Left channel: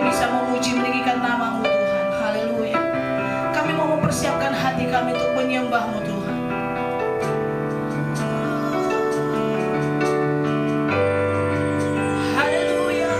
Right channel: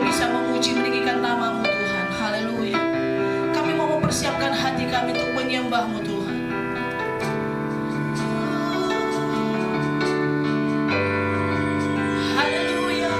boleh bisa memuji meninggikan nama-Mu Tuhan. Haleluya. Kami mau mempersiapkan hati kami untuk menyembah-Mu Tuhan. Haleluya.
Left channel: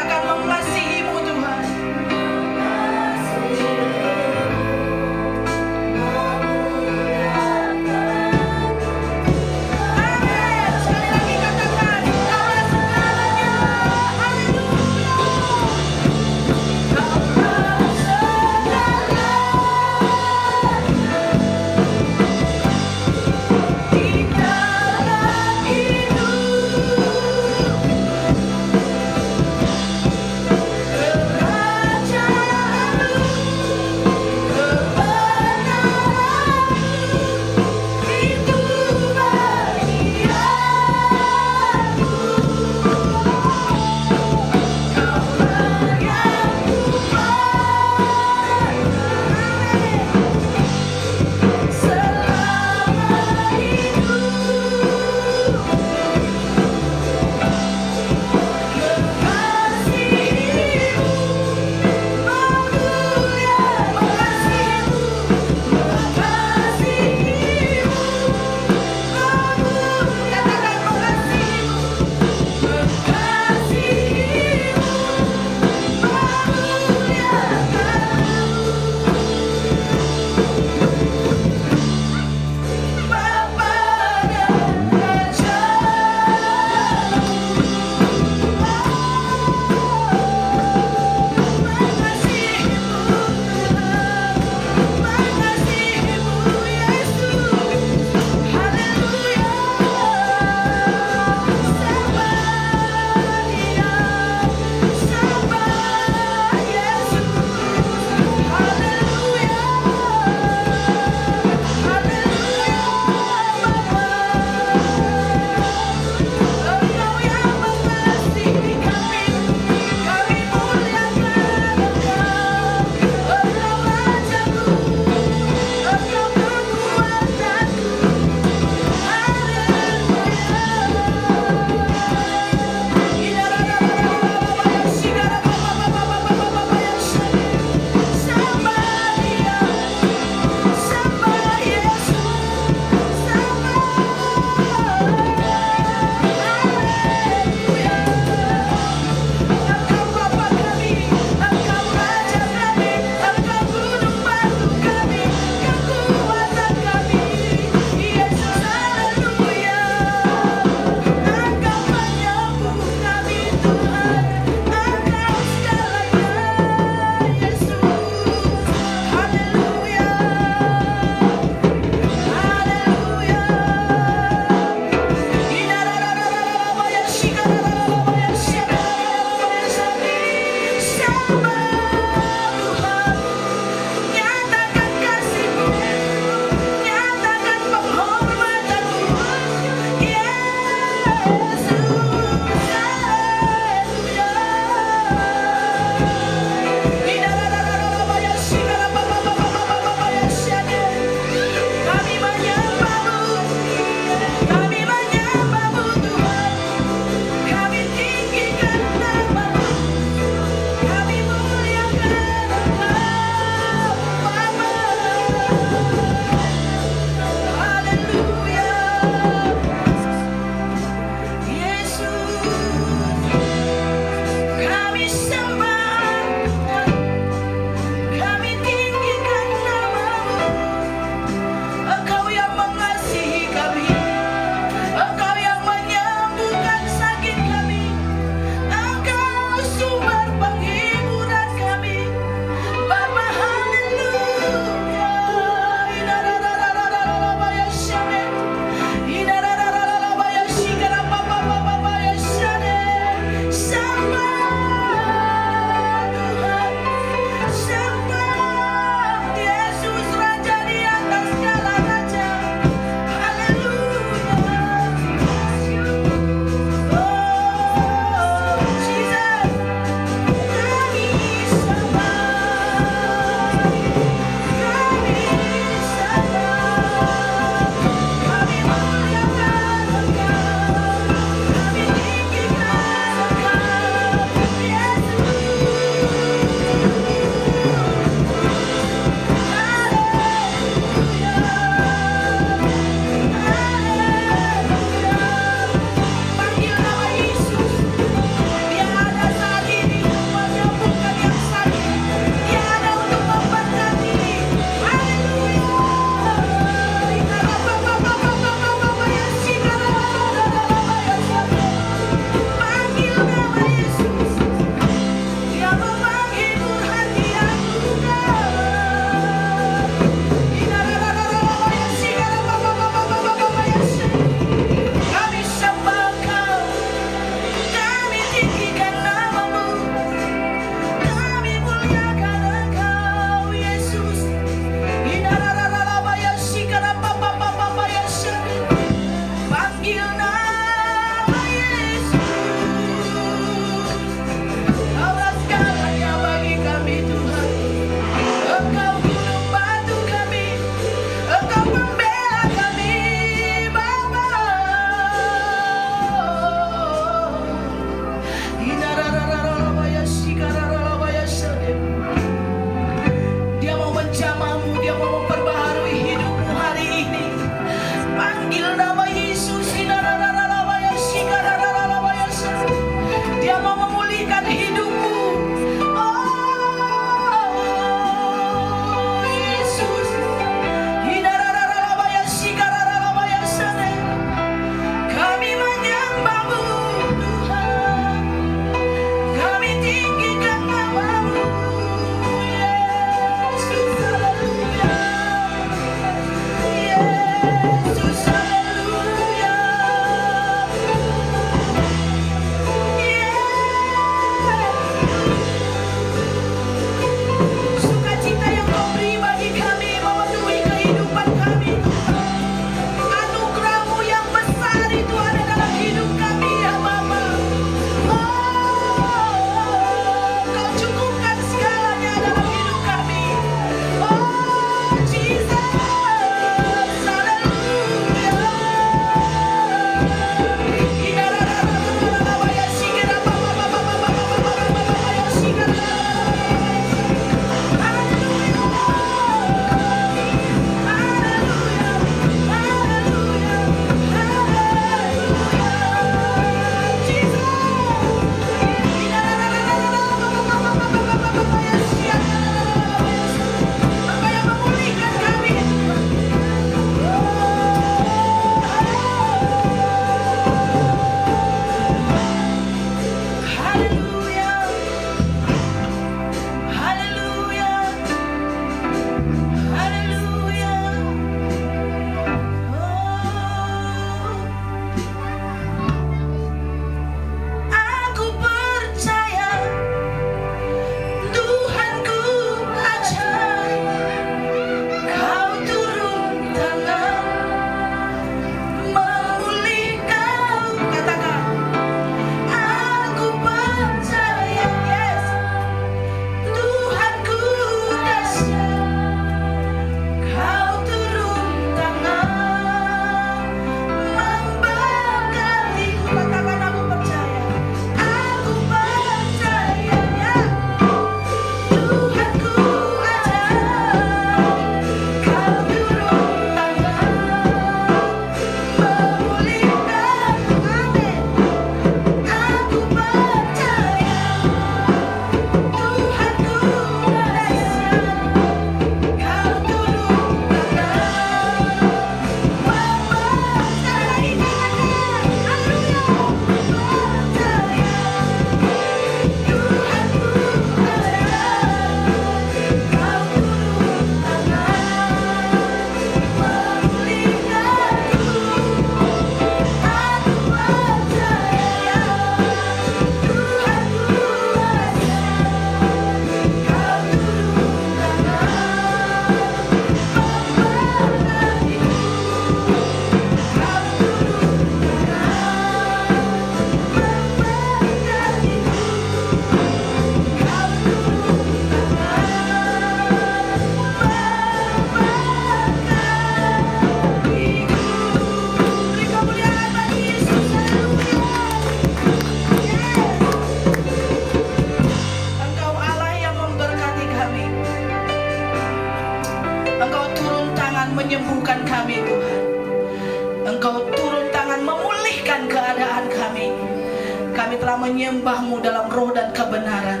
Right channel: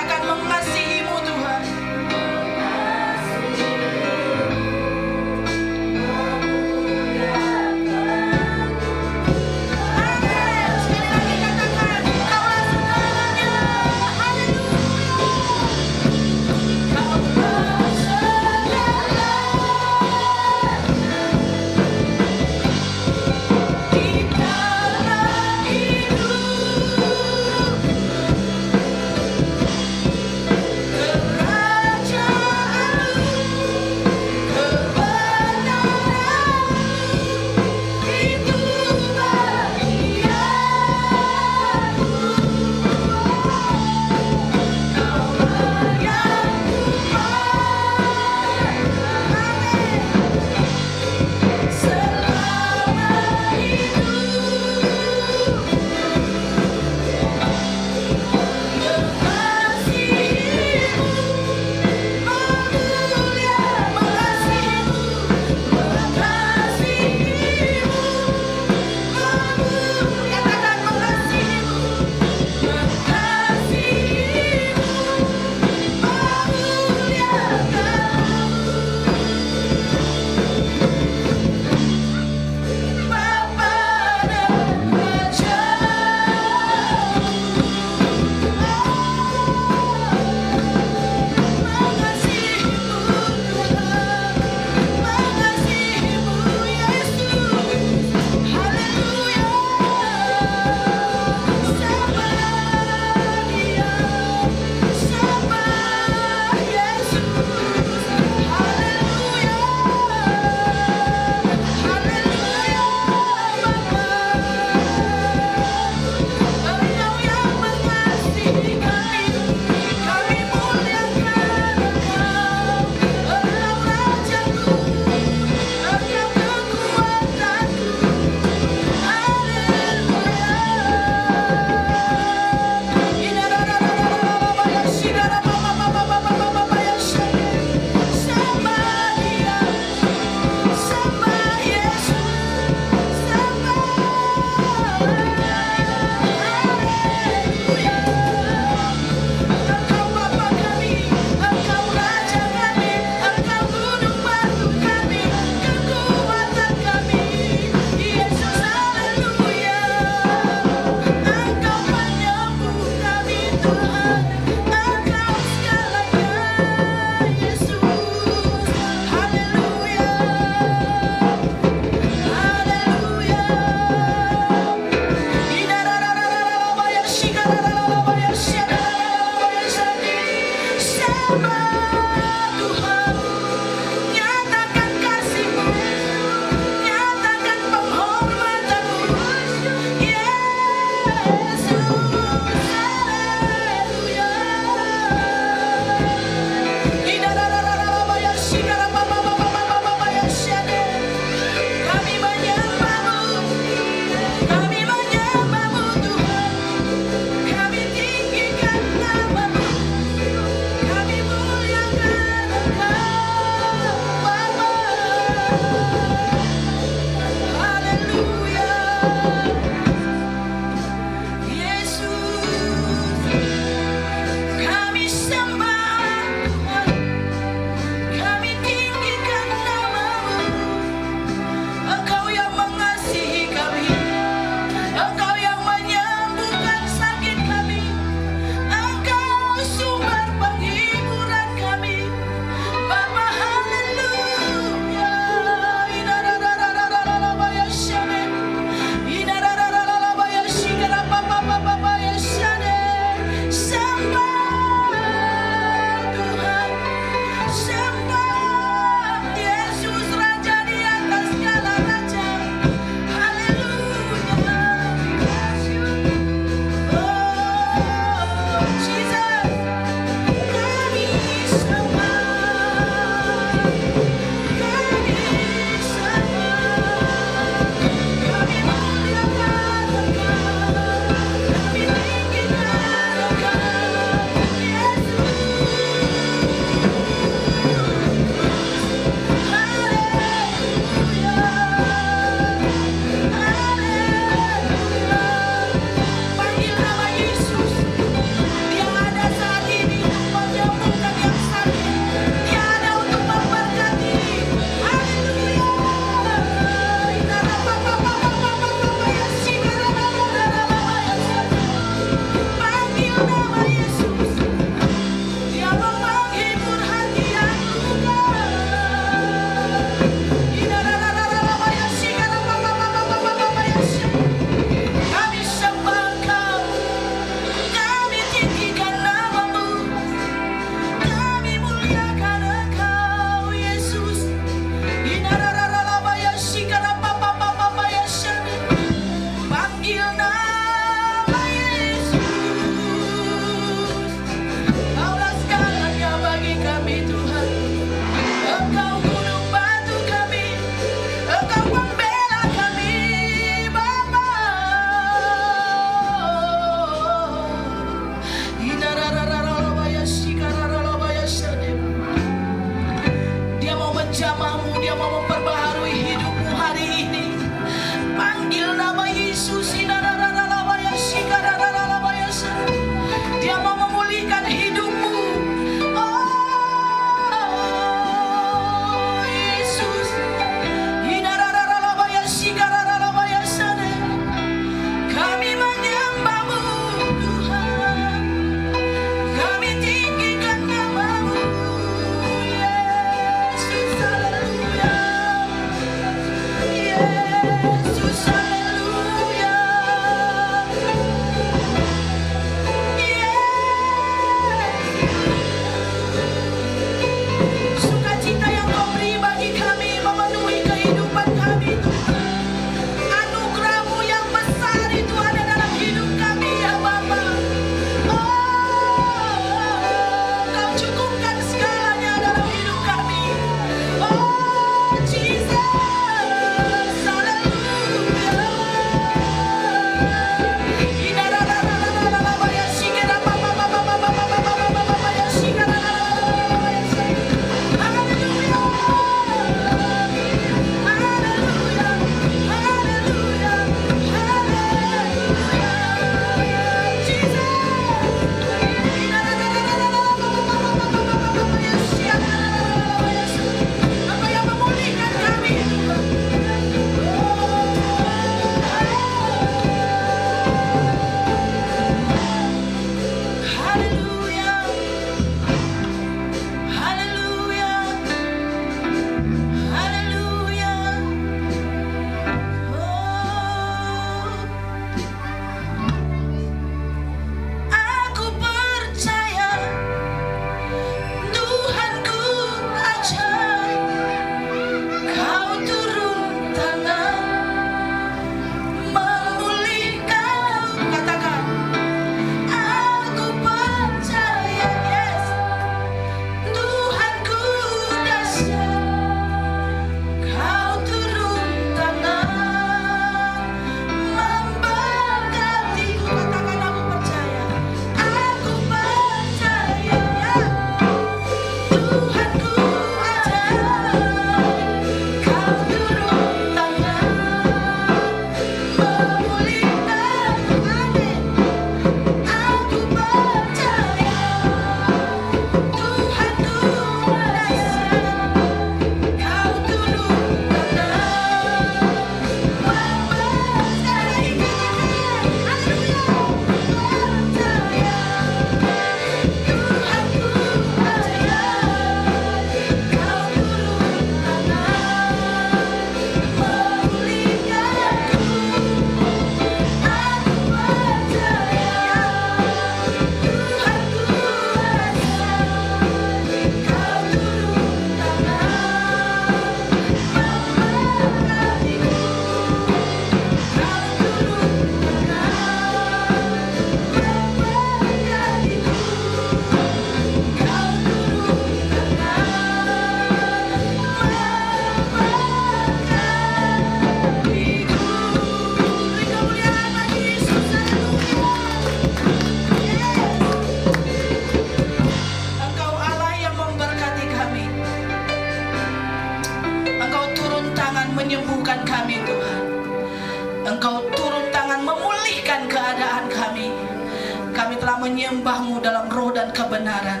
kebenaran.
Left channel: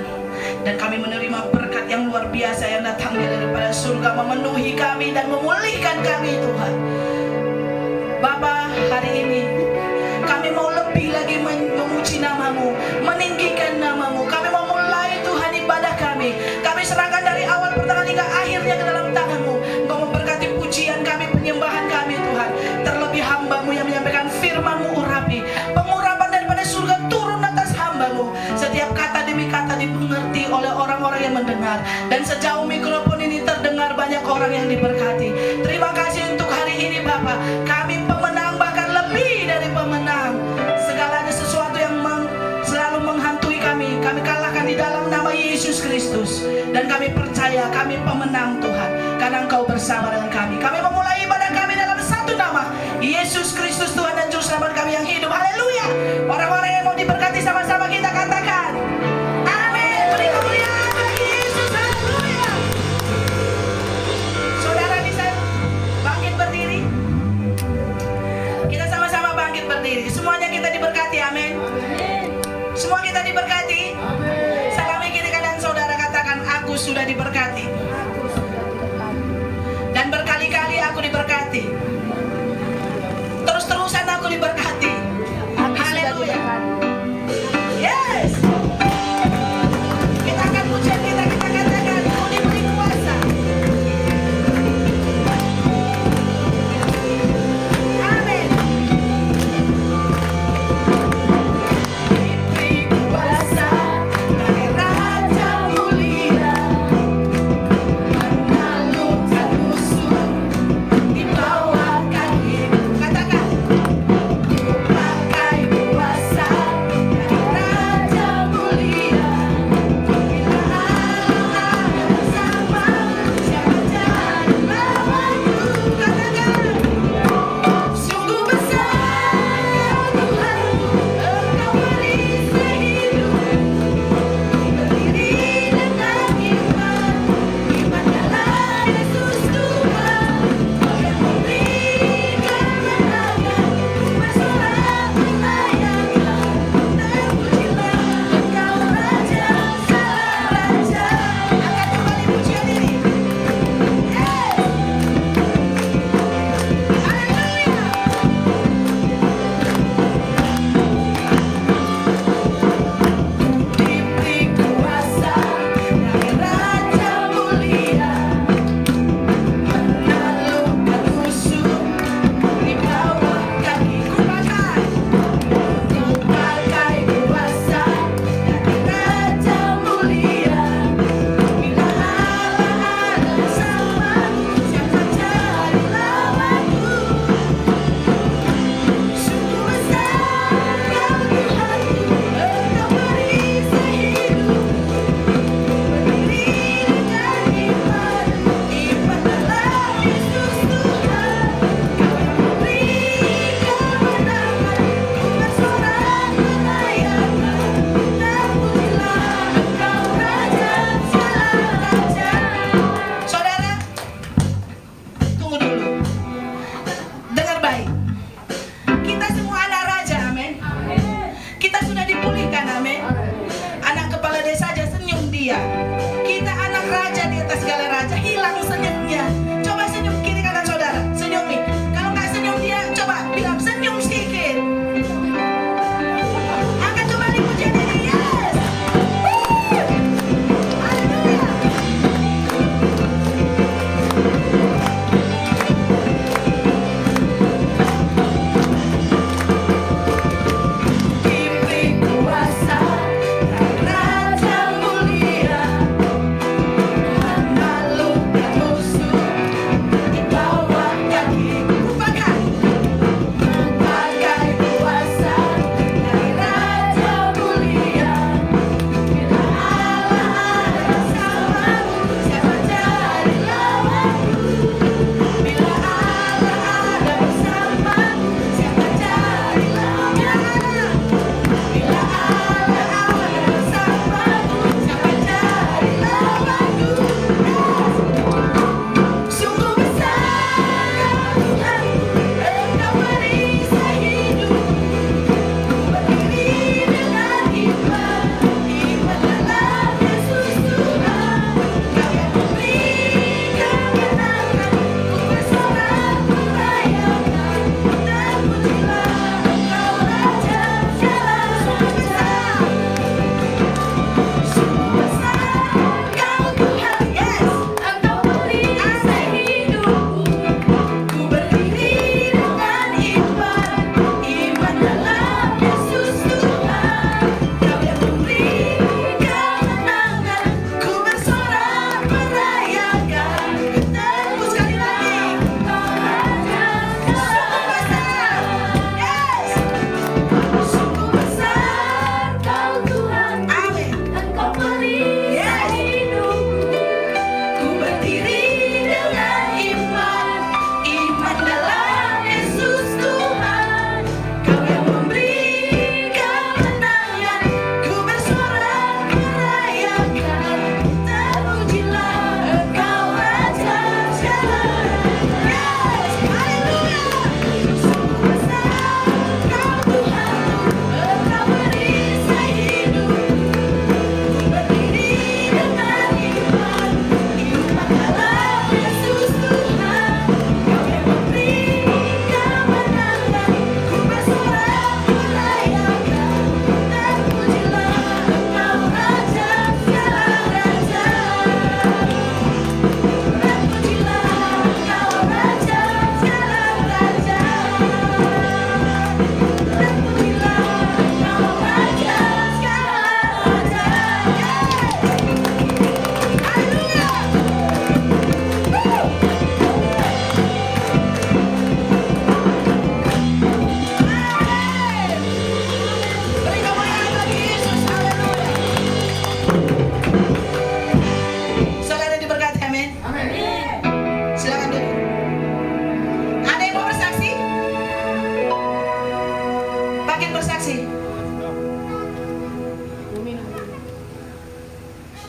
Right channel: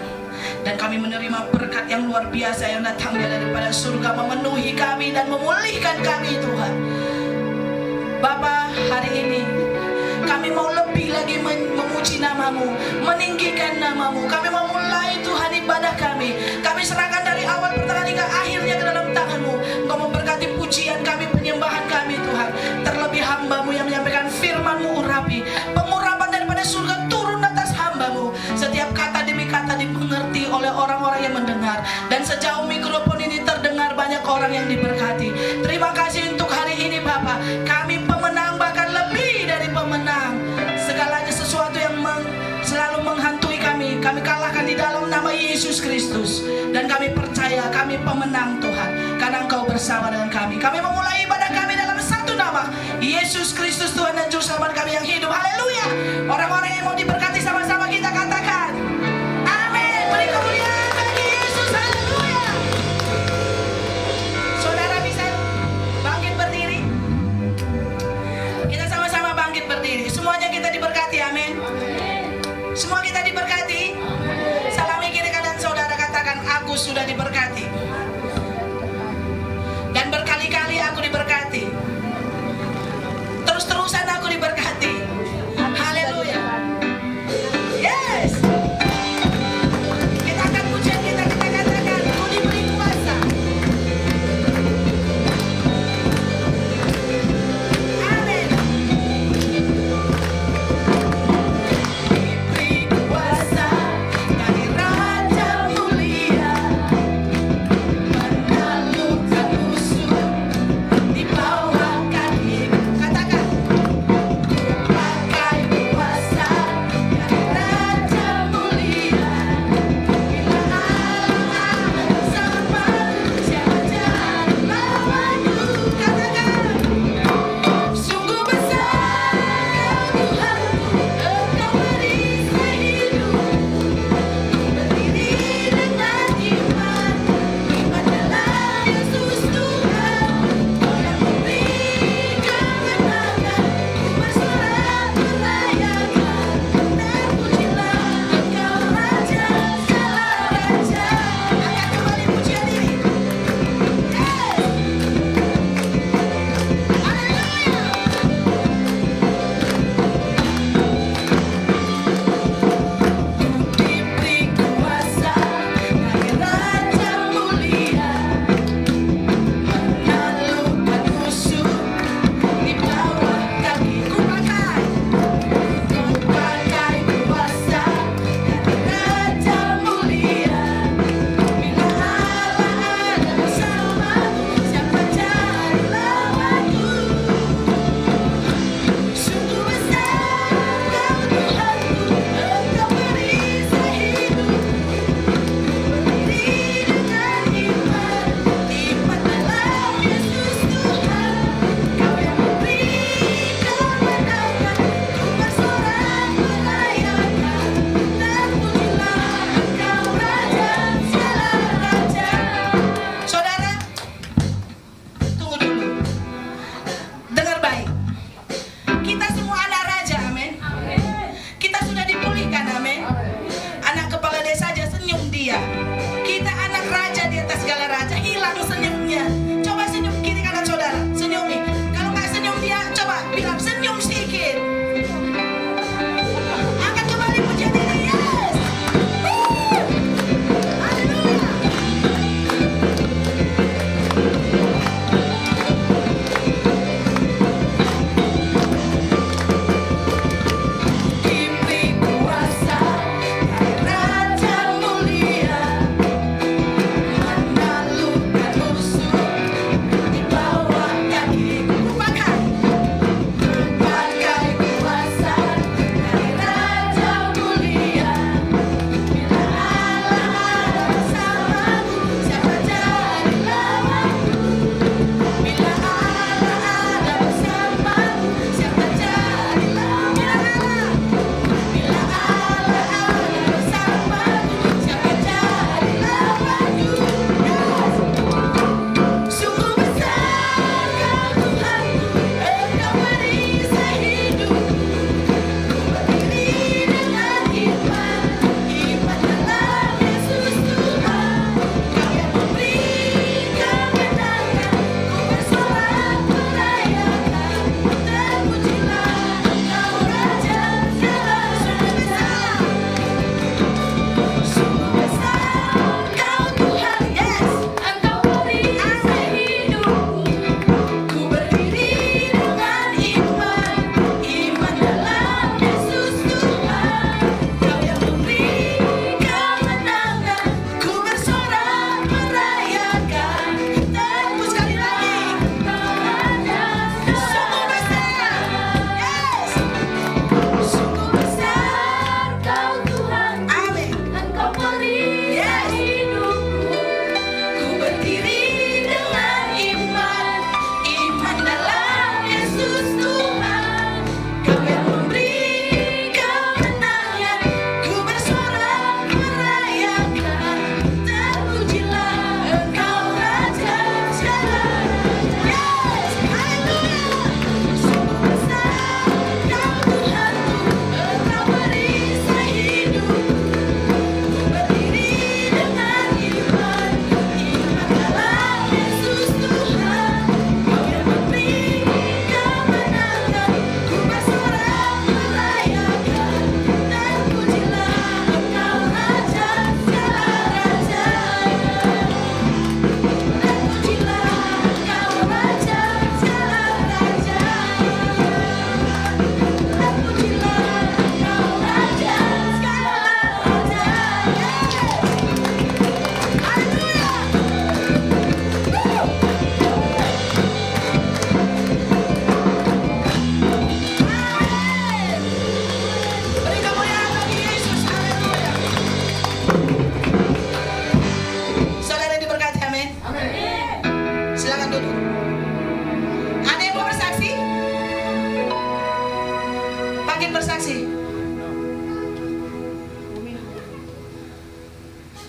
Dan kami menerima berkat yang luar biasa yang datang daripada surga, memenuhi kami dan memulihkan kami Tuhan. Bapa, hari ini kami mau lebih lagi memuji nama-Mu, meninggikan nama-Mu. Kami mau mulai Tuhan ibadah kami. Kami serahkan dari awal pertengahan hingga akhirnya ke dalam tangan-Mu. Engkau memberkati pujian kami, penyembahan kami Tuhan. Terlebih hamba-Mu yang menyampaikan firman-Mu urapi. Pengurapan daripada surga turun atas hamba-Mu. Setiap kata demi kata dimengerti oleh orang-orang yang mendengar. Dan sejauh mikrofon ini terdengar, banyak orang yang diberkati. Terima kasih untuk hari ini Bapa. Kami pemenang, bahkan lebih dari pemenang. Segala sesuatu yang selalu menghantui kami kalahkan di dalam nama Yesus Kristus. Dan kami percaya kami pemenang Tuhan, karena Engkau bersama dengan kami. Kami memulai ibadah kami dalam satu nama, Yesus Kristus Tuhan dan Juru Selamat kami yang hidup. Haleluya. Orang-orang yang mau diberkati sama-sama kita katakan amin. Beri kemuliaan bagi Yesus. Haleluya. Saudara bisa bangkit berdiri. Kita sama-sama bangkit berdiri. Semuanya kita diberkati, amin. Semua kita diberkati. Salami kiri kanan saudara, katakan aku sudah diberkati. Dan berkali-kali aku diberkati. Terus-terusan aku diberkati. Haleluya.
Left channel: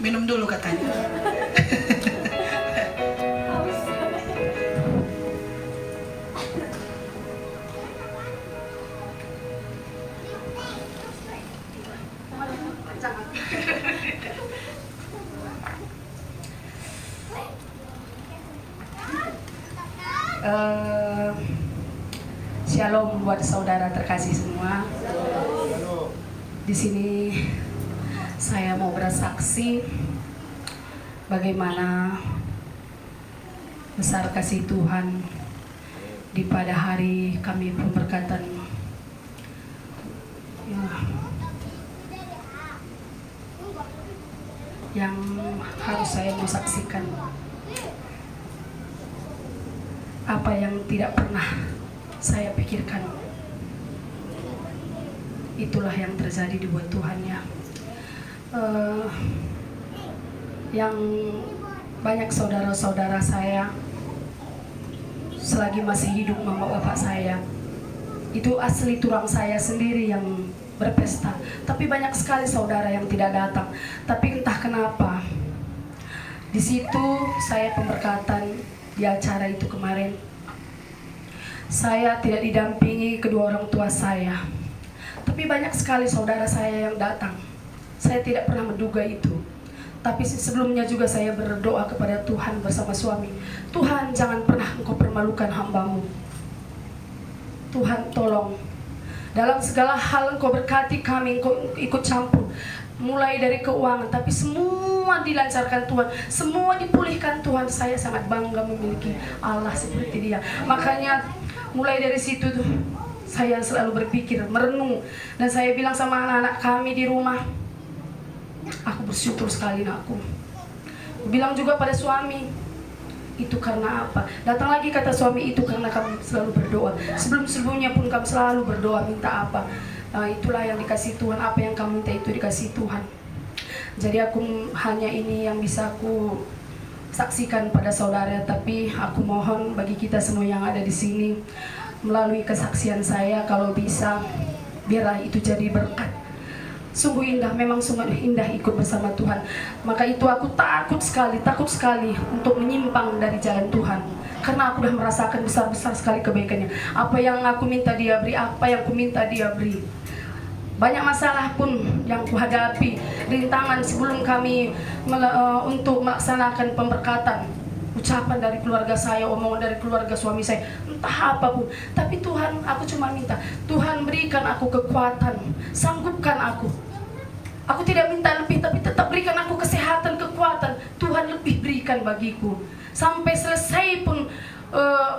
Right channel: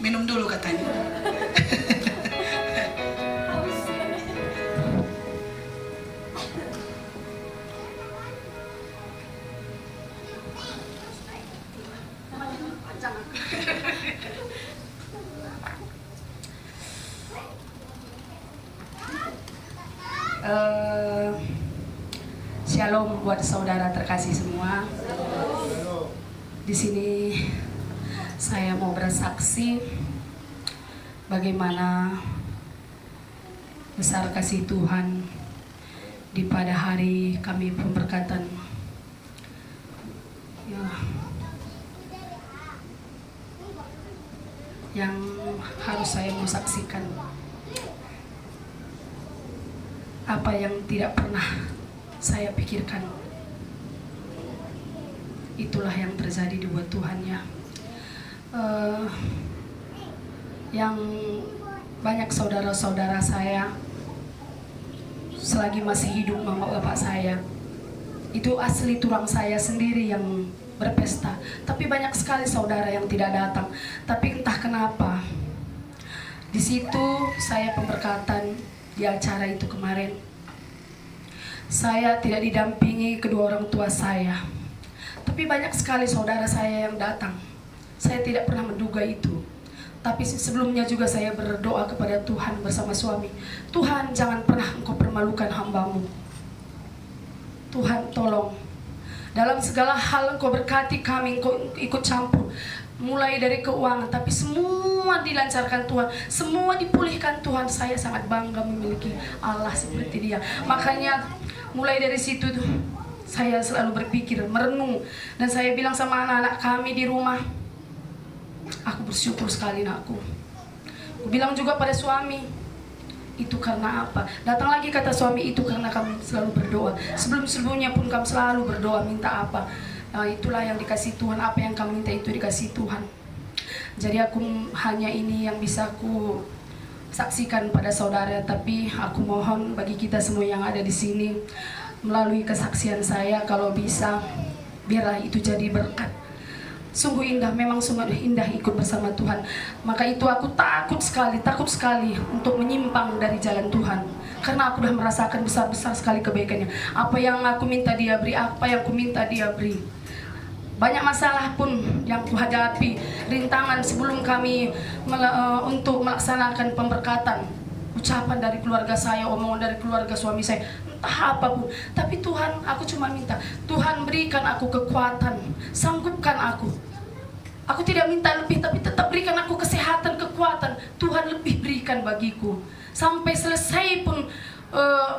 minum dulu katanya. Shalom buat saudara terkasih semua. Di sini saya mau bersaksi bagaimana besar kasih Tuhan di pada hari kami pemberkatan. Yang harus saya saksikan, apa yang tidak pernah saya pikirkan, itulah yang terjadi di buat Tuhan ya. Yang banyak saudara-saudara saya selagi masih hidup mama bapak saya, itu asli tulang saya sendiri yang berpesta. Tapi banyak sekali saudara yang tidak datang. Tapi entah kenapa, di situ saya pemberkatan di acara itu kemarin, saya tidak didampingi kedua orang tua saya. Tapi banyak sekali saudara saya yang datang. Saya tidak pernah menduga itu. Tapi sebelumnya juga saya berdoa kepada Tuhan bersama suami. Tuhan, jangan pernah Engkau permalukan hamba-Mu. Tuhan, tolong. Dalam segala hal Engkau berkati kami, Engkau ikut campur. Mulai dari keuangan, tapi semua dilancarkan Tuhan, semua dipulihkan Tuhan. Saya sangat bangga memiliki Allah seperti Dia. Makanya mulai dari situ tuh, saya selalu berpikir, merenung, dan saya bilang sama anak-anak kami di rumah, aku bersyukur sekali anakku. Bilang juga pada suami, itu karena apa? Datang lagi kata suami, itu karena kami selalu berdoa. Sebelum-sebelumnya pun kami selalu berdoa, minta apa? Nah, itulah yang dikasih Tuhan, apa yang kamu minta itu dikasih Tuhan. Jadi aku hanya ini yang bisa aku saksikan pada saudara, tapi aku mohon bagi kita semua yang ada di sini, melalui kesaksian saya, kalau bisa biarlah itu jadi berkat. Sungguh indah, memang sungguh indah ikut bersama Tuhan. Maka itu aku takut sekali untuk menyimpang dari jalan Tuhan. Karena aku sudah merasakan besar-besar sekali kebaikannya. Apa yang aku minta Dia beri, apa yang aku minta Dia beri. Banyak masalah pun yang kuhadapi, rintangan sebelum kami untuk melaksanakan pemberkatan. Ucapan dari keluarga saya, omongan dari keluarga suami saya, entah apa pun. Tapi Tuhan, aku cuma minta, Tuhan berikan aku kekuatan, sanggupkan aku. Aku tidak minta lebih, tapi tetap berikan aku kesehatan, kekuatan. Tuhan lebih berikan bagiku. Sampai selesai pun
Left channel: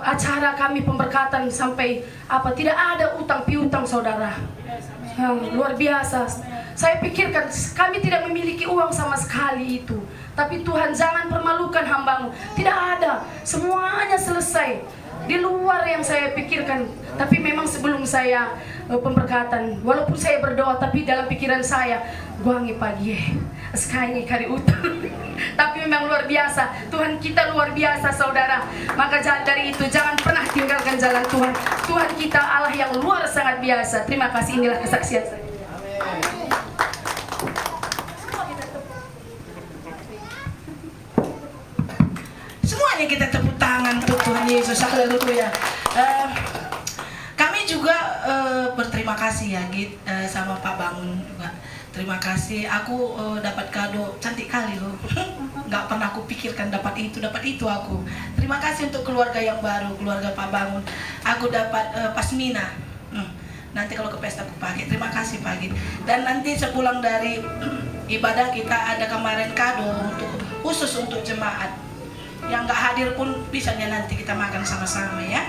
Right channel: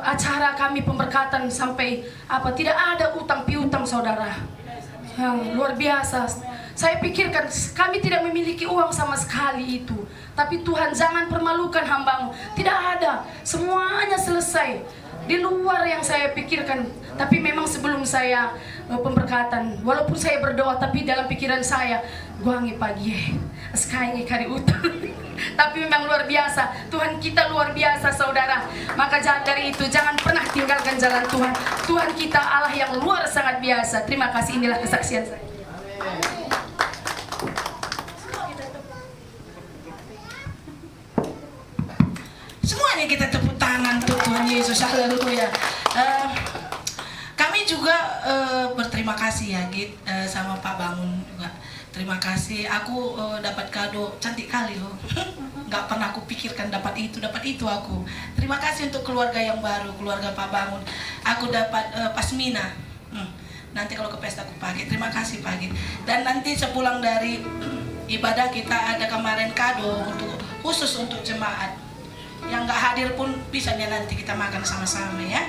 acara kami pemberkatan, sampai apa, tidak ada utang piutang saudara. Luar biasa. Saya pikirkan kami tidak memiliki uang sama sekali itu. Tapi Tuhan, jangan permalukan hamba-Mu. Tidak ada, semuanya selesai. Di luar yang saya pikirkan. Tapi memang sebelum saya pemberkatan, walaupun saya berdoa, tapi dalam pikiran saya, guangi pagi, sekarang kari utang. Tapi memang luar biasa, Tuhan kita luar biasa saudara. Maka dari itu jangan pernah tinggalkan jalan Tuhan. Tuhan kita Allah yang luar sangat biasa. Terima kasih, inilah kesaksian saya. Semuanya kita tepuk tangan untuk Tuhan Yesus. Haleluya. Kami juga berterima kasih ya Git, sama Pak Bangun juga. Terima kasih. Aku dapat kado cantik kali loh. Nggak pernah aku pikirkan dapat itu aku. Terima kasih untuk keluarga yang baru, keluarga Pak Bangun. Aku dapat pasmina. Nanti kalau ke pesta aku pakai. Terima kasih Pak Git. Dan nanti sepulang dari ibadah kita ada kemarin kado khusus untuk jemaat. Yang nggak hadir pun bisanya nanti kita makan sama-sama ya.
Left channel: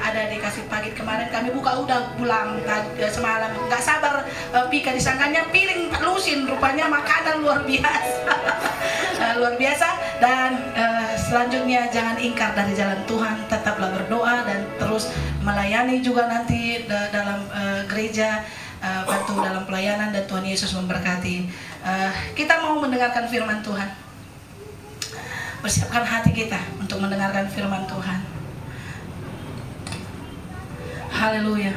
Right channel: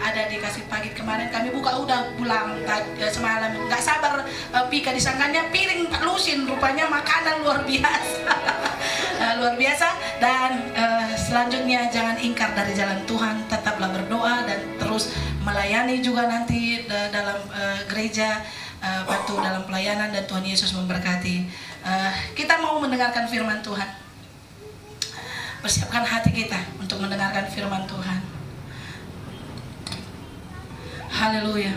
Ada dikasih pagi kemarin kami buka udah pulang semalam, nggak sabar Pika disangkanya piring Pak Lusin, rupanya makanan luar biasa. Luar biasa. Dan selanjutnya jangan ingkar dari jalan Tuhan, tetaplah berdoa dan terus melayani juga nanti dalam gereja, bantu dalam pelayanan, dan Tuhan Yesus memberkati. Kita mau mendengarkan firman Tuhan. Persiapkan hati kita untuk mendengarkan firman Tuhan. Haleluya.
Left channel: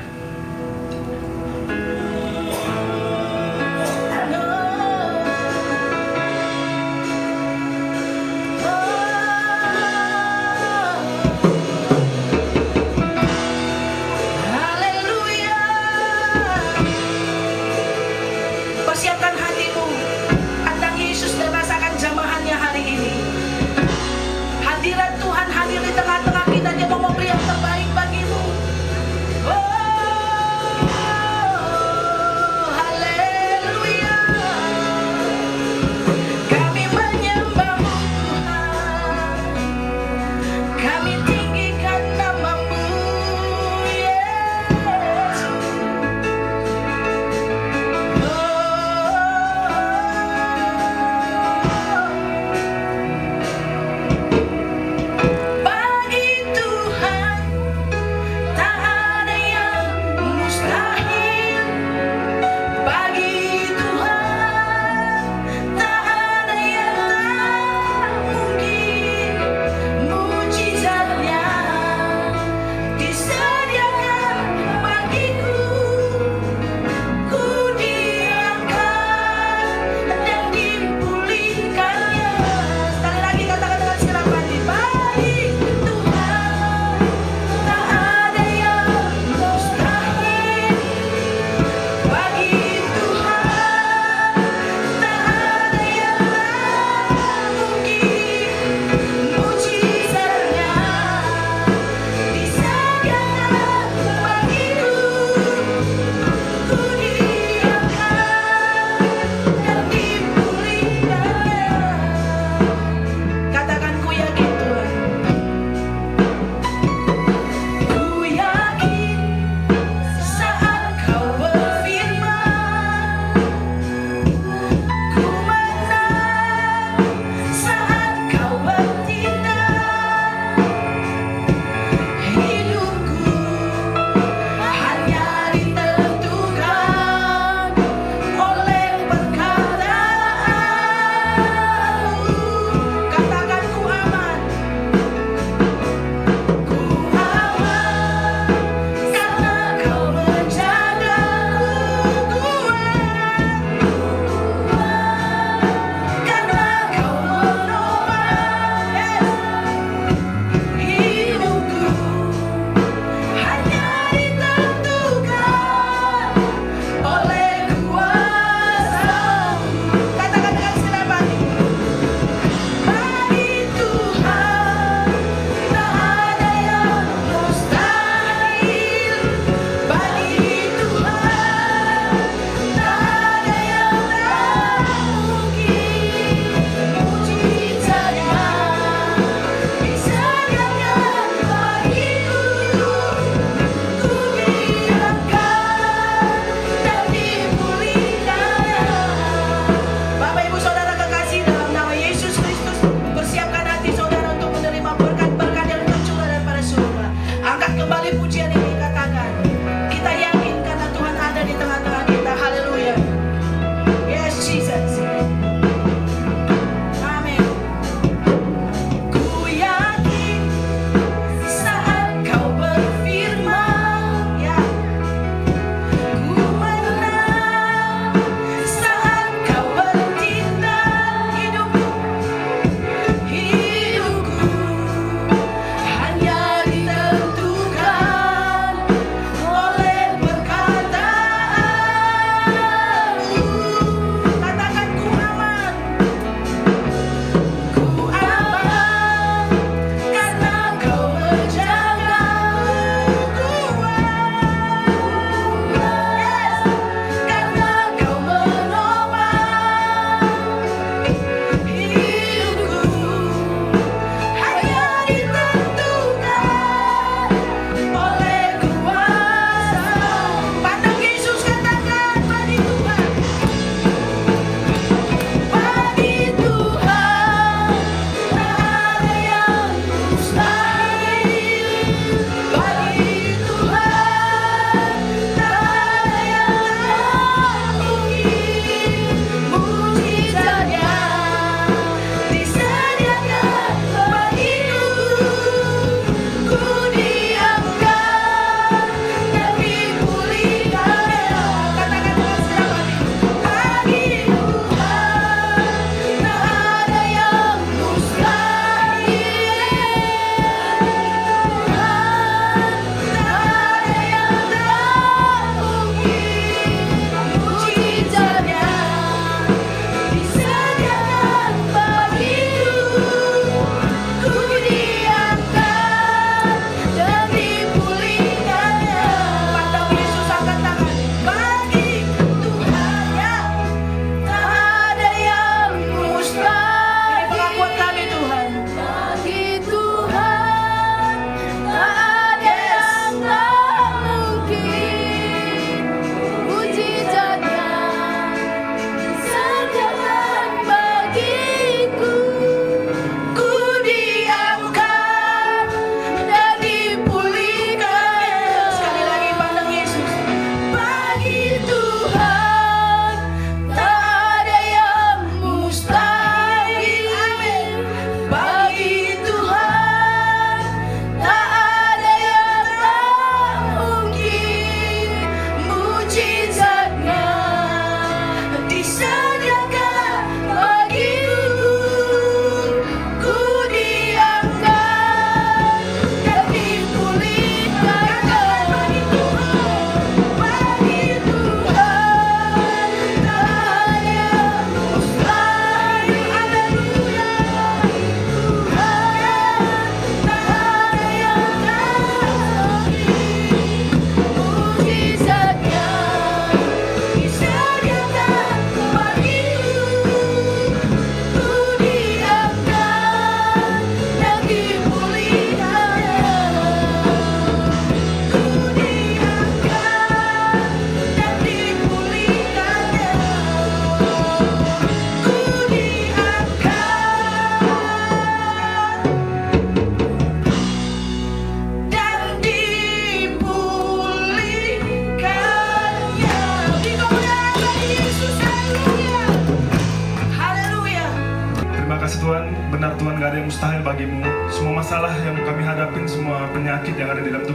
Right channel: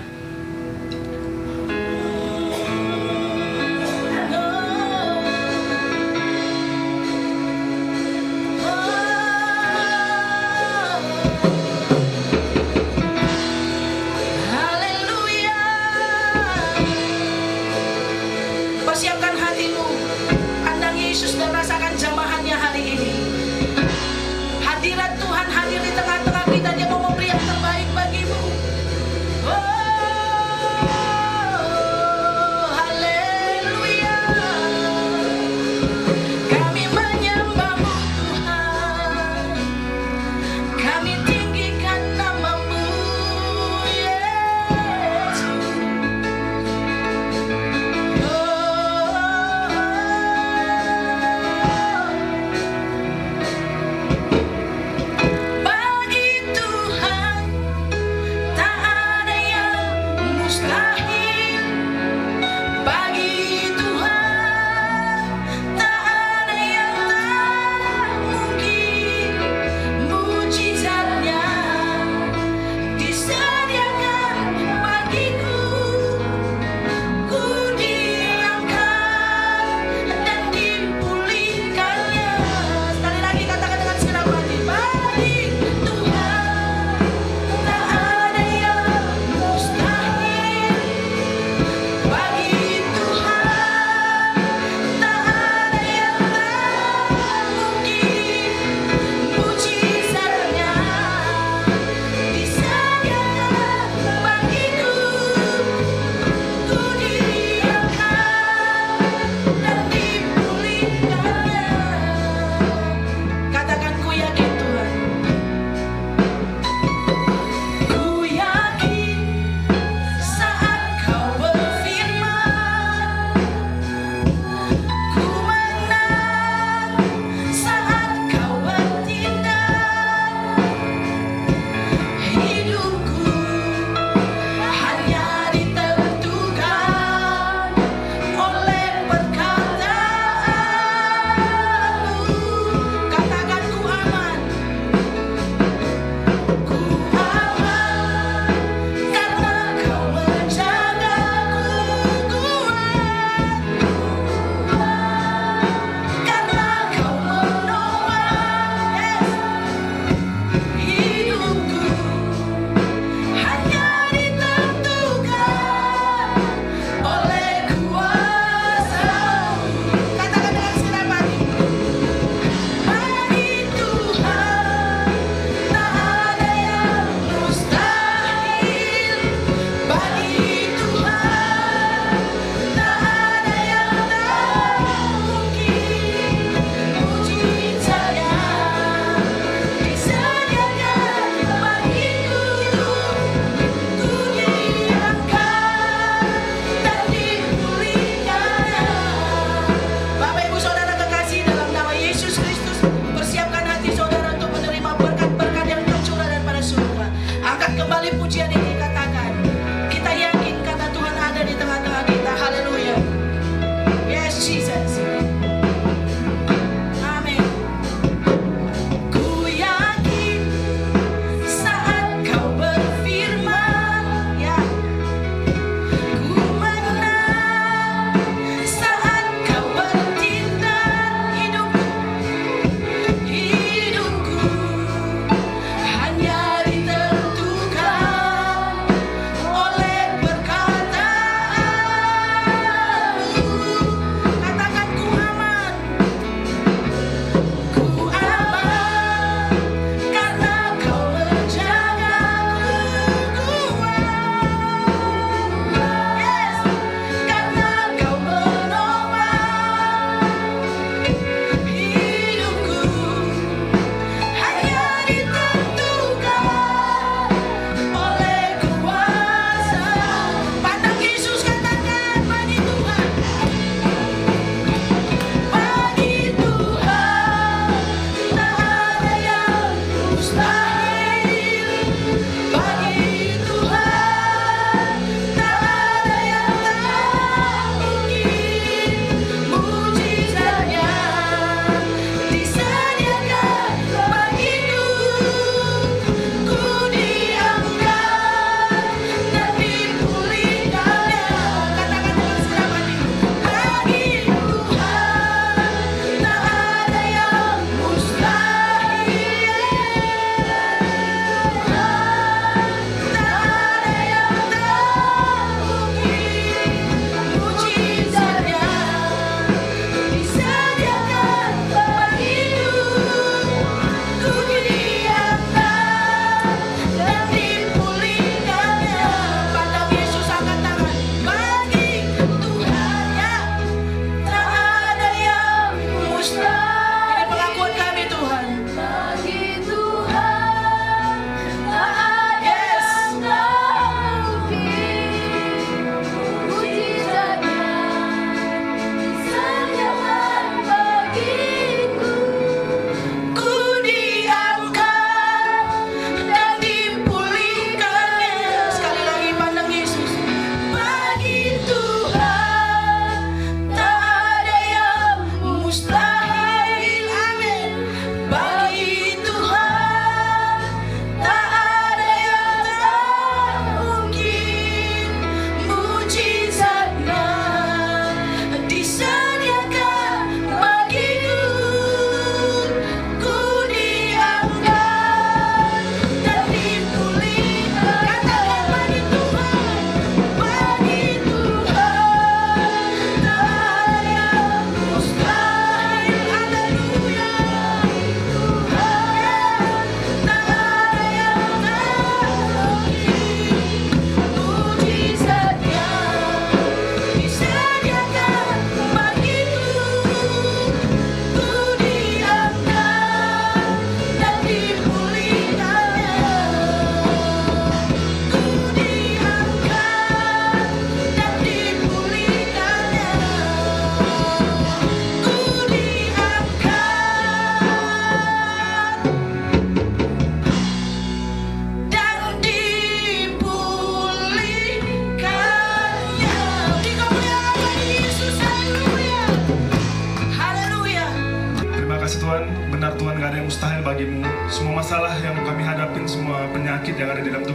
kasih Tuhan, benar Tuhan gak ada yang mustahil bagimu. Semua masalah yang kami hadapin, semua penyakit yang ada di dalam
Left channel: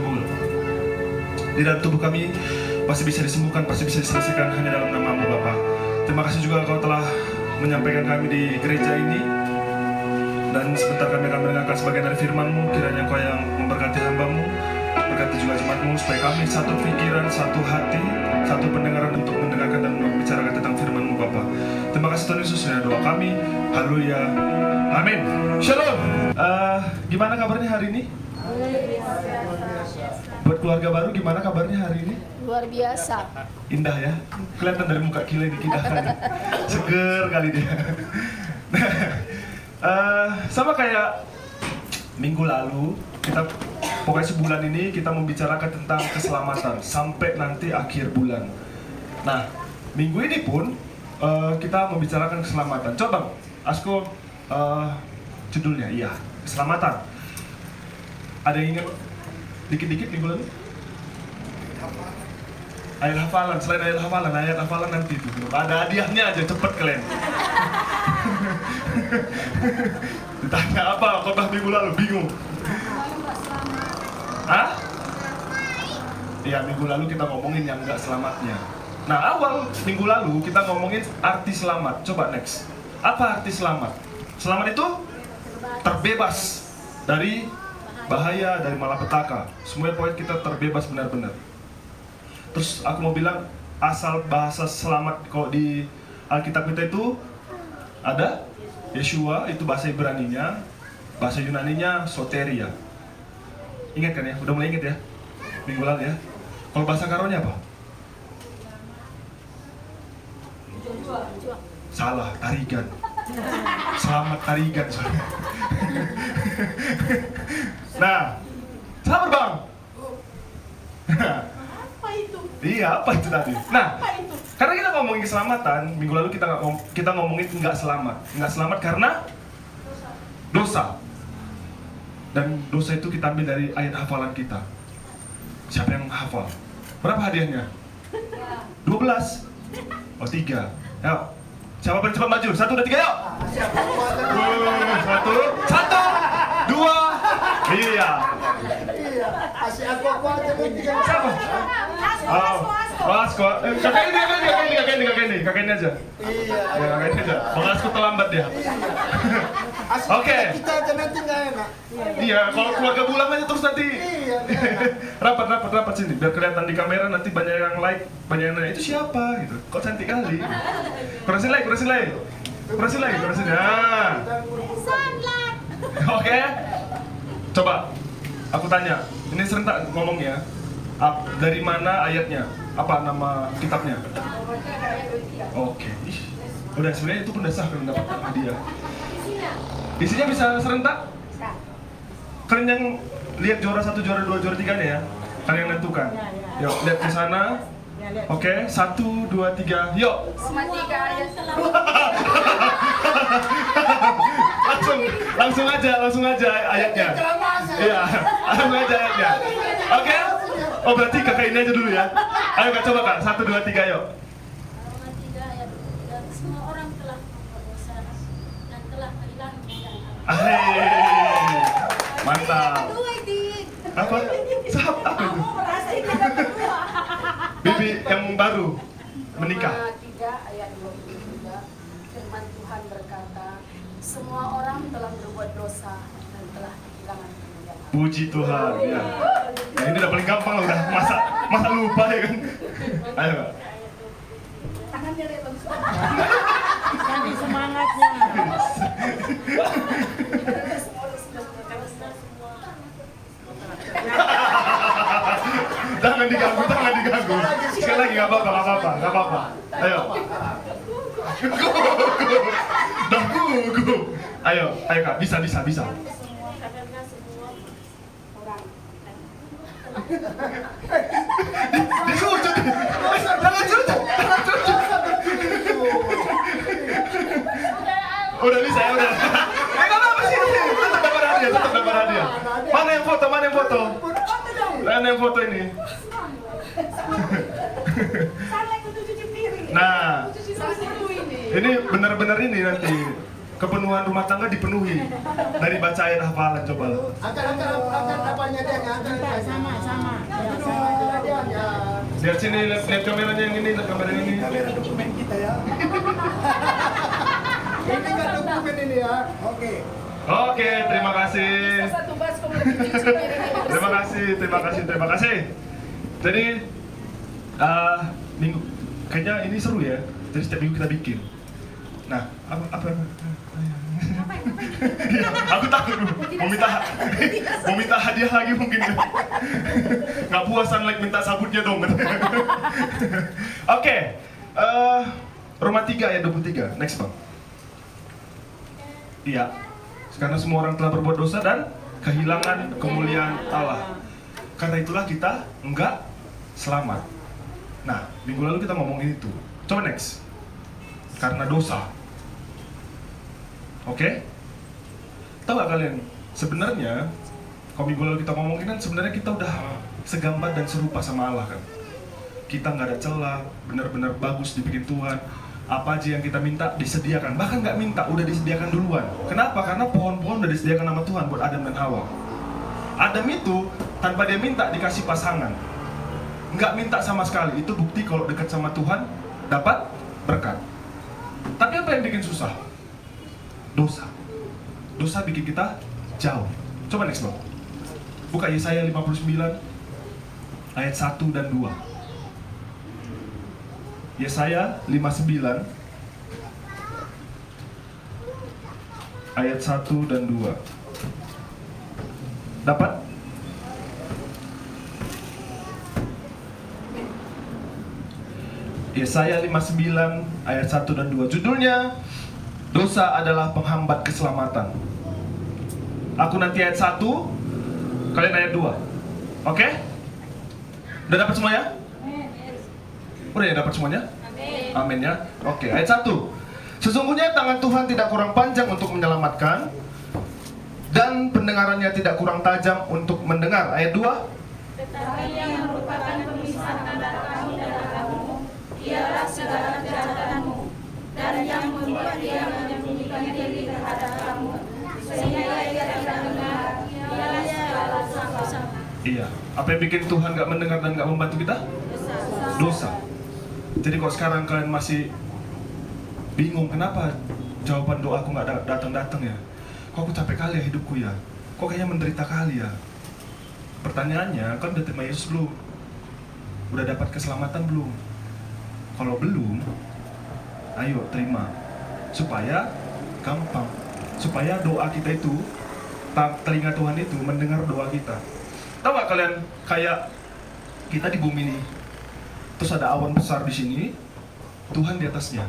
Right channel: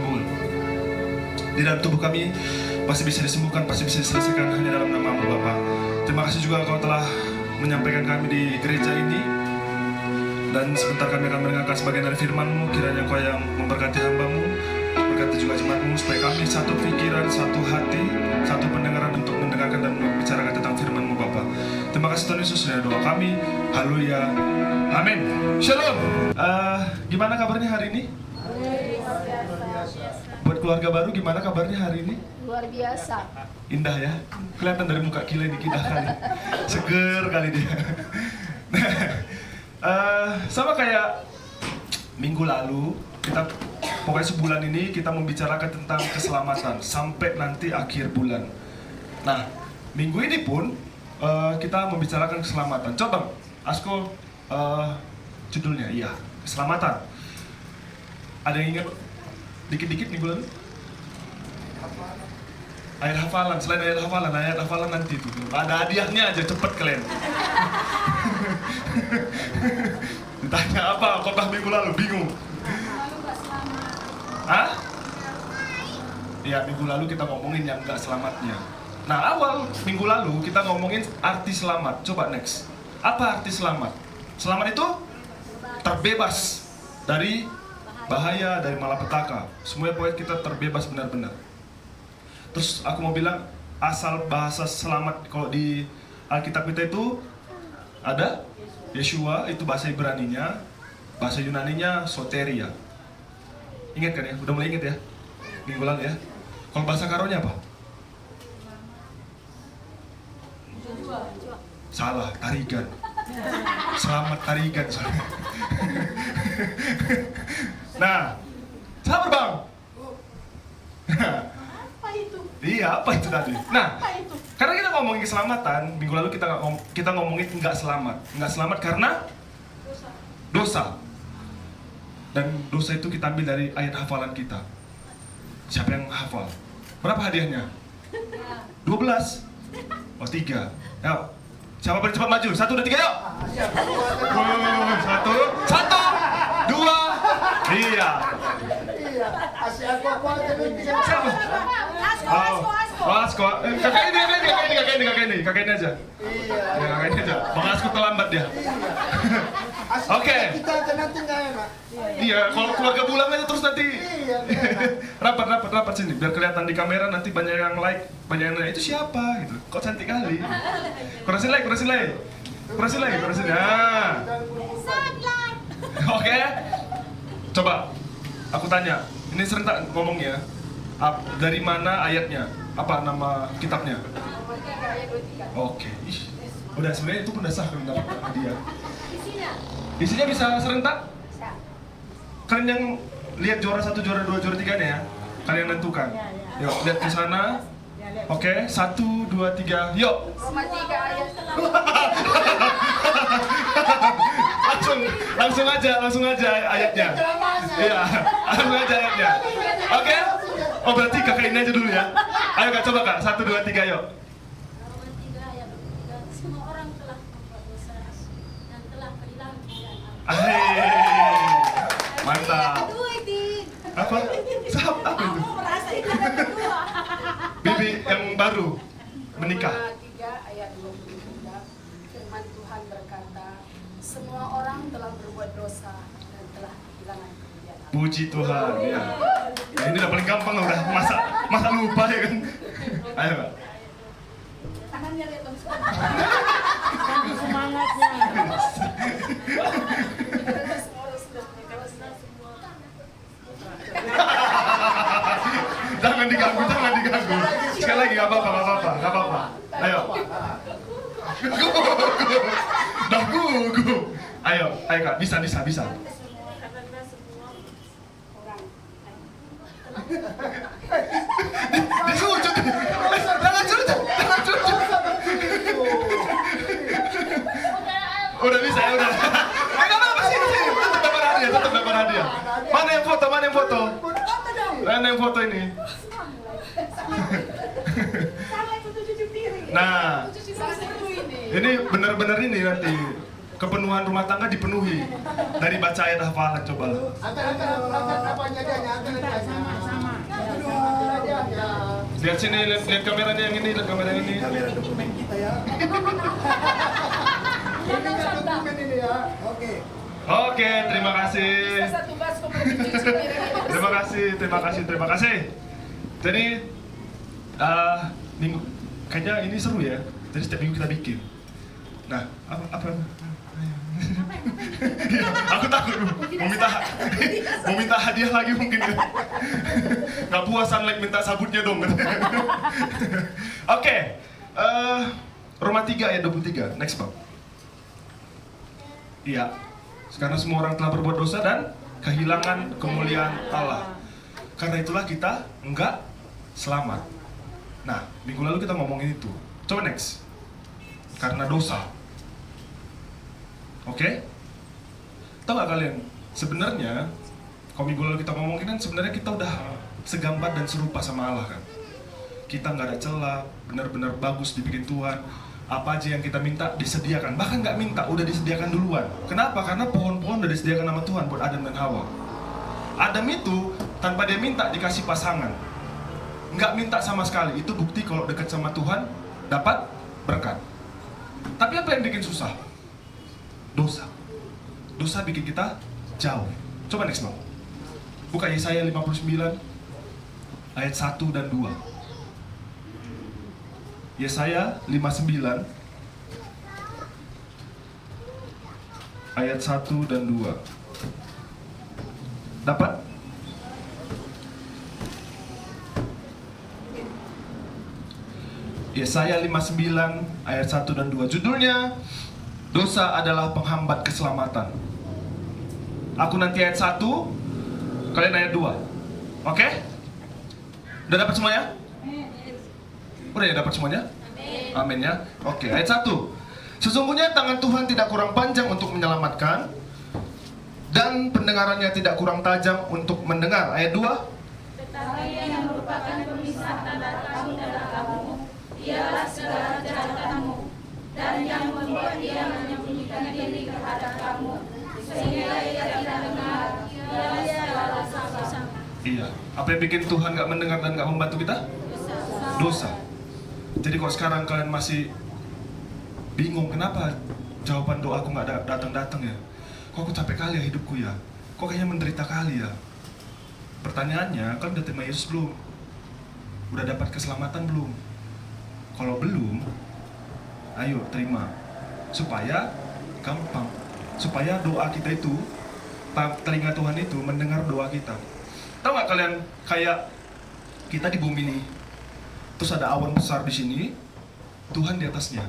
tubuh kami pasti bisa disembuhkan, pasti bisa diselesaikan hanya dalam nama-Mu Bapa. Terima kasih juga Kau telah menyampaikan kami di gereja ini. Dan sebentar kami akan mendengarkan sebagian dari firman-Mu. Kiranya Kau yang memberkati hamba-Mu, berkati juga jemaat-Mu, supaya kami satu pikiran, satu hati, satu pendengaran untuk mendengarkan dan membicarakan tentang firman-Mu Bapa. Terima kasih Tuhan Yesus, ya doa kami. Haleluya. Amin. Shalom. Gimana kabarnya hari ini? Buat keluarga baru gimana kabarnya hari ini? Luar biasa. Indah ya. Kelihatan dari muka Kila ini indah kali. Seger kali dia. Sama kayak minggu lalu, kita pokoknya sebulan ini kita membicarakan tentang keselamatan sampai nanti akhir bulan. Nah, minggu ini pun kita membicarakan keselamatan. Coba, Asko, judulnya, iya, keselamatan. Ada yang ingat dikit-dikit minggu lalu? Ayat hafalan, selain ayat hafalan nanti itu. Ada hadiahnya aja, cepet kalian. Ditanya apa khotbah minggu lalu, bingung. Hah? Ya, minggu lalu kita ngomongin yang gak selamatnya. Nah, awal minggu lalu kita ngomongin arti selamat. Coba next. Apa arti selamat? Selamat itu terbebas dari bahaya, dari malapetaka. Semua poin kita terbebas benar-benar. Terus aku mau bilang, asal bahasa selamat kok di Alkitab kita itu ada Yeshua, itu bahasa Ibraninya, bahasa Yunaninya soteria. Ingat kan ya? Udah mulai ingat ya? Minggu lalu ya? Kalau bahasa Karonya apa? Salah, tarigan. Selamat tarigan. Nah, sabar bang. Apa itu? Iya, apa itu tadi? Nah, Apa itu? karena kita ngomongin keselamatan, minggu lalu kita ngomongin nggak selamat. Nggak selamat karena dosa. Dan dosa itu kita ambil dari ayat hafalan kita. Siapa yang hafal? Berapa hadiahnya? 12. Oh, 3. Ya. Siapa paling cepat maju? 1, 2, 3, yuk! 1, 2, iya. Siapa? Asko. Kakak ini aja. Ya, kakak ini aja. Bang Asko terlambat dia. Oke. Kita aja nanti nggak enak. Iya, kalau keluarga pulang aja terus nanti. Rapat sini. Biar kelihatan di kamera nanti banyak yang like, banyak yang nanya, itu siapa gitu. Kok cantik kali. Kurang lagi. Nah. Oke. Coba aku tanya. Ini serentak ngomongnya. Dari mana ayatnya? Apa nama kitabnya? Oke. Ih, udah sebenarnya itu pun udah sah kalau mendapatkan hadiah. Isinya bisa serentak? Kalian yang lihat juara 1, juara 2, juara 3 nih ya? Kalian nentukan. Yuk, lihat di sana. Oke, 1, 2, 3, yuk. Cuma 3 ayat. langsung aja ayatnya. Iya, langsung aja ayatnya. Oke? Oh, berarti kakak ini aja dulu ya. Ayo kak, coba kak, 1, 2, 3, yuk. Roma 3 ayat 2, semua orang telah membuat dosa dan telah kehilangan kemuliaan Allah. Hei, mantap. Apa? Apa itu? Bibi yang baru menikah. Roma 3 ayat 23. Firman Tuhan berkata, semua orang telah berbuat dosa dan telah kehilangan kemuliaan Allah. Puji Tuhan. Ya. Nah, ini udah paling gampang loh, udah masa lupa ya kan. Ayo kak. Tangannya lihat dong. Sambil semangatnya. Karena semua sudah berbuat dosa semua. Jangan diganggu. Sekali lagi, nggak apa-apa. Ayo. Dah gugup. Ayo kak, bisa. Karena semua orang Disucut. Jangan cucut. Udah bisa ya udah. Nggak apa-apa sih. Tetap dapat hadiah. Mana yang foto? Mana yang foto ini? Salah itu cuci piring. Nah, Cuci piring ini. ini benar-benar ini nanti kepenuhan rumah tangga dipenuhi dari baca ayat hafalan. Coba. Angkat apanya dia? Angkat sama. Lihat sini, lihat kameranya yang ini, lihat kamera yang ini. Kamera dokumen kita ya. Ini kan dokumen ini ya. Oke. Oke, terima kasih. Bisa satu baskom lagi cuci piring ini. Terima kasih. Jadi, kayaknya ini seru ya. Jadi setiap minggu kita bikin. Nah, apa? Aku takut mau minta hadiah lagi mungkin. Nggak puasan lagi minta sabutnya dong. Oke, Roma 3 ayat 23. Next Bang. Iya. Karena semua orang telah berbuat dosa dan kehilangan kemuliaan Allah. Karena itulah kita enggak selamat. Nah, minggu lalu kita ngomongin itu. Coba next. Karena dosa. Oke? Tahu gak kalian? Sebenarnya, kalau minggu lalu kita ngomongin kan sebenarnya kita udah segambar dan serupa sama Allah kan. Kita nggak ada celah, benar-benar bagus dibikin Tuhan. Apa aja yang kita minta disediakan. Bahkan nggak minta, udah disediakan duluan. Kenapa? Karena pohon-pohon udah disediakan sama Tuhan buat Adam dan Hawa. Adam itu tanpa dia minta dikasih pasangan. Nggak minta sama sekali. Itu bukti kalau dekat sama Tuhan dapat berkat. Tapi apa yang bikin susah? Dosa. Dosa bikin kita jauh. Coba next Bang. Buka Yesaya 59 ayat 1 dan 2. Yesaya 59 ayat 1 dan 2. Dapat? Yesaya 59 ayat 1 dan 2. Judulnya, dosa adalah penghambat keselamatan. Aku nanti ayat 1, kalian ayat 2. Oke? Udah dapat semuanya? Udah ya dapat semuanya? Amin ya. Oke, ayat 1. Sesungguhnya tangan Tuhan tidak kurang panjang untuk menyelamatkan, dan pendengarannya tidak kurang tajam untuk mendengar. Ayat 2. Tetapi yang merupakan pemisah antara kamu dan Allahmu ialah segala kejahatanmu, dan yang membuat dia menyembunyikan diri terhadap kamu, sehingga ia tidak dengar, ialah segala dosa. Iya. Apa yang bikin Tuhan gak mendengar dan gak membantu kita? Dosa. Jadi kalau sekarang kalian masih bingung kenapa jawaban doaku gak datang-datang ya? Kok aku capek kali ya hidupku ya? Kok kayaknya menderita kali ya? Pertanyaannya, kalian udah terima Yesus belum? Udah dapat keselamatan belum? Kalau belum, ayo terima. Supaya gampang. Supaya doa kita itu, telinga Tuhan itu mendengar doa kita. Tahu gak kalian, kayak kita di bumi ini, terus ada awan besar di sini, Tuhan di atasnya.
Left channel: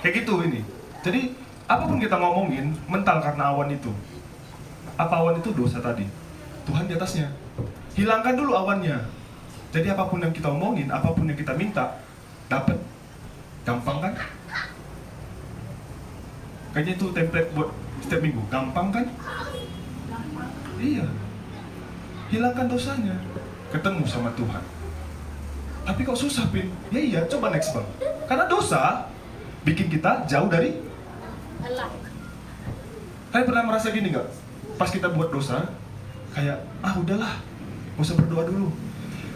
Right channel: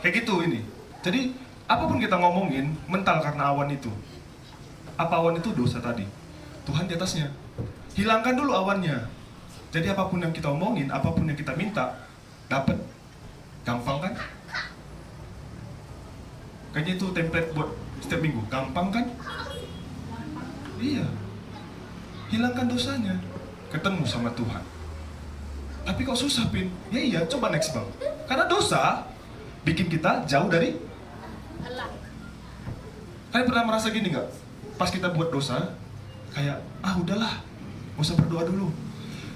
Kayak gitu ini. Jadi, apapun kita ngomongin, mental karena awan itu. Apa awan itu? Dosa tadi. Tuhan di atasnya. Hilangkan dulu awannya. Jadi apapun yang kita omongin, apapun yang kita minta, dapat. Gampang kan? Kayaknya itu template buat setiap minggu. Gampang kan? Iya. Hilangkan dosanya. Ketemu sama Tuhan. Tapi kok susah, Pin? Ya iya, coba next Bang. Karena dosa bikin kita jauh dari Allah. Kalian pernah merasa gini nggak? Pas kita buat dosa, kayak, udahlah, gak usah berdoa dulu.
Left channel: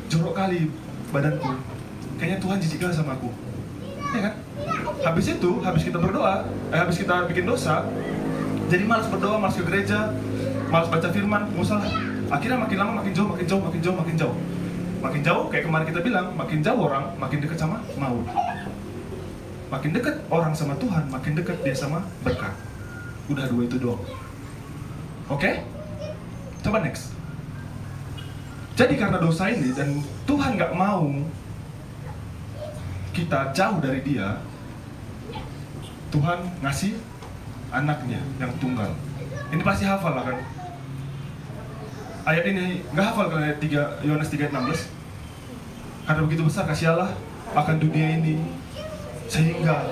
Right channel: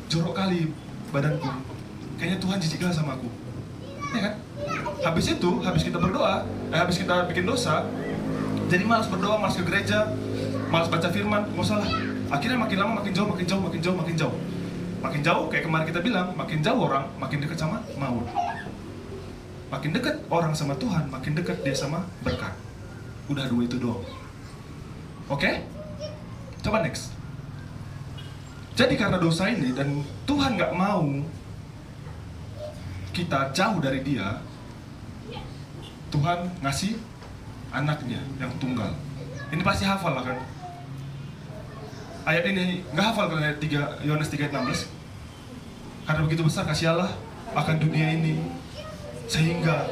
Jorok kali badanku. Kayaknya Tuhan jijik lah sama aku. Ya kan? Habis itu, habis kita berdoa, habis kita bikin dosa, jadi malas berdoa, malas ke gereja, malas baca firman, gak usah lah. Akhirnya makin lama makin jauh. Makin jauh, kayak kemarin kita bilang, makin jauh orang, makin dekat sama maut. Makin dekat orang sama Tuhan, makin dekat dia sama berkat. Udah dua itu doang. Oke? Coba next. Jadi karena dosa ini dan Tuhan gak mau kita jauh dari dia, Tuhan ngasih anaknya yang tunggal. Ini pasti hafal lah kan? Ayat ini gak hafal kan ayat 3, Yohanes 3 ayat 16? Karena begitu besar kasih Allah akan dunia ini sehingga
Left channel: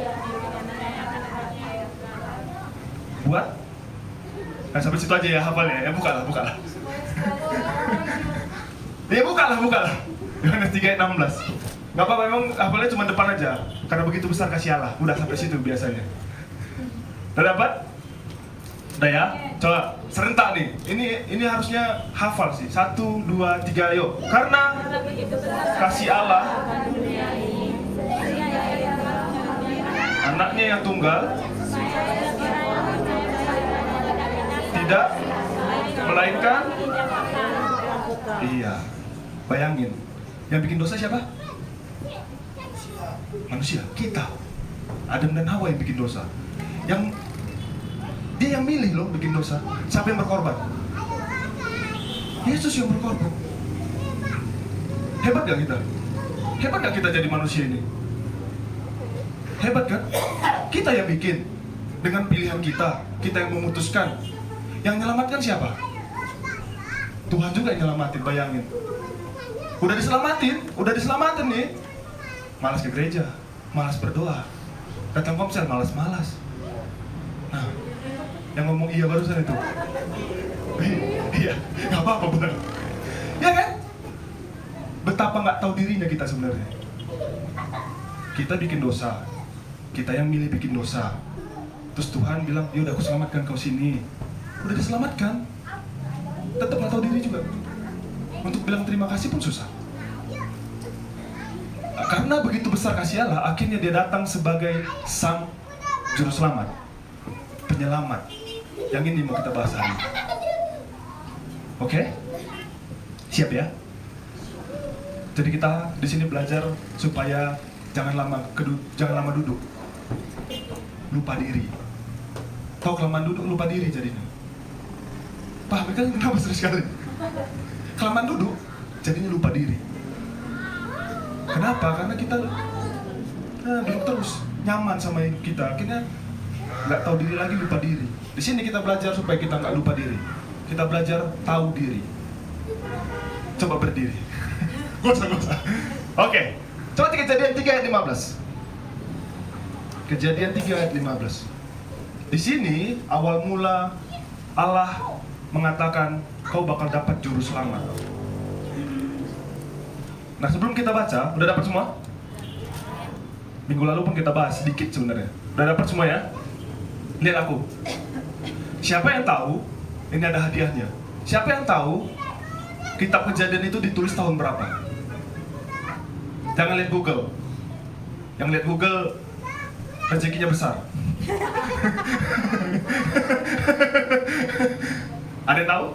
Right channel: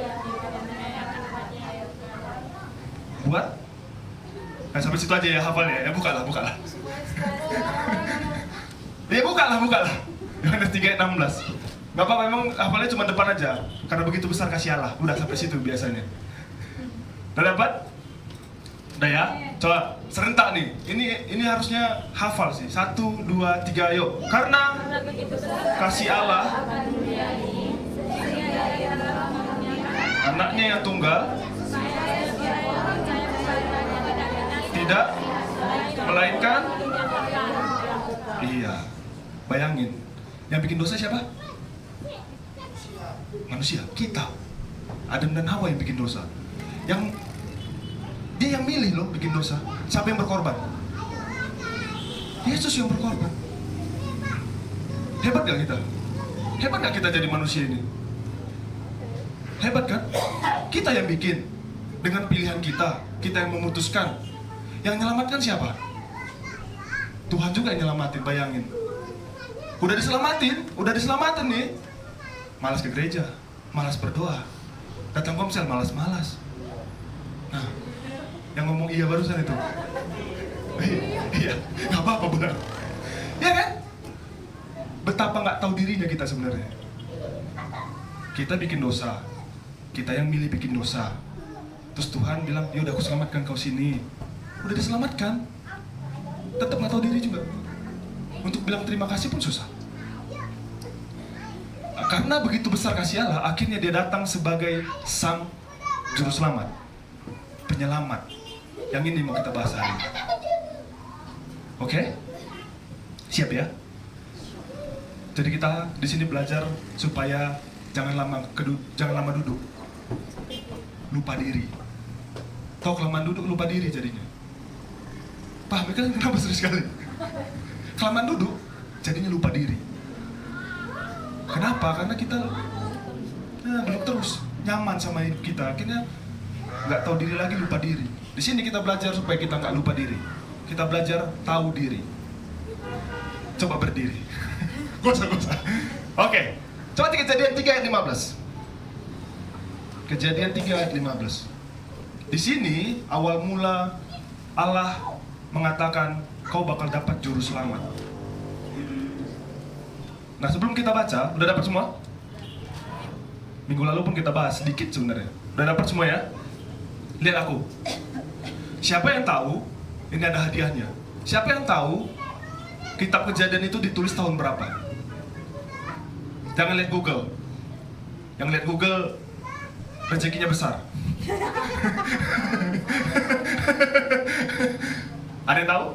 buat sampai situ aja ya hafalnya ya, bukalah ya bukalah Yohanes 3 ayat 16. Gak apa-apa, memang hafalnya cuma depan aja karena begitu besar kasih Allah, udah sampai situ biasanya. Udah dapat? Udah ya? Coba serentak nih. Ini harusnya hafal sih. 1, 2, 3, yuk. Karena kasih Allah anaknya yang tunggal tidak melainkan, iya, bayangin, yang bikin dosa siapa? Manusia, kita. Adam dan Hawa yang bikin dosa. Dia yang milih loh bikin dosa. Siapa yang berkorban? Yesus yang berkorban. Hebat gak kita? Hebat gak kita jadi manusia ini? Hebat kan? Kita yang bikin. Dengan pilihan kita yang memutuskan. Yang menyelamatkan siapa? Tuhan juga yang nyelamatin, bayangin. Udah diselamatin nih. Malas ke gereja, malas berdoa. Datang komsel, malas-malas. Nah, yang ngomong iya barusan itu. Iya, nggak apa-apa benar. Ya kan? Betapa nggak tahu dirinya kita sebenarnya. Kita bikin dosa, kita yang milih bikin dosa. Terus Tuhan bilang, yaudah aku selamatkan kau sini. Udah diselamatkan, tetap nggak tahu diri juga. Untuk bilang terima kasih pun susah. Karena begitu besar kasih Allah, akhirnya dia datang sebagai sang juru selamat, penyelamat. Yang ini mau kita bahas hari ini. Oke? Siap ya? Jadi kita di sini belajar supaya jangan lama duduk, lupa diri. Tahu kelamaan duduk lupa diri jadinya. Paham kan kenapa seru sekali? Kelamaan duduk jadinya lupa diri. Kenapa? Karena kita duduk terus nyaman sama hidup kita, akhirnya nggak tahu diri lagi, lupa diri. Di sini kita belajar supaya kita nggak lupa diri. Kita belajar tahu diri. Coba berdiri. Gosah. Oke. Coba Kejadian 3 ayat 15. Kejadian 3 ayat 15. Di sini awal mula Allah mengatakan kau bakal dapat juru selamat. Nah, sebelum kita baca, udah dapat semua? Minggu lalu pun kita bahas sedikit sebenarnya. Udah dapat semua ya? Lihat aku. Siapa yang tahu? Ini ada hadiahnya. Siapa yang tahu kitab Kejadian itu ditulis tahun berapa? Jangan lihat Google. Yang lihat Google rezekinya besar. Ada yang tahu?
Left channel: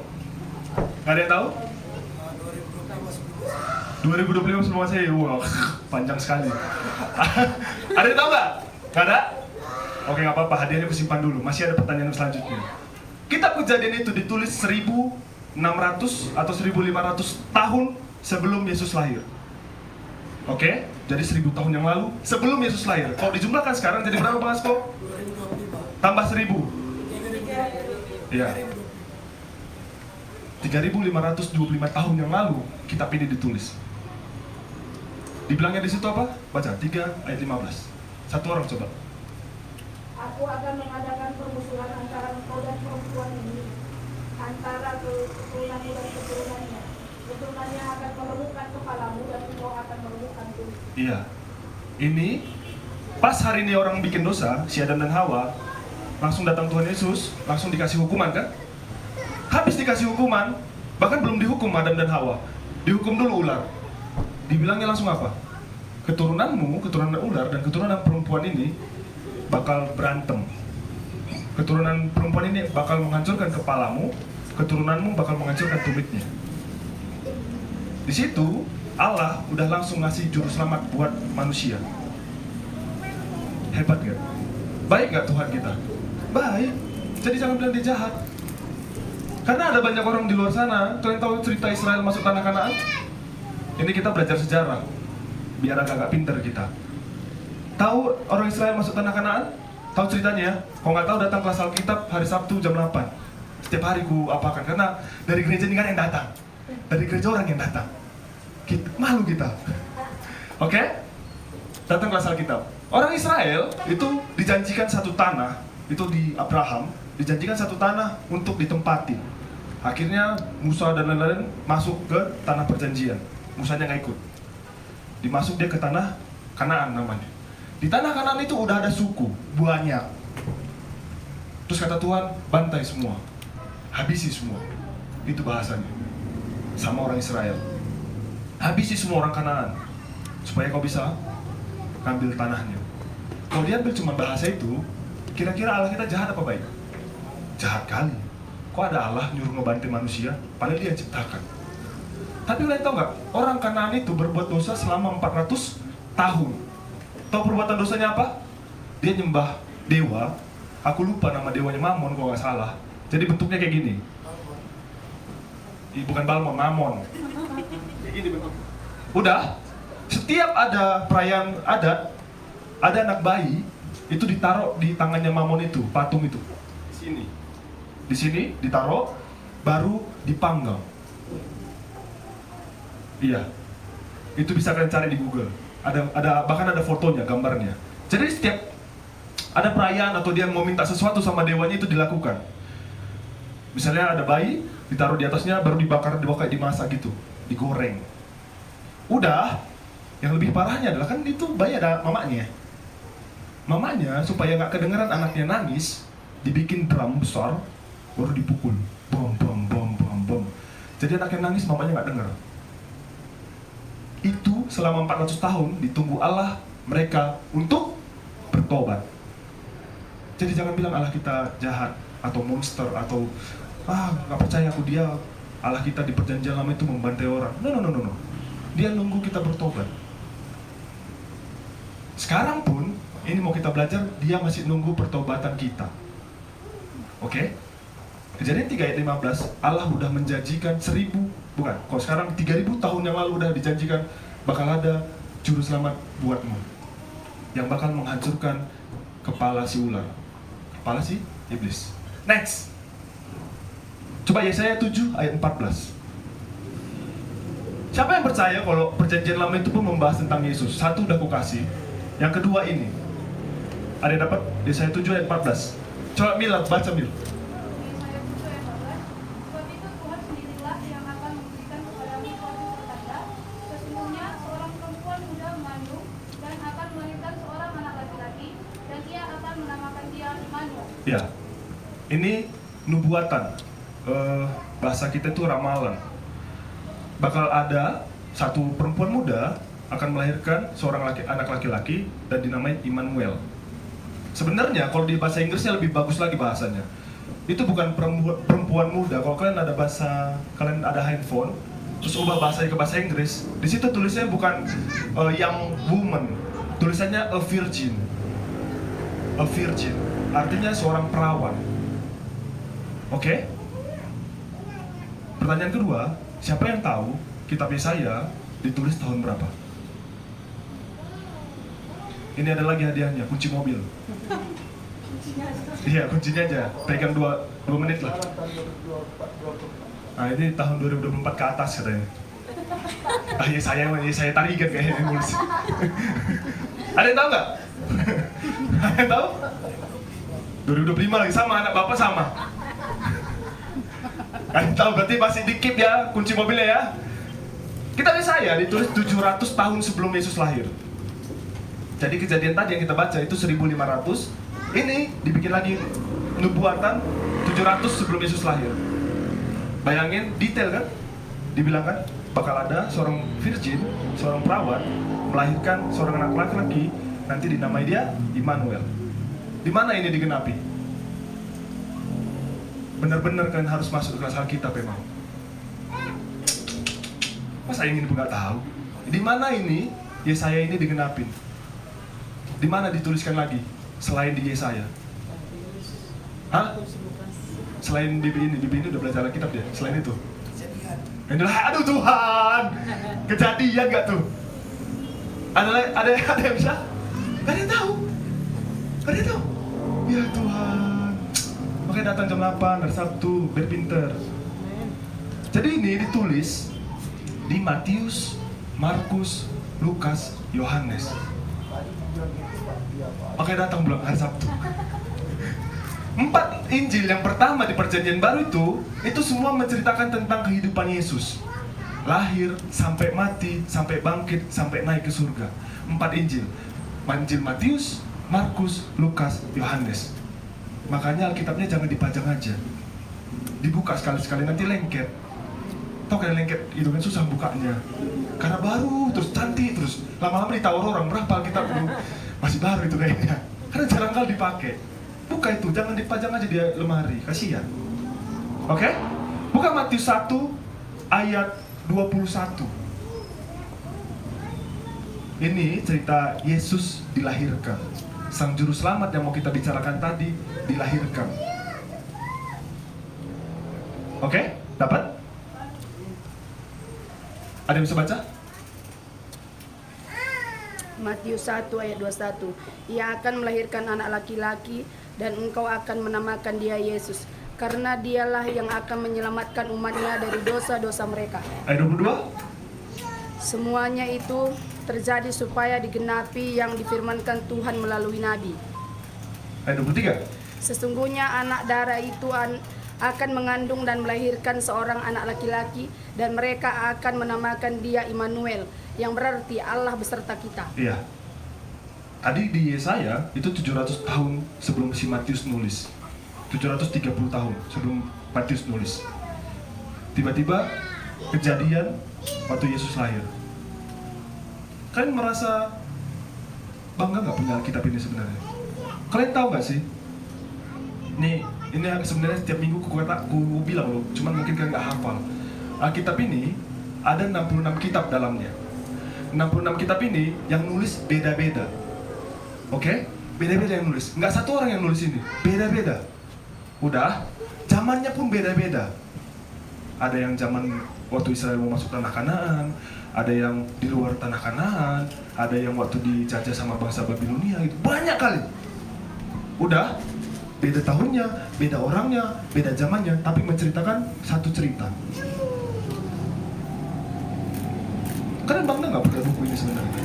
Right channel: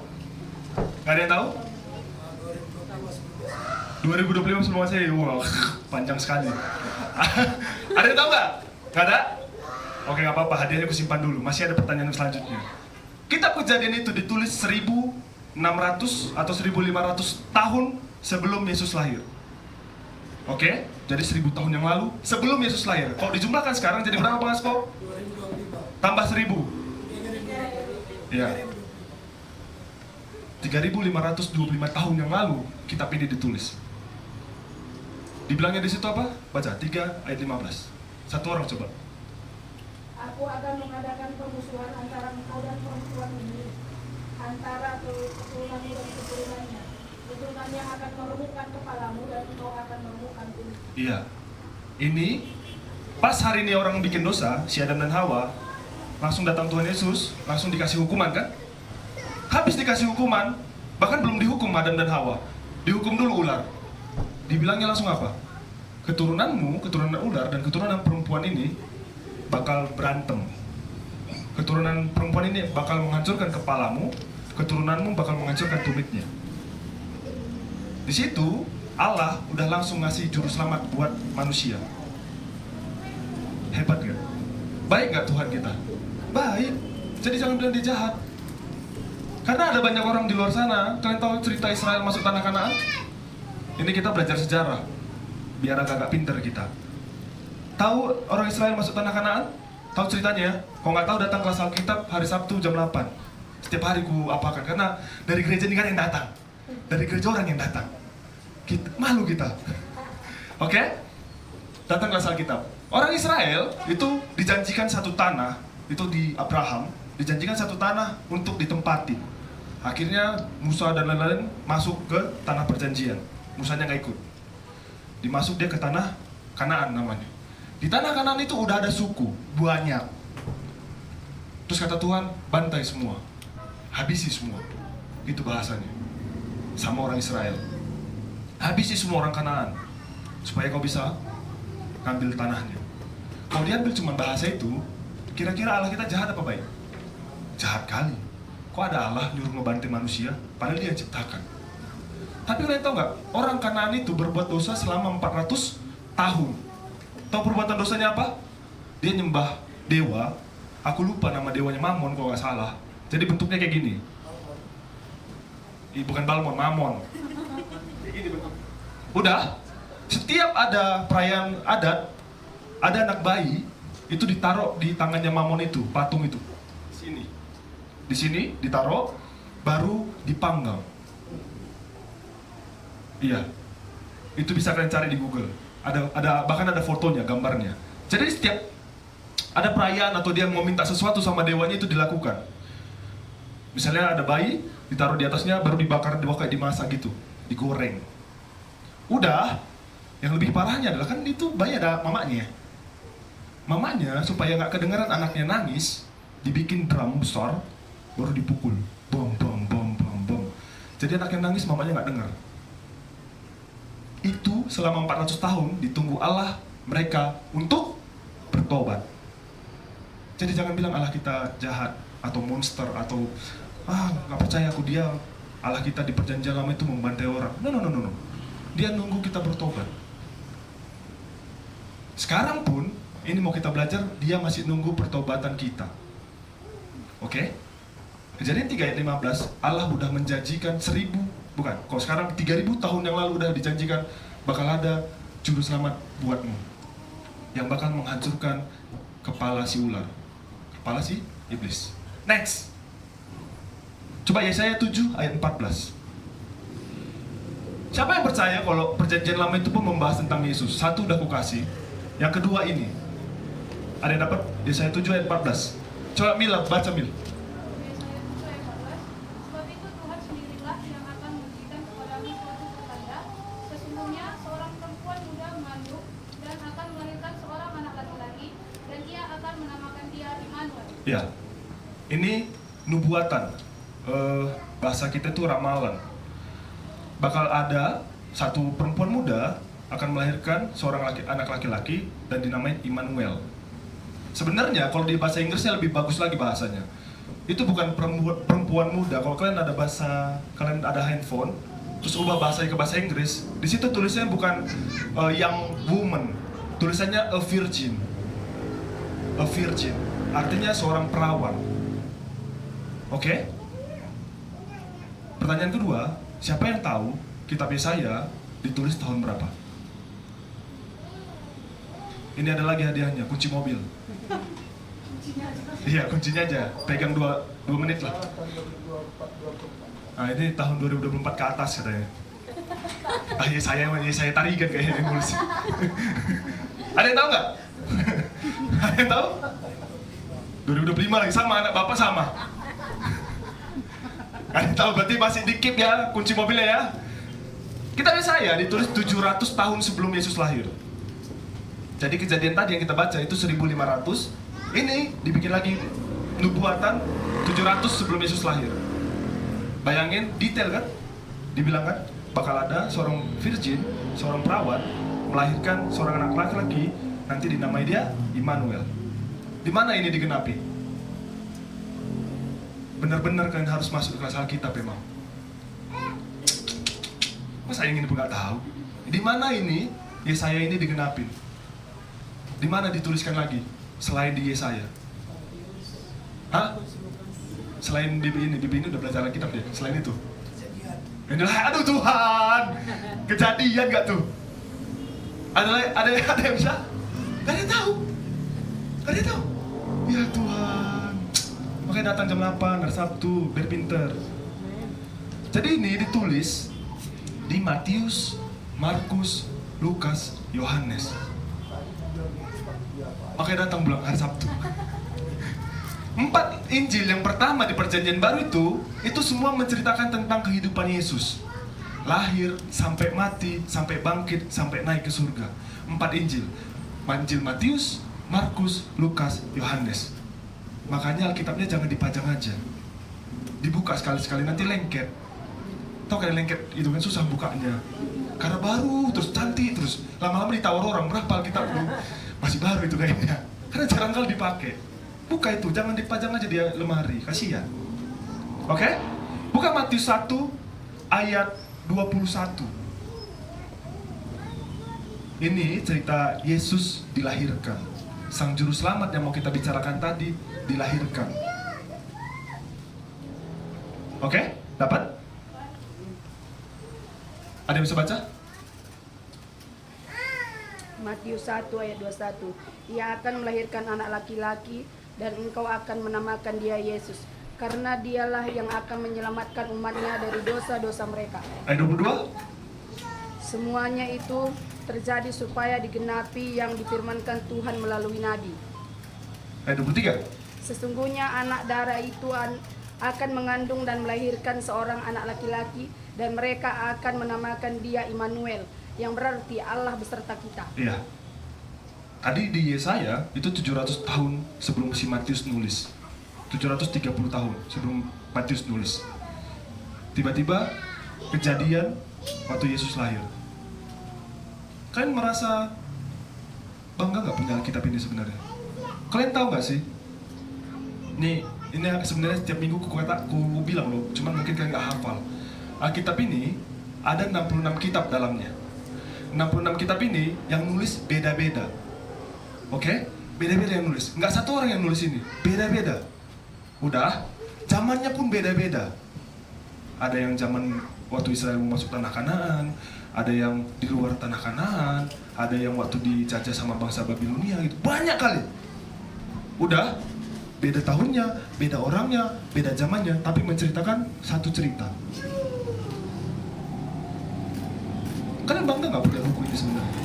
Gak ada yang tahu? 2025 semua saya, wow, panjang sekali. Ada yang tahu nggak? Gak ada? Oke, nggak apa-apa, hadiahnya aku simpan dulu. Masih ada pertanyaan selanjutnya. Kitab Kejadian itu ditulis 1600 atau 1500 tahun sebelum Yesus lahir. Oke, jadi 1000 tahun yang lalu sebelum Yesus lahir. Kalau dijumlahkan sekarang jadi berapa Bang Asko? Tambah 1000. Ya. 3525 tahun yang lalu kitab ini ditulis. Dibilangnya di situ apa? Baca 3 ayat 15. Satu orang coba. Aku akan mengadakan permusuhan antara engkau dan perempuan ini, antara keturunannya dan keturunannya. Keturunannya akan meremukkan kepalamu dan engkau akan meremukkan kulit. Iya. Ini pas hari ini orang bikin dosa, si Adam dan Hawa, langsung datang Tuhan Yesus, langsung dikasih hukuman kan? Habis dikasih hukuman, bahkan belum dihukum Adam dan Hawa, dihukum dulu ular. Dibilangnya langsung apa? Keturunanmu, keturunan ular dan keturunan perempuan ini bakal berantem. Keturunan perempuan ini bakal menghancurkan kepalamu, keturunanmu bakal menghancurkan tulitnya. Di situ Allah udah langsung ngasih juru selamat buat manusia. Hebat gak? Baik gak Tuhan kita? Baik. Jadi jangan bilang dia jahat. Karena ada banyak orang di luar sana. Kalian tahu cerita Israel masuk tanah Kanaan? Ini kita belajar sejarah, biar agak-agak pinter kita. Tahu orang Israel masuk tanah Kanaan? Tahu ceritanya ya? Kalau nggak tahu datang kelas Alkitab hari Sabtu jam 8. Setiap hari ku apakan, karena dari gereja ini kan yang datang. Dari gereja orang yang datang. Malu kita. Oke? Datang kelas Alkitab. Orang Israel itu dijanjikan satu tanah, itu di Abraham, dijanjikan satu tanah untuk ditempatin. Akhirnya Musa dan lain-lain masuk ke tanah perjanjian. Musanya nggak ikut. Dimasuk dia ke tanah Kanaan namanya. Di tanah Kanaan itu udah ada suku, banyak. Terus kata Tuhan, bantai semua, habisi semua. Itu bahasanya sama orang Israel. Habisi semua orang Kanaan supaya kau bisa ngambil tanahnya. Kalau diambil cuma bahasa itu, kira-kira Allah kita jahat apa baik? Jahat kali. Kok ada Allah nyuruh ngebantai manusia, padahal dia yang ciptakan. Tapi kalian tahu nggak? Orang Kanaan itu berbuat dosa selama 400 tahun. Tahu perbuatan dosanya apa? Dia nyembah dewa. Aku lupa nama dewanya, Mamon kalau nggak salah. Jadi bentuknya kayak gini. Bukan Balmon, Mamon. Kayak gini bentuk. Udah, setiap ada perayaan adat, ada anak bayi itu ditaruh di tangannya Mamon itu, patung itu. Di sini ditaruh, baru dipanggang. Iya, itu bisa kalian cari di Google. Bahkan ada fotonya, gambarnya. Jadi setiap ada perayaan atau dia mau minta sesuatu sama dewanya itu dilakukan. Misalnya ada bayi, ditaruh di atasnya, baru dibakar, kayak dimasak gitu, digoreng. Udah, yang lebih parahnya adalah kan itu bayi ada mamanya. Mamanya supaya nggak kedengaran anaknya nangis, dibikin drum besar, baru dipukul, bom bom bom bom bom. Jadi anaknya nangis, mamanya nggak dengar. Itu selama 400 tahun ditunggu Allah mereka untuk bertobat. Jadi jangan bilang Allah kita jahat atau monster atau nggak percaya aku dia, Allah kita di perjanjian lama itu membantai orang. No. Dia nunggu kita bertobat. Sekarang pun ini mau kita belajar, dia masih nunggu pertobatan kita. Oke? Kejadian 3 ayat 15, Allah udah menjanjikan 1000, bukan, kalau sekarang 3000 tahun yang lalu udah dijanjikan bakal ada juru selamat buatmu yang bakal menghancurkan kepala si ular, kepala si iblis. Next, coba Yesaya 7 ayat 14. Siapa yang percaya kalau perjanjian lama itu pun membahas tentang Yesus? Satu udah aku kasih, yang kedua ini ada yang dapat Yesaya 7 ayat 14. Coba Mila, baca Mila. Yesaya 7 ayat 14. Sebab itu Tuhan sendirilah yang akan memberikan kepadamu suatu pertanda. Sesungguhnya seorang perempuan muda mengandung dan akan melahirkan seorang anak laki-laki, dan ia akan menamakan dia Immanuel. Ya, ini nubuatan. Bahasa kita itu ramalan. Bakal ada satu perempuan muda akan melahirkan seorang anak laki-laki dan dinamai Immanuel. Sebenarnya kalau di bahasa Inggrisnya lebih bagus lagi bahasanya. Itu bukan perempuan muda. Kalau kalian ada handphone, terus ubah bahasanya ke bahasa Inggris, di situ tulisannya bukan young woman, tulisannya a virgin. A virgin, artinya seorang perawan. Oke? Pertanyaan kedua, siapa yang tahu kitab Yesaya ditulis tahun berapa? Ini ada lagi hadiahnya, kunci mobil. Iya, kuncinya aja. Pegang 2 menit lah. Nah, ini tahun 2024 ke atas katanya. Saya tarikan kayaknya nulis. Ada yang tahu nggak? Ada yang tahu? 2025 lagi, sama anak bapak sama. Ada yang tahu, berarti masih dikit ya kunci mobilnya ya. Kitab Yesaya ditulis 700 tahun sebelum Yesus lahir. Jadi kejadian tadi yang kita baca itu 1500. Ini dibikin lagi nubuatan 700 sebelum Yesus lahir. Bayangin detail kan? Dibilang kan bakal ada seorang virgin, seorang perawan melahirkan seorang anak laki-laki, nanti dinamai dia Immanuel. Di mana ini digenapi? Benar-benar kalian harus masuk ke kelas Alkitab memang. Masa ingin pun nggak tahu? Di mana ini Yesaya ini digenapin? Di mana dituliskan lagi selain di Yesaya? Hah? Selain di ini udah belajar Alkitab ya? Selain itu? Inilah, aduh Tuhan, kejadian nggak tuh? Ada yang bisa? Gak ada yang tahu. Gak ada yang tahu. Ya Tuhan. Makanya datang jam 8 hari Sabtu, biar pinter. Jadi ini ditulis di Matius, Markus, Lukas, Yohanes. Makanya datang bulan hari Sabtu. 4 Injil yang pertama di perjanjian baru itu semua menceritakan tentang kehidupan Yesus. Lahir, sampai mati, sampai bangkit, sampai naik ke surga. 4 Injil. Injil Matius, Markus, Lukas, Yohanes. Makanya Alkitabnya jangan dipajang aja, dibuka sekali-sekali, nanti lengket. Tau kan lengket itu kan susah bukanya, karena baru terus cantik terus lama-lama ditawar orang berapa Alkitab ini, masih baru itu kayaknya, karena jarang kali dipakai. Buka itu, jangan dipajang aja di lemari, kasihan. Oke? Buka Matius 1 ayat 21. Ini cerita Yesus dilahirkan. Sang juru selamat yang mau kita bicarakan tadi dilahirkan. Oke? Dapat? Ada yang bisa baca? Matius 1 ayat 21. Ia akan melahirkan anak laki-laki dan engkau akan menamakan dia Yesus, karena dialah yang akan menyelamatkan umatnya dari dosa-dosa mereka. Ayat 22. Semuanya itu terjadi supaya digenapi yang difirmankan Tuhan melalui nabi. Ayat 23. Sesungguhnya anak darah itu akan mengandung dan melahirkan seorang anak laki-laki, dan mereka akan menamakan dia Immanuel, yang berarti Allah beserta kita. Iya. Tadi di Yesaya itu 700 tahun sebelum si Matius nulis. 730 tahun sebelum Matius nulis. Tiba-tiba kejadian waktu Yesus lahir. Kalian merasa bangga nggak punya Alkitab ini sebenarnya? Kalian tahu nggak sih? Ini sebenarnya setiap minggu aku bilang loh, cuman mungkin kalian nggak hafal. Alkitab ini ada 66 kitab dalamnya. 66 kitab ini yang nulis beda-beda. Oke? Beda-beda yang nulis. Nggak satu orang yang nulis ini, beda-beda. Udah, zamannya pun beda-beda. Ada yang zaman waktu Israel mau masuk tanah Kanaan, ada yang di luar tanah Kanaan, ada yang waktu dijajah sama bangsa Babilonia, itu banyak kali. Udah, beda tahunnya, beda orangnya, beda zamannya, tapi menceritakan satu cerita. Kalian bangga nggak punya buku ini sebenarnya?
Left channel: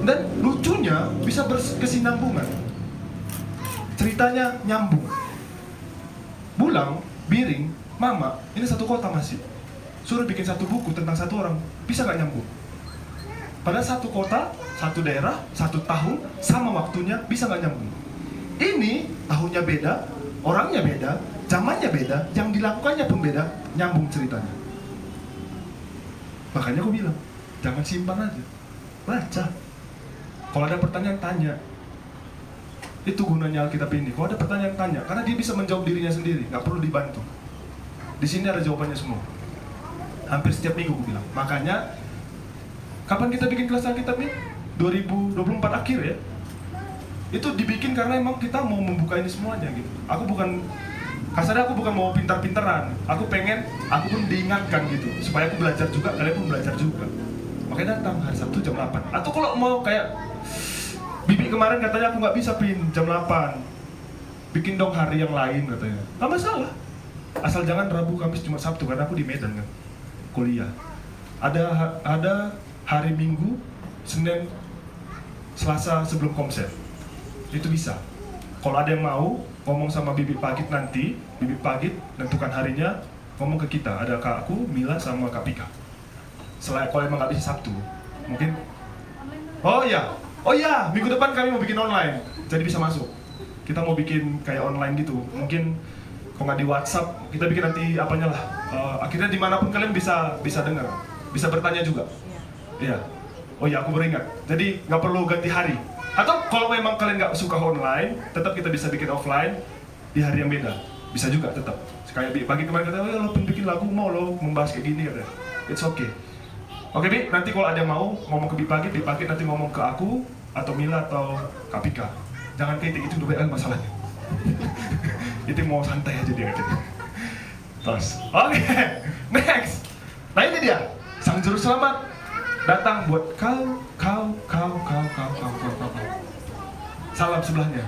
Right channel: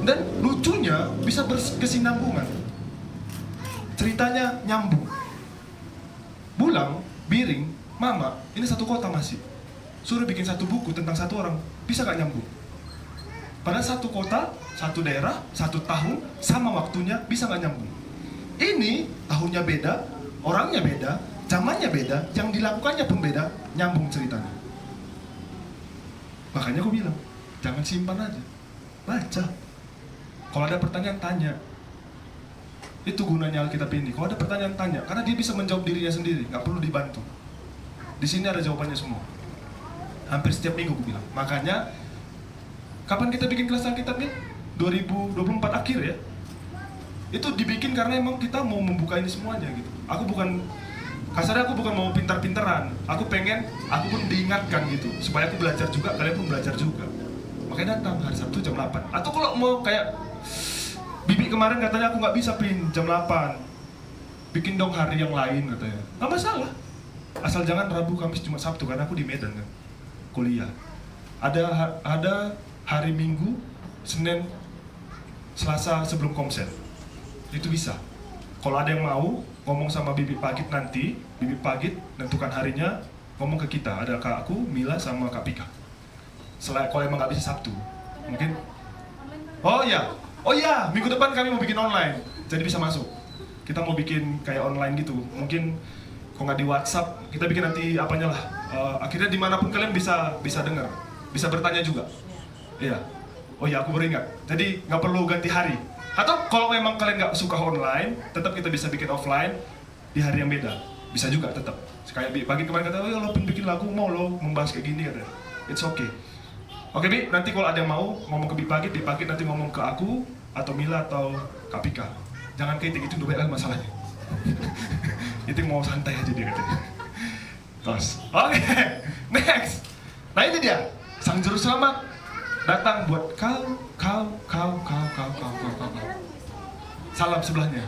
Dan lucunya bisa berkesinambungan. Ceritanya nyambung. Bulang, Biring, Mama, ini satu kota masih. Suruh bikin satu buku tentang satu orang, bisa nggak nyambung? Pada satu kota, satu daerah, satu tahun, sama waktunya, bisa nggak nyambung? Ini tahunnya beda, orangnya beda, zamannya beda, yang dilakukannya pun beda, nyambung ceritanya. Makanya aku bilang, jangan simpan aja, baca. Kalau ada pertanyaan, tanya. Itu gunanya Alkitab ini. Kalau ada pertanyaan, tanya, karena dia bisa menjawab dirinya sendiri, nggak perlu dibantu. Di sini ada jawabannya semua. Hampir setiap minggu aku bilang. Makanya, kapan kita bikin kelas Alkitab ini? 2024 akhir ya. Itu dibikin karena emang kita mau membuka ini semuanya gitu. Aku bukan, kasarnya aku bukan mau pintar-pintaran. Aku pengen, aku pun diingatkan gitu. Supaya aku belajar juga, kalian pun belajar juga. Makanya datang hari Sabtu jam 8. Atau kalau mau kayak Bibi kemarin katanya aku nggak bisa jam 8. Bikin dong hari yang lain katanya. Nggak masalah. Asal jangan Rabu, Kamis, Jumat, Sabtu, karena aku di Medan kan, kuliah. Ada hari Minggu, Senin, Selasa sebelum konser. Itu bisa. Kalau ada yang mau ngomong sama Bibi Pagit nanti, Bibi Pagit tentukan harinya, ngomong ke kita. Ada Kak aku, Mila, sama Kak Pika. Kalau emang nggak bisa Sabtu, mungkin. Oh ya, minggu depan kami mau bikin online, jadi bisa masuk. Kita mau bikin kayak online gitu, mungkin kalau nggak di WhatsApp, kita bikin nanti apanya lah. Akhirnya dimanapun kalian bisa dengar, bisa bertanya juga. Iya. Oh ya, aku beringat. Jadi nggak perlu ganti hari. Atau kalau memang kalian nggak suka online, tetap kita bisa bikin offline di hari yang beda. Bisa juga tetap. Kayak pagi kemarin kata, oh ya lo bikin lagu, mau lo membahas kayak gini katanya. It's okay. Oke Bi, nanti kalau ada yang mau ngomong ke Bi Pagit nanti ngomong ke aku atau Mila atau Kak Pika. Jangan kayak itu dulu kan masalahnya. Itu mau santai aja dia gitu. Terus, oke, next. Nah ini dia, Sang Juru Selamat datang buat kau. Salam sebelahnya.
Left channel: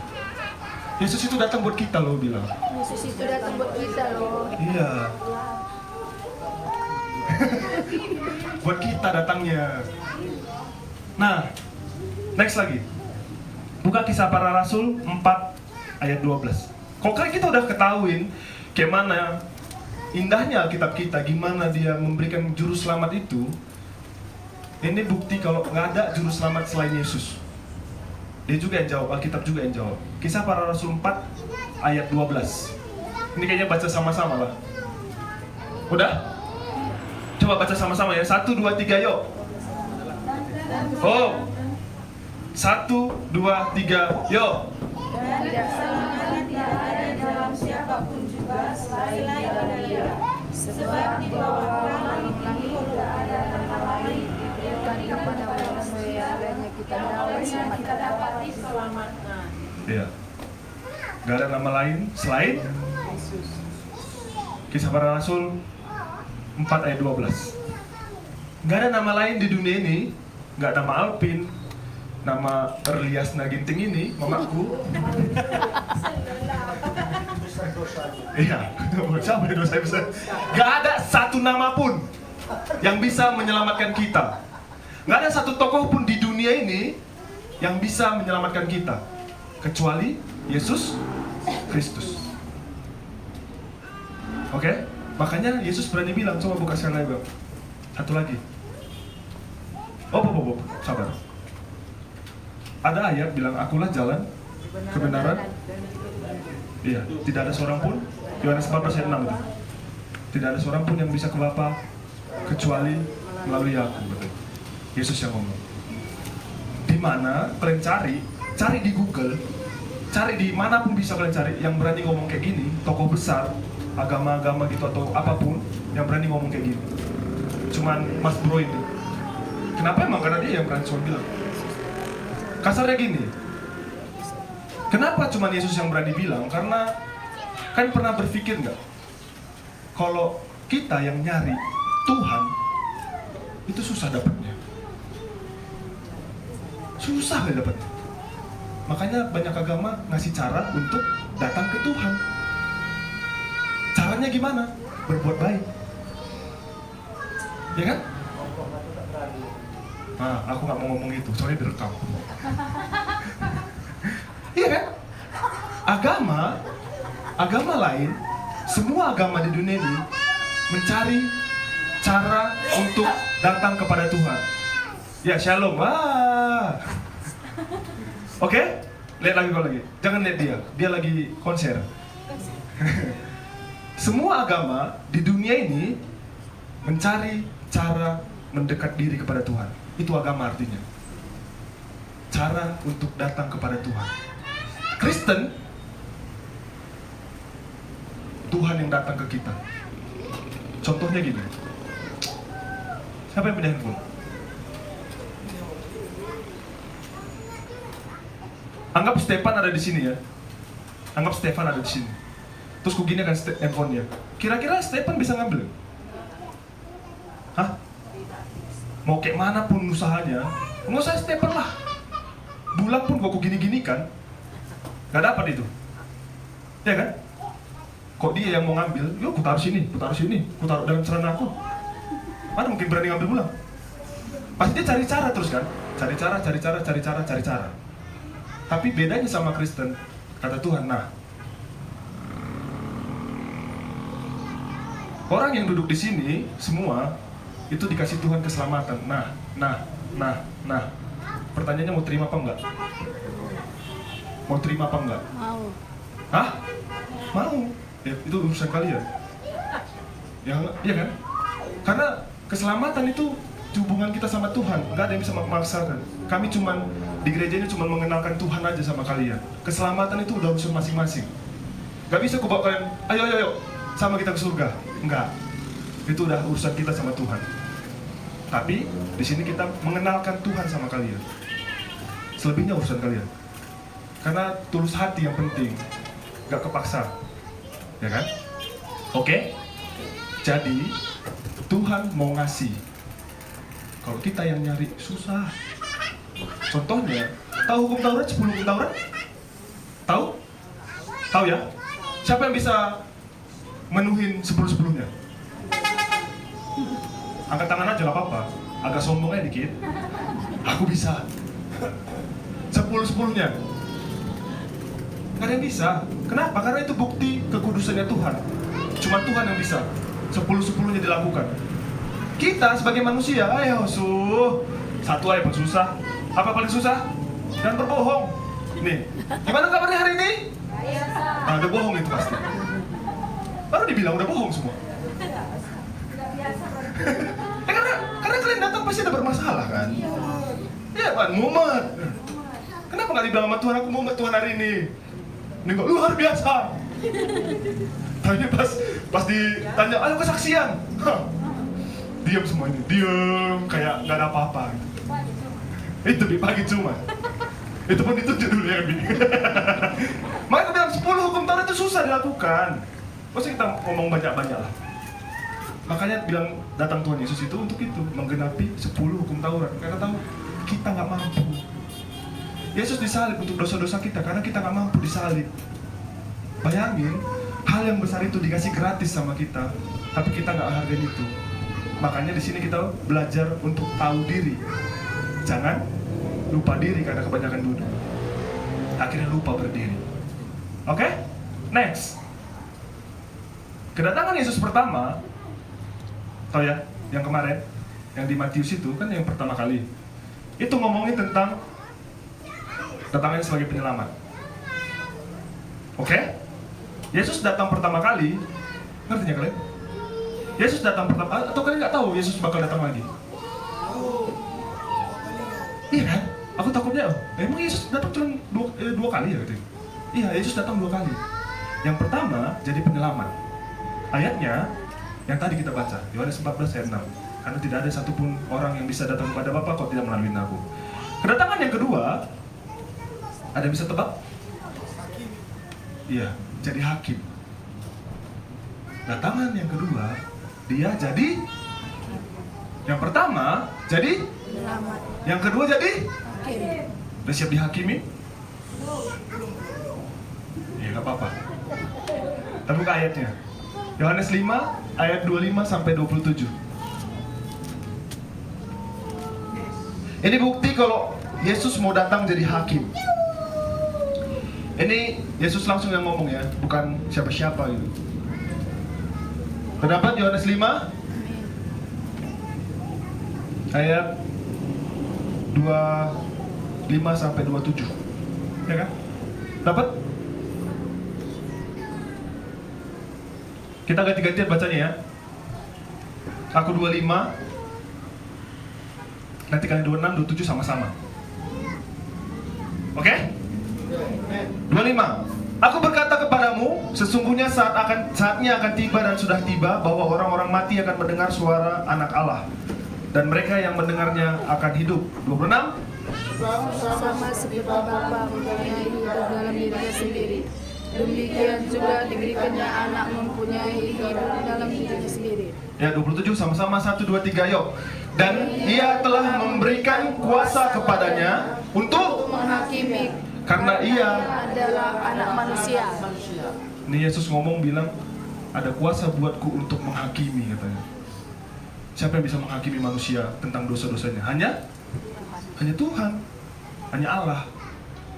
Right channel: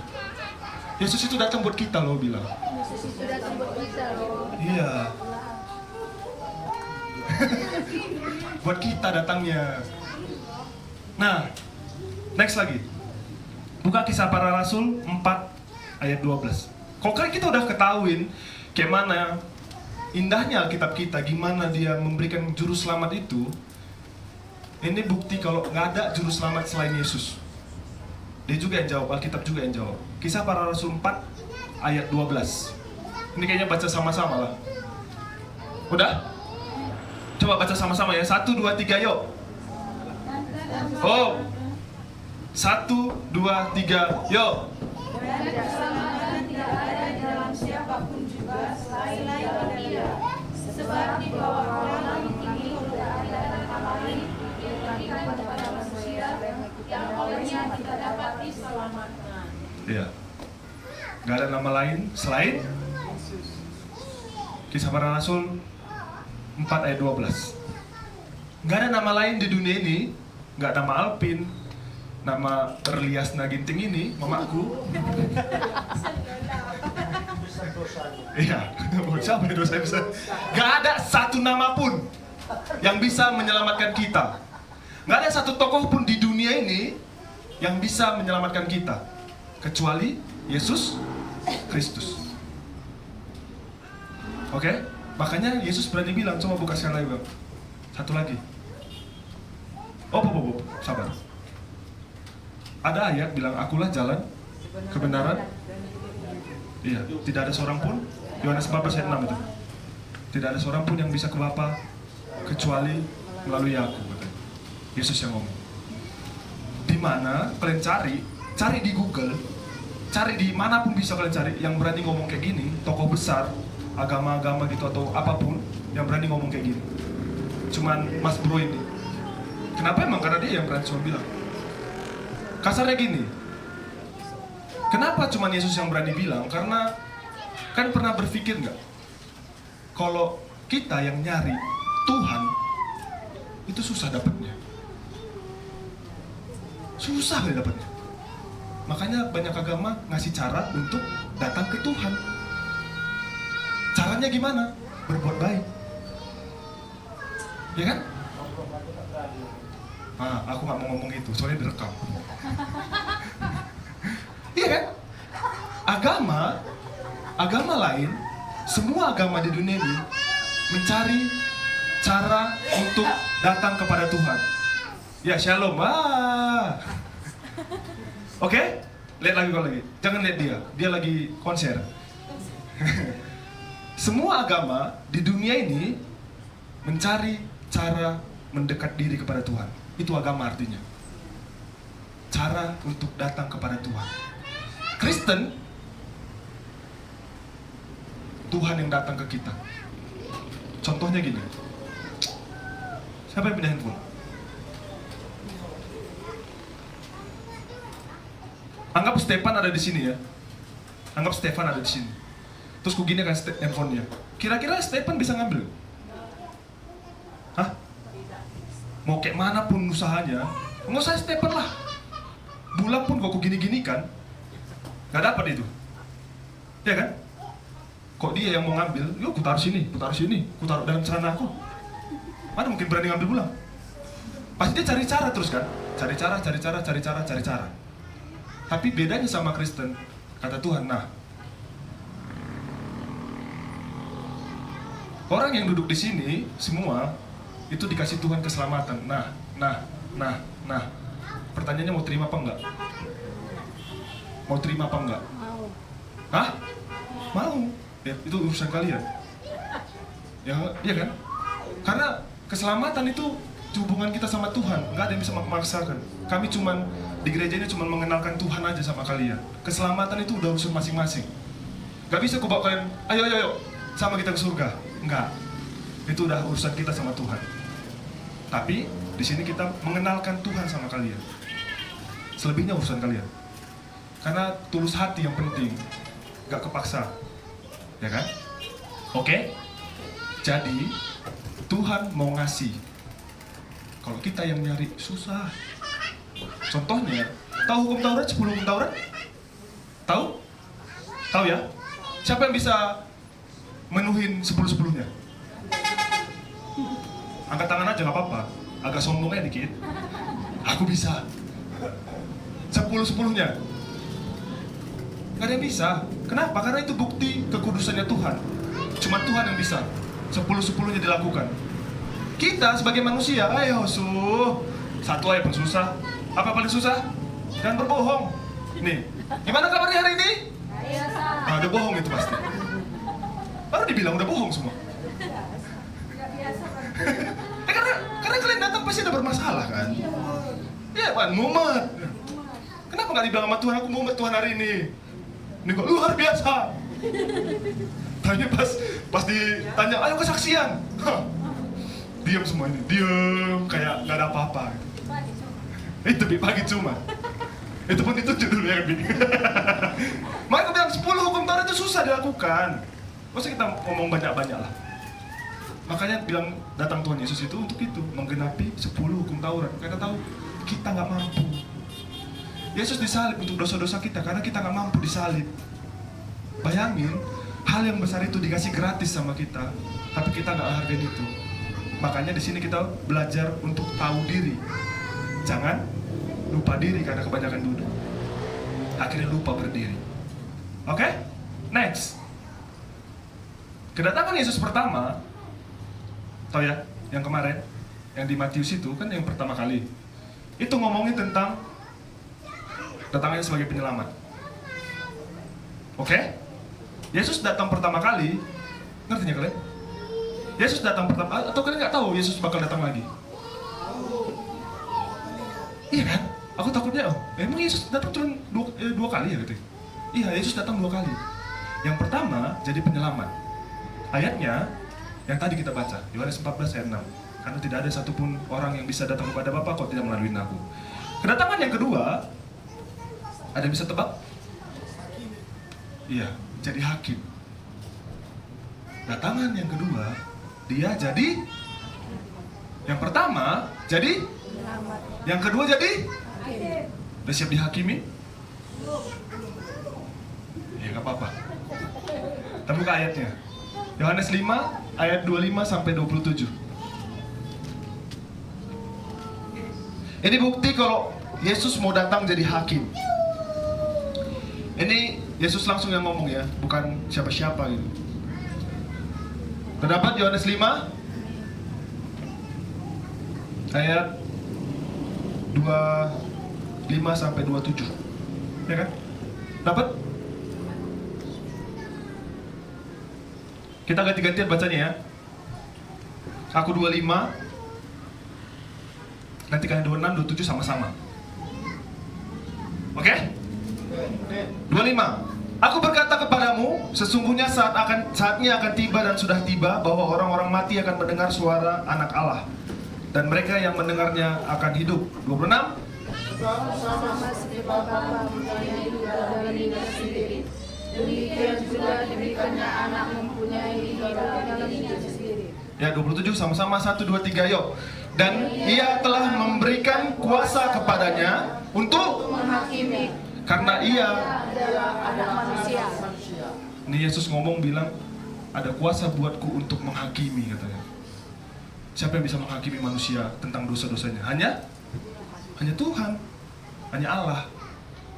Yesus itu datang buat kita loh bilang. Yesus itu datang buat kita loh. Iya. Buat kita datangnya. Nah, next lagi. Buka Kisah Para Rasul 4 ayat 12. Kalau kan kita udah ketahuin kayak mana indahnya Alkitab kita, gimana dia memberikan juru selamat itu. Ini bukti kalau nggak ada juru selamat selain Yesus. Dia juga yang jawab, Alkitab juga yang jawab. Kisah Para Rasul 4 ayat 12. Ini kayaknya baca sama-sama lah. Udah? Coba baca sama-sama ya. 1, 2, 3 yuk. Oh. 1, 2, 3 yuk. Dan keselamatan tidak ada dalam siapapun juga selain dalam Dia. Sebab di bawah langit ini tidak ada nama lain yang kami kepada manusia yang kita dapat diselamatkan. Iya. Gak ada nama lain selain Kisah Para Rasul 4 ayat 12. Gak ada nama lain di dunia ini. Gak ada nama Alpin, nama Erlias Naginting ini, mamaku. Iya, sama dosa besar. Gak ada satu nama pun yang bisa menyelamatkan kita. Gak ada satu tokoh pun di dunia ini yang bisa menyelamatkan kita kecuali Yesus Kristus. Oke? Makanya Yesus berani bilang, coba buka sekali lagi, Bang. Satu lagi. Oh, sabar. Ada ayat bilang, akulah jalan, kebenaran. Iya, tidak ada seorang pun. Yohanes 14 ayat 6 itu. Tidak ada seorang pun yang bisa ke Bapa kecuali melalui aku. Yesus yang ngomong. Di mana kalian cari di Google, cari di manapun bisa kalian cari yang berani ngomong kayak gini, tokoh besar, agama-agama gitu atau apapun yang berani ngomong kayak gini. Cuman Mas Bro ini. Kenapa emang? Karena dia yang berani cuma bilang. Kasarnya gini. Kenapa cuma Yesus yang berani bilang? Karena kan pernah berpikir nggak? Kalau kita yang nyari Tuhan itu susah dapatnya. Susah kali dapatnya. Makanya banyak agama ngasih cara untuk datang ke Tuhan. Caranya gimana? Berbuat baik. Ya kan? Nah, aku nggak mau ngomong itu, soalnya direkam. Iya kan? Agama lain, semua agama di dunia ini mencari cara untuk datang kepada Tuhan. Ya, shalom. Oke? Lihat lagi. Jangan lihat dia lagi konser. Semua agama di dunia ini mencari cara mendekat diri kepada Tuhan. Itu agama artinya. Cara untuk datang kepada Tuhan. Kristen, Tuhan yang datang ke kita. Contohnya gini. Siapa yang pindah handphone? Anggap Stefan ada di sini ya. Anggap Stefan ada di sini. Terus ku gini kan handphonenya. Kira-kira Stefan bisa ngambil? Hah? Mau kayak mana pun usahanya, nggak usah Stefan lah. Bulan pun kok gini-gini kan, nggak dapat itu, ya kan? Kok dia yang mau ngambil? Yuk, ku taruh sini, ku taruh dalam celana aku. Mana mungkin berani ngambil bulan? Pasti dia cari cara terus kan? Cari cara. Tapi bedanya sama Kristen, kata Tuhan, nah, orang yang duduk di sini semua itu dikasih Tuhan keselamatan. Nah. Pertanyaannya mau terima apa enggak? Mau terima apa enggak? Mau. Hah? Mau. Ya, itu urusan kalian. Ya, iya kan? Karena keselamatan itu hubungan kita sama Tuhan. Enggak ada yang bisa memaksakan. Kami cuman di gereja ini cuma mengenalkan Tuhan aja sama kalian. Keselamatan itu udah urusan masing-masing. Gak bisa ku bawa kalian, ayo, sama kita ke surga. Enggak. Itu udah urusan kita sama Tuhan. Tapi di sini kita mengenalkan Tuhan sama kalian. Selebihnya urusan kalian. Karena tulus hati yang penting, gak kepaksa, ya kan? Oke? Jadi Tuhan mau ngasih. Kalau kita yang nyari susah. Contohnya, tahu hukum Taurat, 10 hukum Taurat? Tahu? Tahu ya? Siapa yang bisa menuhin 10-10-nya? Angkat tangan aja gak apa-apa. Agak sombongnya dikit. Aku bisa. 10-10-nya. Gak ada yang bisa. Kenapa? Karena itu bukti kekudusannya Tuhan. Cuma Tuhan yang bisa 10-10-nya dilakukan. Kita sebagai manusia, ayo satu aja pun susah. Apa paling susah? Dan berbohong. Nih, gimana kabarnya hari ini? Nah, udah bohong itu pasti. Baru dibilang udah bohong semua. Karena kalian datang pasti ada bermasalah kan? Iya kan, mumet. Kenapa nggak dibilang sama Tuhan, aku mumet Tuhan hari ini? Ini kok luar biasa. Tapi pas ditanya, ayo kesaksian. Diam semua ini, diam kayak nggak ada apa-apa. Itu di pagi cuma. Itu pun ditunjuk dulu ya gini. Makanya aku bilang 10 hukum Taurat itu susah dilakukan. Masa kita ngomong banyak-banyak lah. Makanya bilang datang Tuhan Yesus itu untuk itu, menggenapi 10 hukum Taurat. Karena tahu kita nggak mampu. Yesus disalib untuk dosa-dosa kita karena kita nggak mampu disalib. Bayangin, hal yang besar itu dikasih gratis sama kita, tapi kita nggak hargain itu. Makanya di sini kita belajar untuk tahu diri. Jangan lupa diri karena kebanyakan duduk. Akhirnya lupa berdiri. Oke? Next. Kedatangan Yesus pertama, tahu ya, yang kemarin, yang di Matius itu kan yang pertama kali. Itu ngomongin tentang datangnya sebagai penyelamat. Oke? Yesus datang pertama kali, ngerti ya kalian? Yesus datang pertama, atau kalian nggak tahu Yesus bakal datang lagi? Iya kan? Aku takutnya, emang Yesus datang cuma dua kali ya gitu? Iya, Yesus datang 2 kali. Yang pertama jadi penyelamat. Ayatnya yang tadi kita baca, Yohanes 14 ayat 6. Karena tidak ada satupun orang yang bisa datang kepada Bapa kalau tidak melalui aku. Kedatangan yang kedua, ada yang bisa tebak? Iya, jadi hakim. Datangan yang kedua, dia jadi yang pertama jadi, yang kedua jadi, udah siap dihakimi? Ya nggak apa-apa. Kita buka ayatnya. Yohanes 5 ayat 25 sampai 27. Ini bukti kalau Yesus mau datang jadi hakim. Ini Yesus langsung yang ngomong ya, bukan siapa-siapa gitu. Terdapat Yohanes 5 ayat 25 sampai 27. Ya kan? Dapat? Kita ganti-gantian bacanya ya. Aku 25, nanti kalian 26, 27 sama-sama. Oke? 25. Aku berkata kepadamu, sesungguhnya saatnya akan tiba dan sudah tiba bahwa orang-orang mati akan mendengar suara Anak Allah, dan mereka yang mendengarnya akan hidup. 26. Sama seperti Bapa mempunyai hidup dalam dirinya sendiri, demikian juga diberikannya Anak mempunyai hidup dalam dirinya sendiri. Ya, 27 sama-sama 1, 2, 3 yuk. Dan ia telah memberikan kuasa kepadanya untuk Menghakimi, karena ia adalah Anak manusia. Ini Yesus ngomong bilang ada kuasa buatku untuk menghakimi katanya. Siapa yang bisa menghakimi manusia tentang dosa-dosanya? Hanya Tuhan, hanya Allah.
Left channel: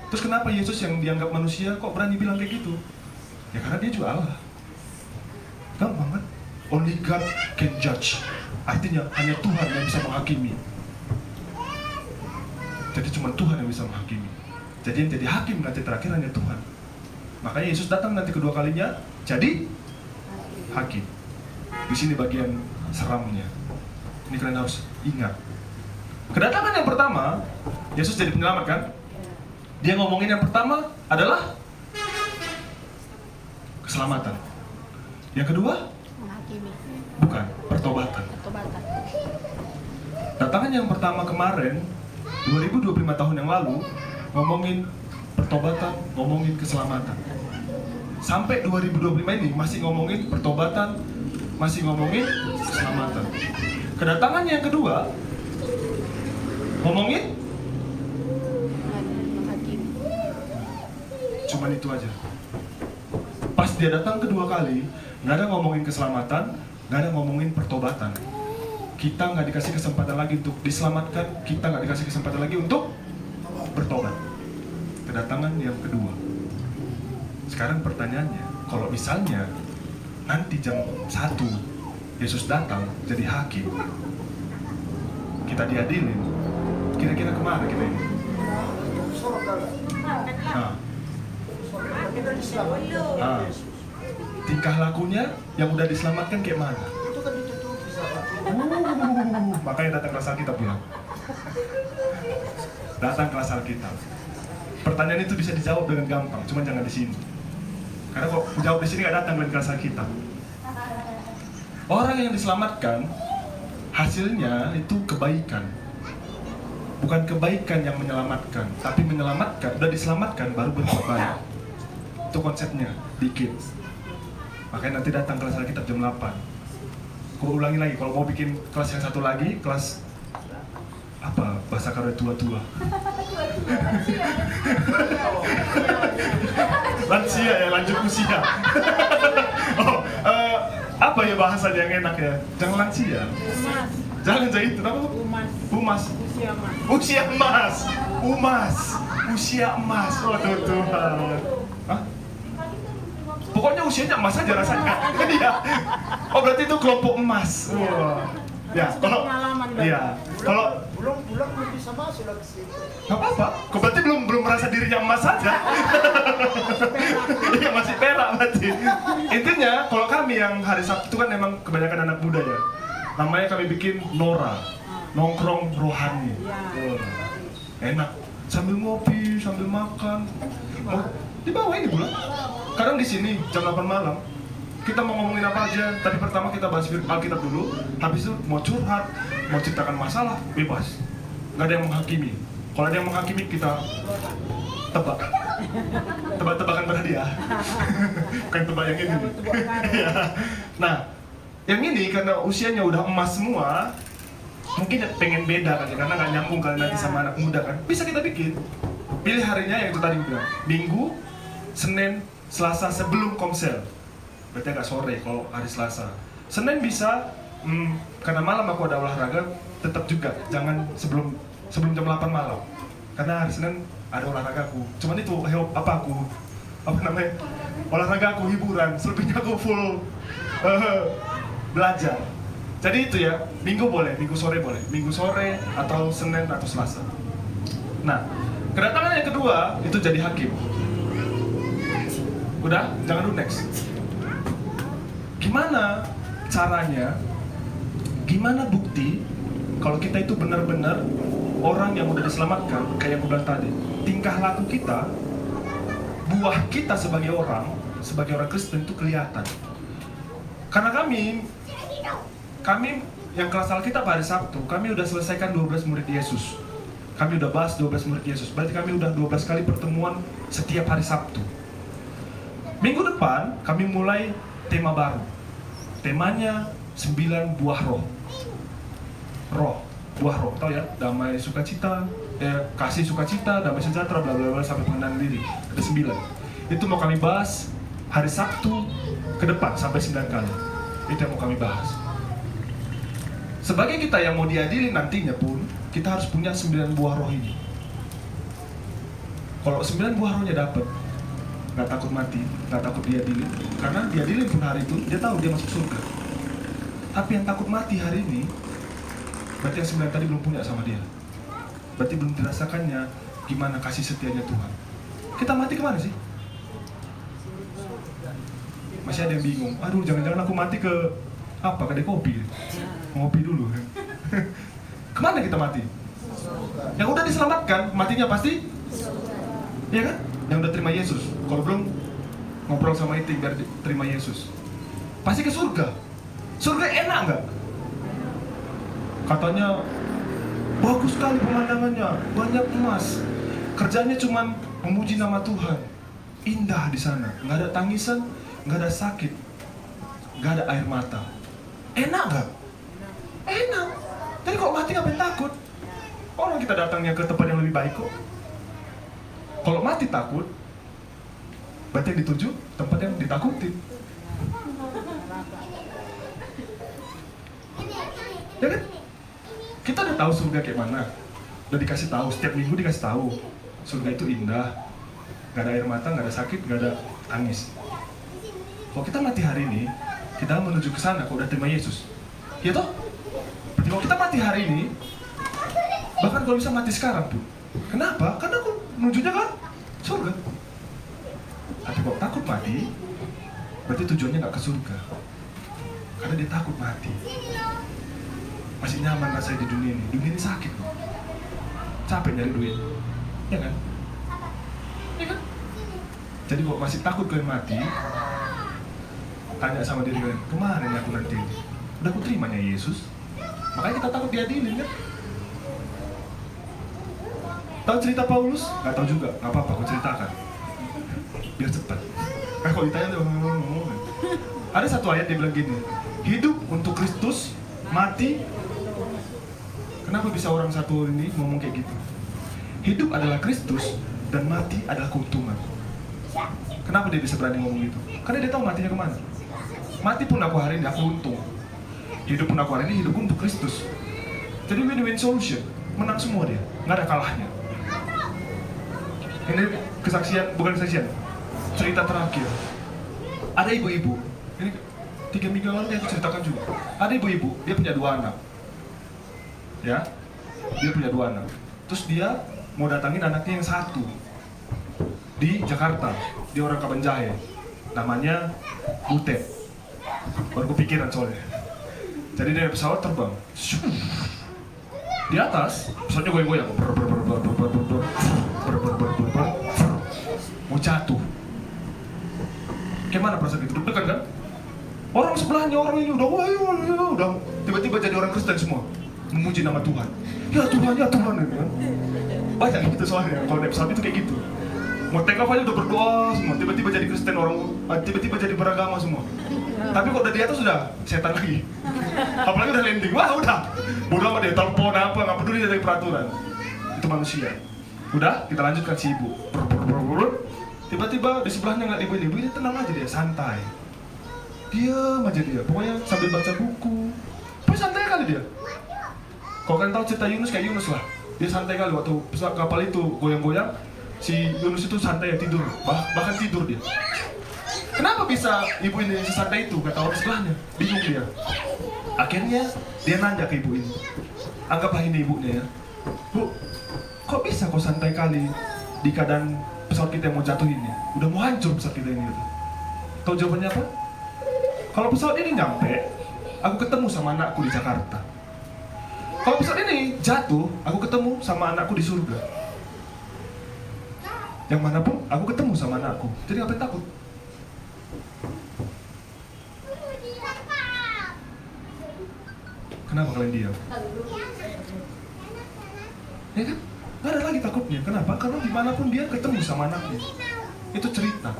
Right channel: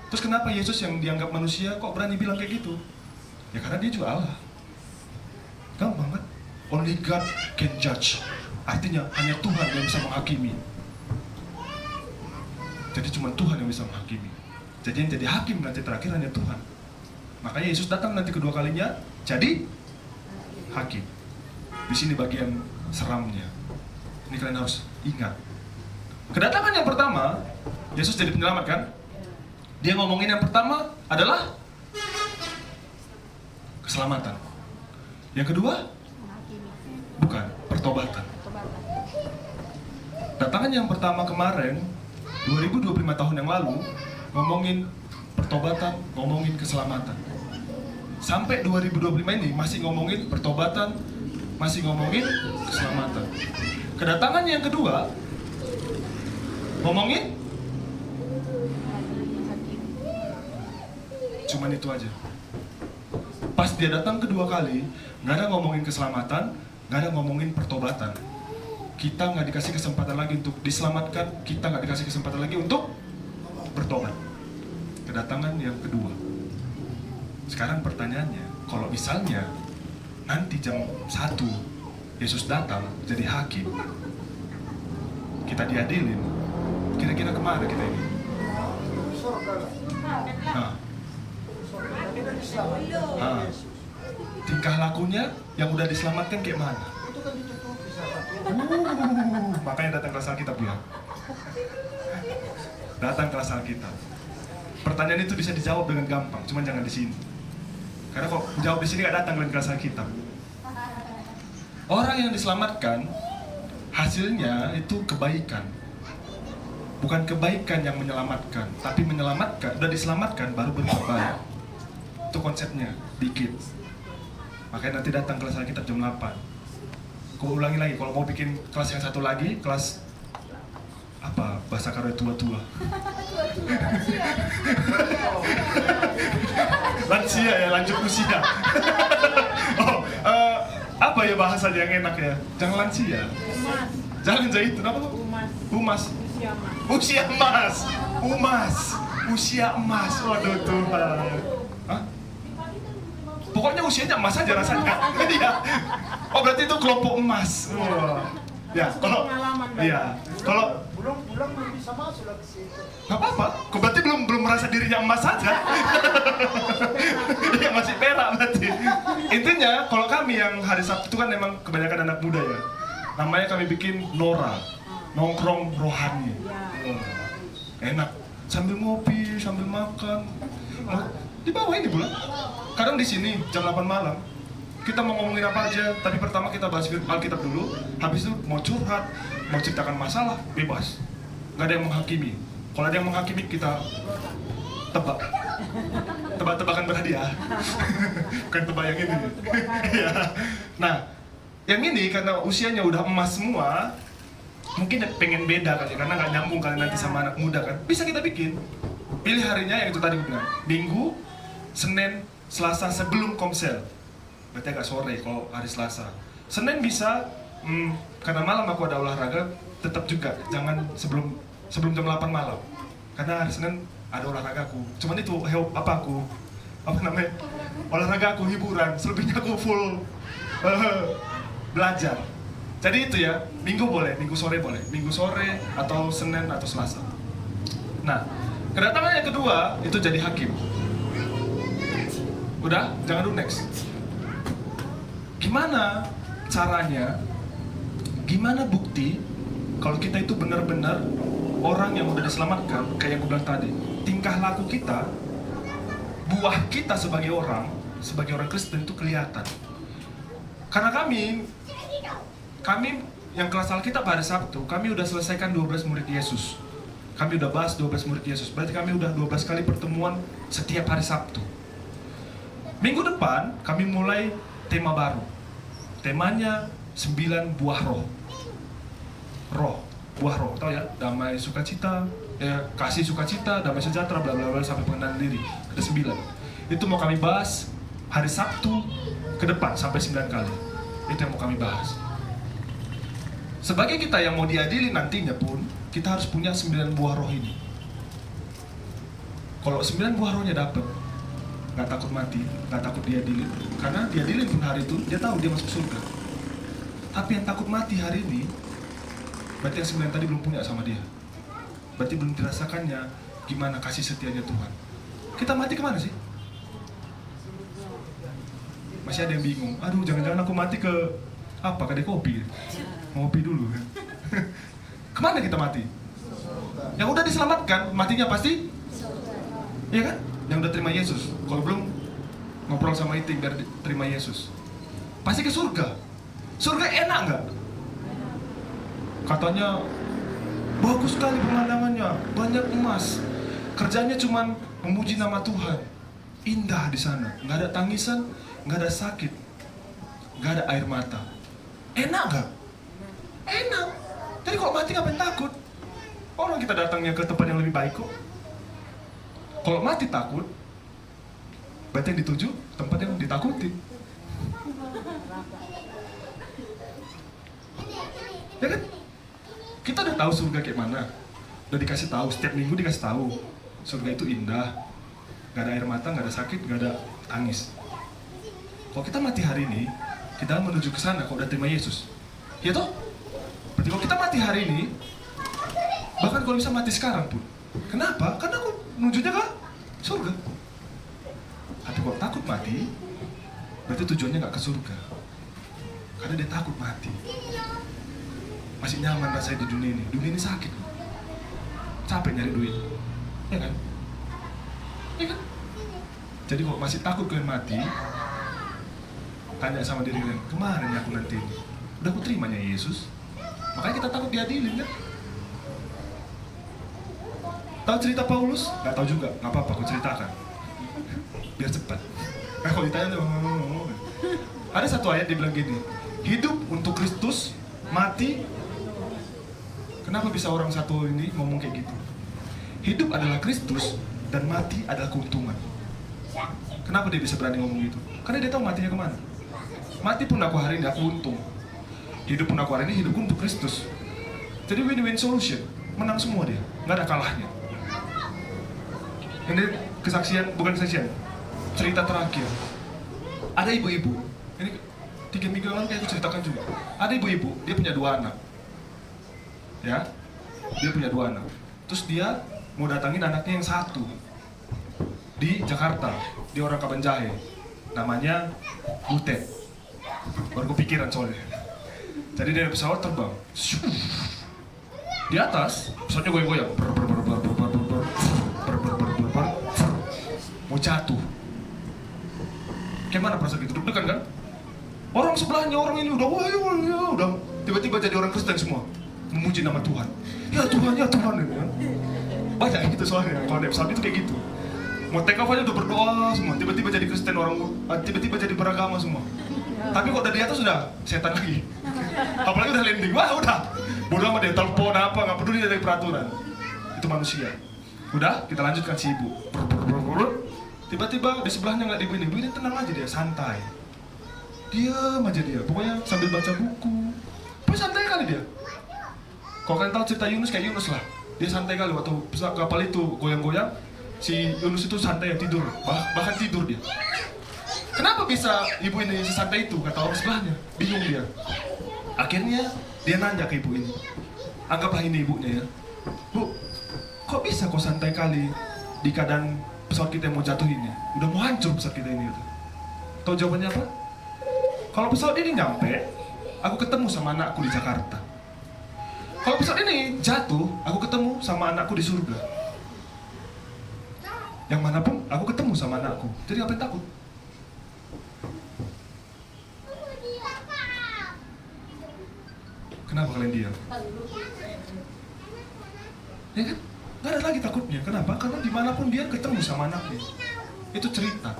Terus kenapa Yesus yang dianggap manusia kok berani bilang kayak gitu? Ya karena dia juga Allah. Gampang kan? Only God can judge. Artinya hanya Tuhan yang bisa menghakimi. Jadi cuma Tuhan yang bisa menghakimi. Jadi yang jadi hakim nanti terakhir hanya Tuhan. Makanya Yesus datang nanti kedua kalinya jadi hakim. Di sini bagian seramnya. Ini kalian harus ingat. Kedatangan yang pertama, Yesus jadi penyelamat kan? Dia ngomongin yang pertama adalah keselamatan. Yang kedua, Menghakimi, bukan, pertobatan. pertobatan. Datangan yang pertama kemarin, 2025 tahun yang lalu, ngomongin pertobatan, ngomongin keselamatan. Sampai 2025 ini masih ngomongin pertobatan, masih ngomongin keselamatan. Kedatangan yang kedua, ngomongin Menghakimi. cuman itu aja. Pas dia datang kedua kali, nggak ada ngomongin keselamatan, nggak ada ngomongin pertobatan. Kita nggak dikasih kesempatan lagi untuk diselamatkan, kita nggak dikasih kesempatan lagi untuk bertobat. Kedatangan yang kedua. Sekarang pertanyaannya, kalau misalnya nanti jam 1 Yesus datang jadi hakim, kita diadilin, kira-kira kemana kita ini? Nah, selamat. Nah, tingkah lakunya yang udah diselamatkan kayak mana? Itu kan ditutupi sama. Makanya datang kelas Alkitab ya. Datang kelas Alkitab. Pertanyaan itu bisa dijawab dengan gampang, cuma jangan di sini. Karena kok jawab di sini nggak datang dengan kelas Alkitab. Orang yang diselamatkan hasilnya itu kebaikan. Bukan kebaikan yang menyelamatkan, tapi menyelamatkan, udah diselamatkan baru berbuat baik. Itu konsepnya, dikit. Makanya nanti datang kelas Alkitab jam 8. Kau ulangi lagi, kalau mau bikin kelas yang satu lagi, kelas apa? Bahasa karya tua-tua. Lansia ya, lanjut usia. Oh, apa ya bahasa yang enak ya? Jangan lansia. Umas, Jangan itu, apa? umas, Umas. usia mas. Usia emas. Umas. Usia emas. Waduh Tuhan. Hah? Pokoknya usianya emas aja rasanya. Iya. Oh berarti itu kelompok emas. Wah. Ya, kalau Pengalaman, Bang. iya. Kalau Belum bisa masuk lagi situ. nggak apa-apa. Kok berarti belum merasa dirinya emas saja? Iya masih perak berarti. Intinya kalau kami yang hari Sabtu itu kan memang kebanyakan anak muda ya. Namanya kami bikin Nora, nongkrong rohani. Oh, enak. Sambil ngopi, sambil makan. Oh, di bawah ini pula. Kadang di sini jam 8 malam kita mau ngomongin apa aja, tapi pertama kita bahas Alkitab dulu, habis itu mau curhat, mau ceritakan masalah, bebas. Nggak ada yang menghakimi. Kalau ada yang menghakimi, kita tebak. Tebak-tebakan berhadiah. Bukan tebak yang ini. Iya. Nah, yang ini karena usianya udah emas semua, mungkin pengen beda kan, karena nggak nyambung kalian nanti sama anak muda kan. Bisa kita bikin. Pilih harinya yang itu tadi bilang, Minggu, Senin, Selasa sebelum komsel. Berarti agak sore kalau hari Selasa. Senin bisa, karena malam aku ada olahraga, tetap juga jangan sebelum jam 8 malam. Karena hari Senin ada olahraga aku. Cuman itu apa namanya? Olahraga aku hiburan, selebihnya aku full belajar. Jadi itu ya, Minggu boleh, Minggu sore boleh, Minggu sore atau Senin atau Selasa. Nah, kedatangan yang kedua itu jadi hakim. Udah, jangan dulu next. Gimana caranya, gimana bukti kalau kita itu benar-benar orang yang udah diselamatkan, kayak yang gue bilang tadi, tingkah laku kita, buah kita sebagai orang Kristen itu kelihatan. Karena kami yang kelas Alkitab hari Sabtu, kami udah selesaikan 12 murid Yesus. Kami udah bahas 12 murid Yesus, berarti kami udah 12 kali pertemuan setiap hari Sabtu. Minggu depan, kami mulai tema baru. Temanya 9 buah roh. Buah roh, tau ya? Damai, sukacita, kasih sukacita, damai sejahtera, bla bla bla sampai pengendalian diri. Ada 9. Itu mau kami bahas hari Sabtu ke depan sampai 9 kali. Itu yang mau kami bahas. Sebagai kita yang mau diadili nantinya pun, kita harus punya 9 buah roh ini. Kalau 9 buah rohnya dapat, nggak takut mati, nggak takut diadili. Karena diadili pun hari itu, dia tahu dia masuk surga. Tapi yang takut mati hari ini, berarti yang 9 tadi belum punya sama dia. Berarti belum dirasakannya gimana kasih setianya Tuhan. Kita mati kemana sih? Masih ada yang bingung. Aduh, jangan-jangan aku mati ke apa? Kedai kopi. Ngopi dulu. Kemana kita mati? Yang udah diselamatkan, matinya pasti? Iya kan? Yang udah terima Yesus. Kalau belum, ngobrol sama itu biar terima Yesus. Pasti ke surga. Surga enak nggak? Katanya bagus sekali pemandangannya, banyak emas. Kerjanya cuma memuji nama Tuhan. Indah di sana, nggak ada tangisan, nggak ada sakit, nggak ada air mata. Enak nggak? Enak. Tapi kalau mati ngapain takut? Orang kita datangnya ke tempat yang lebih baik kok. Kalau mati takut, berarti yang dituju tempat yang ditakuti. Ya kan? Kita udah tahu surga kayak mana. Udah dikasih tahu, setiap minggu dikasih tahu. Surga itu indah, gak ada air mata, gak ada sakit, gak ada tangis. Kalau kita mati hari ini, kita menuju ke sana kalau udah terima Yesus. Ya toh? Berarti kalau kita mati hari ini, bahkan kalau bisa mati sekarang pun. Kenapa? Karena aku menujunya kan surga. Tapi Kalau takut mati, berarti tujuannya nggak ke surga. Karena dia takut mati. Masih nyaman rasanya di dunia ini. Dunia ini sakit. Capek nyari duit. Ya kan? Ya kan? Jadi kok masih takut kalian mati, tanya sama diri kalian, kemarin aku nanti udah aku terimanya Yesus. Makanya kita takut diadilin kan? Tahu cerita Paulus? Gak tahu juga, gak apa-apa, aku ceritakan biar cepat. Nah kalau ditanya tuh, ada satu ayat dia bilang gini, hidup untuk Kristus, mati. Kenapa bisa orang satu ini ngomong kayak gitu? Hidup adalah Kristus dan mati adalah keuntungan. Kenapa dia bisa berani ngomong gitu? Karena dia tahu matinya kemana. Mati pun aku hari ini, aku untung. Hidup pun aku hari ini, hidupku untuk Kristus. Jadi win-win solution. Menang semua dia, nggak ada kalahnya. Ini kesaksian, bukan kesaksian, cerita terakhir. Ada ibu-ibu, ini 3 minggu lalu kayak aku ceritakan juga. Ada ibu-ibu, dia punya 2 anak. Ya, dia punya 2 anak. Terus dia mau datangin anaknya yang 1 di Jakarta. Dia orang Kabanjahe, namanya Butet. Baru kepikiran soalnya. Jadi dia pesawat terbang. Di atas, pesawatnya goyang-goyang. Mau jatuh. Kayak mana perasaan gitu? Deg-degan kan? Orang sebelahnya orang ini udah udah tiba-tiba jadi orang Kristen semua. Memuji nama Tuhan. Ya Tuhan, ya Tuhan. Banyak yang gitu soalnya. Kalau naik pesawat itu kayak gitu. Mau take off aja udah berdoa semua. Tiba-tiba jadi Kristen orang, tiba-tiba jadi beragama semua. Tapi kok dari atas sudah setan lagi. Apalagi udah landing, wah udah. Bodoh amat deh, telepon apa, nggak peduli dari peraturan. Itu manusia. Udah, kita lanjutkan si ibu. Tiba-tiba di sebelahnya nggak ibu ini tenang aja dia, santai. Diam aja dia, pokoknya sambil baca buku. Tapi santai kali dia. Kalau kalian tahu cerita Yunus, kayak Yunus lah. Dia santai kali waktu kapal itu goyang-goyang. Si Yunus itu santai tidur, bahkan tidur dia. Kenapa bisa ibu ini sesantai itu? Gak tahu sebelahnya, bingung dia. Akhirnya dia nanya ke ibu ini. Anggaplah ini ibunya ya. Bu, kok bisa kok santai kali di keadaan pesawat kita yang mau jatuh ini? Udah mau hancur pesawat kita ini. Tahu jawabannya apa? Kalau pesawat ini nyampe, aku ketemu sama anakku di Jakarta. Kalau pesawat ini jatuh, aku ketemu sama anakku di surga. Yang manapun, aku ketemu sama anakku. Jadi apa yang takut? Kenapa kalian diam? Ya kan? Gak ada lagi takutnya. Kenapa? Karena dimanapun dia ketemu sama anaknya. Itu cerita.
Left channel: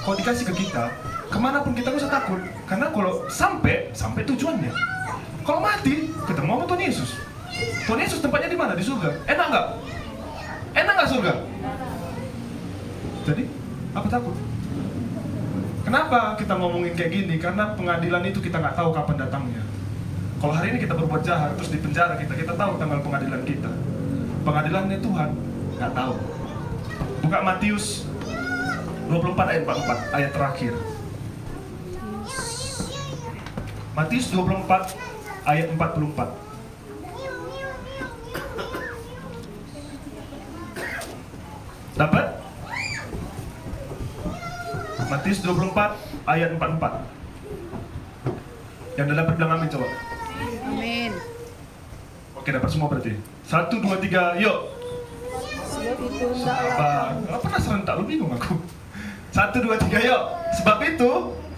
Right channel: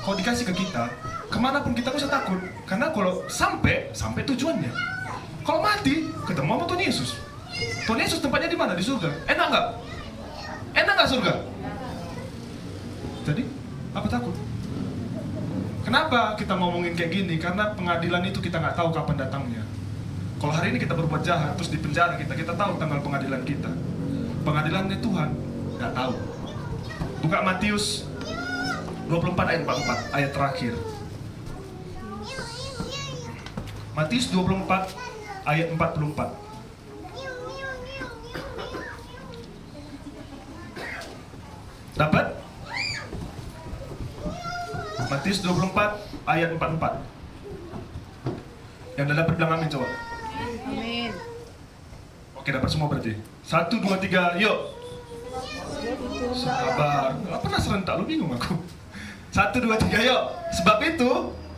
Kalau dikasih ke kita, kemanapun kita bisa takut. Karena kalau sampai tujuannya. Kalau mati, ketemu sama Tuhan Yesus. Tuhan Yesus tempatnya di mana? Di surga. Enak nggak? Enak nggak surga? Jadi, apa takut? Kenapa kita ngomongin kayak gini? Karena pengadilan itu kita nggak tahu kapan datangnya. Kalau hari ini kita berbuat jahat, terus di penjara kita tahu tanggal pengadilan kita. Pengadilannya Tuhan, nggak tahu. Buka Matius 24 ayat 44, ayat terakhir. Matius 24 ayat 44. Dapat? Matius 24 ayat 44. Yang dapat bilang amin coba. Amin. Oke, dapat semua berarti. 1, 2, 3, yuk. Sebab itu Sabar. Apa penasaran tak lu bingung aku. 1, 2, 3, yuk. Sebab itu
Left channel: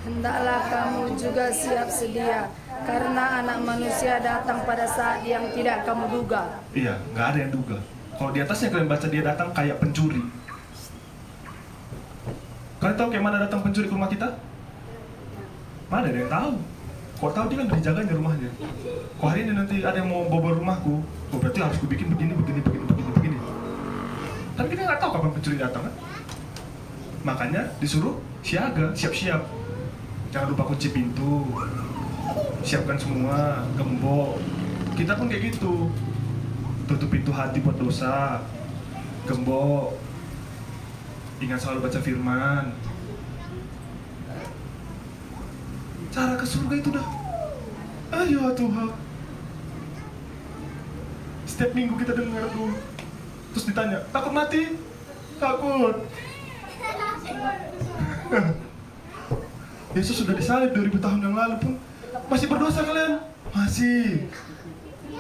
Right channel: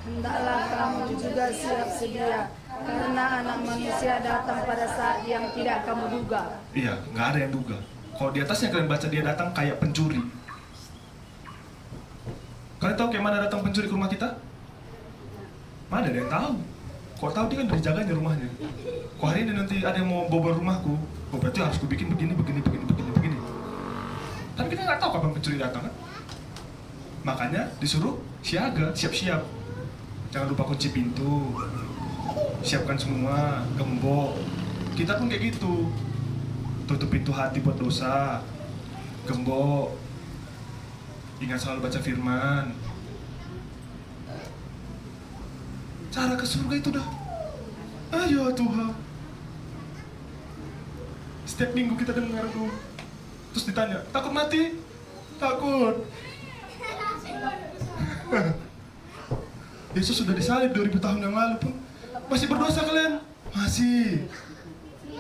hendaklah kamu juga siap sedia, karena anak manusia datang pada saat yang tidak kamu duga. iya, nggak ada yang duga. Kalau di atasnya kalian baca dia datang kayak pencuri. Kalian tahu kayak mana datang pencuri ke rumah kita? Mana ada yang tahu? Kau tahu dia kan udah dijagain di rumahnya. Kok hari ini nanti ada yang mau bobol rumahku, oh berarti harus kubikin begini. Tapi kita nggak tahu kapan pencuri datang. Kan? Makanya disuruh siaga, siap-siap. Jangan lupa kunci pintu, siapkan semua, gembok. Kita pun kayak gitu. Tutup pintu hati buat dosa, gembok. Ingat selalu baca firman. Cara ke surga itu dah. Ayo Tuhan. Setiap minggu kita dengar tuh. Terus ditanya, takut mati? Takut. Yesus sudah disalib 2000 tahun yang lalu pun masih berdosa kalian? Masih.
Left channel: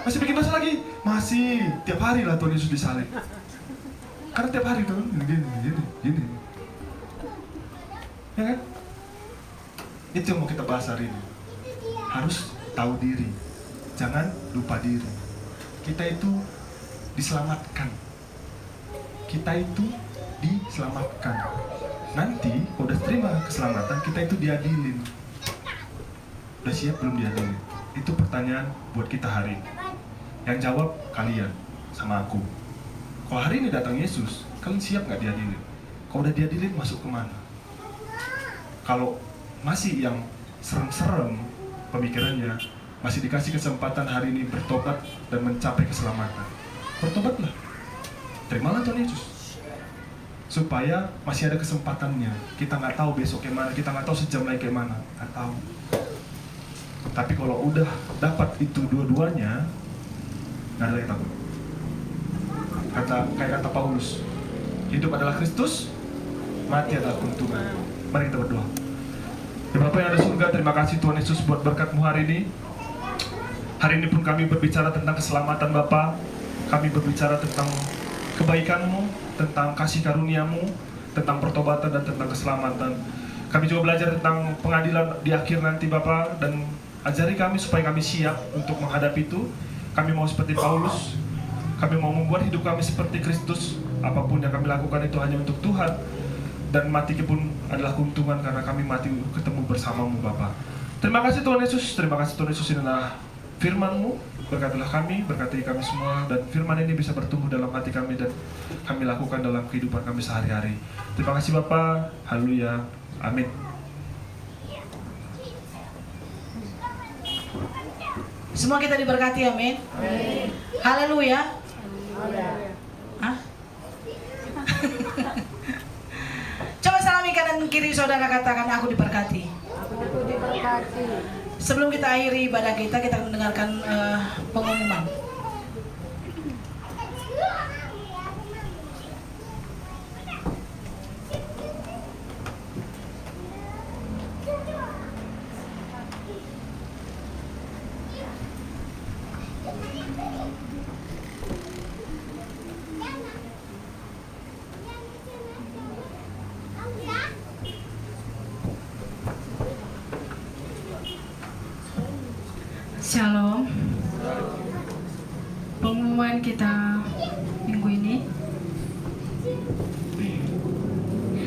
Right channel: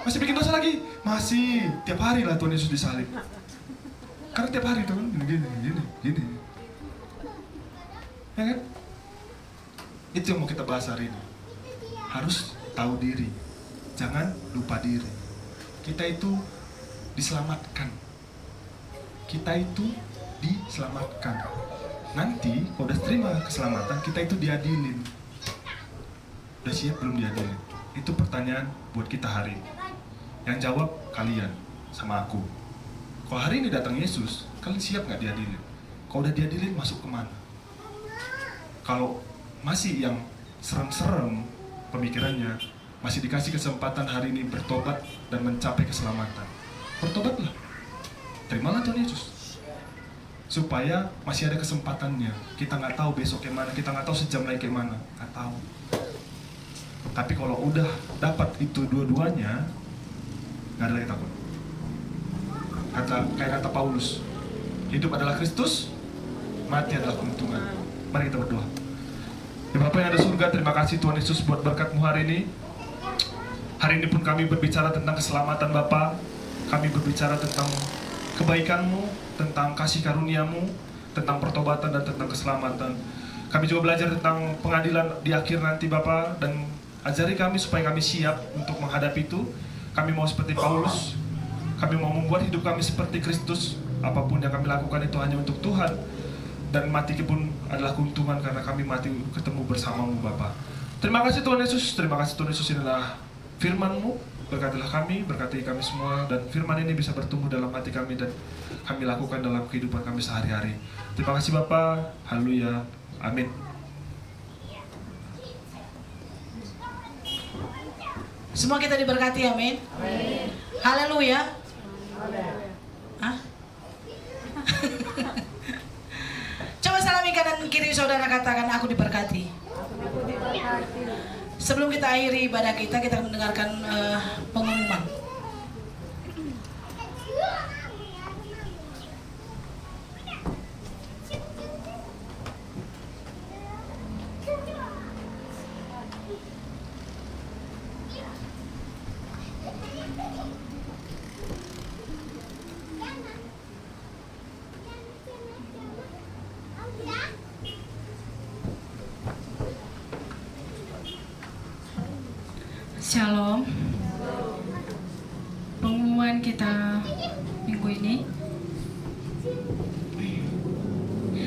Masih bikin dosa lagi? Masih. Tiap hari lah Tuhan Yesus disalib. Karena tiap hari Tuhan gini. Ya kan? Itu yang mau kita bahas hari ini. Harus tahu diri. Jangan lupa diri. Kita itu diselamatkan. Kita itu diselamatkan. Nanti kalau udah terima keselamatan, kita itu diadilin. Udah siap belum diadilin? Itu pertanyaan buat kita hari ini. Yang jawab kalian sama aku. Kalau hari ini datang Yesus, kalian siap nggak diadilin? Kalau udah diadilin, masuk kemana? Kalau masih yang serem-serem pemikirannya, masih dikasih kesempatan hari ini bertobat dan mencapai keselamatan, bertobatlah, terimalah Tuhan Yesus, supaya masih ada kesempatannya. Kita nggak tahu besok kemana, kita nggak tahu sejam lagi kemana, nggak tahu. Tapi kalau udah dapat itu dua-duanya, nggak ada yang takut. Kayak kata Paulus, hidup adalah Kristus, mati adalah keuntungan. Mari kita berdoa. Ya Bapa yang ada di surga, terima kasih Tuhan Yesus buat berkat-Mu hari ini. Hari ini pun kami berbicara tentang keselamatan Bapa. Kami berbicara tentang kebaikan-Mu, tentang kasih karunia-Mu, tentang pertobatan dan tentang keselamatan. Kami juga belajar tentang pengadilan di akhir nanti Bapa, dan ajari kami supaya kami siap untuk menghadapi itu. Kami mau seperti Paulus. Kami mau membuat hidup kami seperti Kristus. Apapun yang kami lakukan itu hanya untuk Tuhan. Dan mati pun adalah keuntungan karena kami mati ketemu bersama-Mu Bapa. Terima kasih Tuhan Yesus. Terima kasih Tuhan Yesus, inilah firman-Mu. Berkatilah kami, berkati kami semua. Dan firman ini bisa bertumbuh dalam hati kami dan kami lakukan dalam kehidupan kami sehari-hari. Terima kasih Bapa. Haleluya. Amin. Semua kita diberkati, amin. Haleluya. Hah? Coba salami kanan kiri saudara, katakan aku diberkati. Sebelum kita akhiri ibadah kita mendengarkan pengumuman. Shalom. Pengumuman kita minggu ini.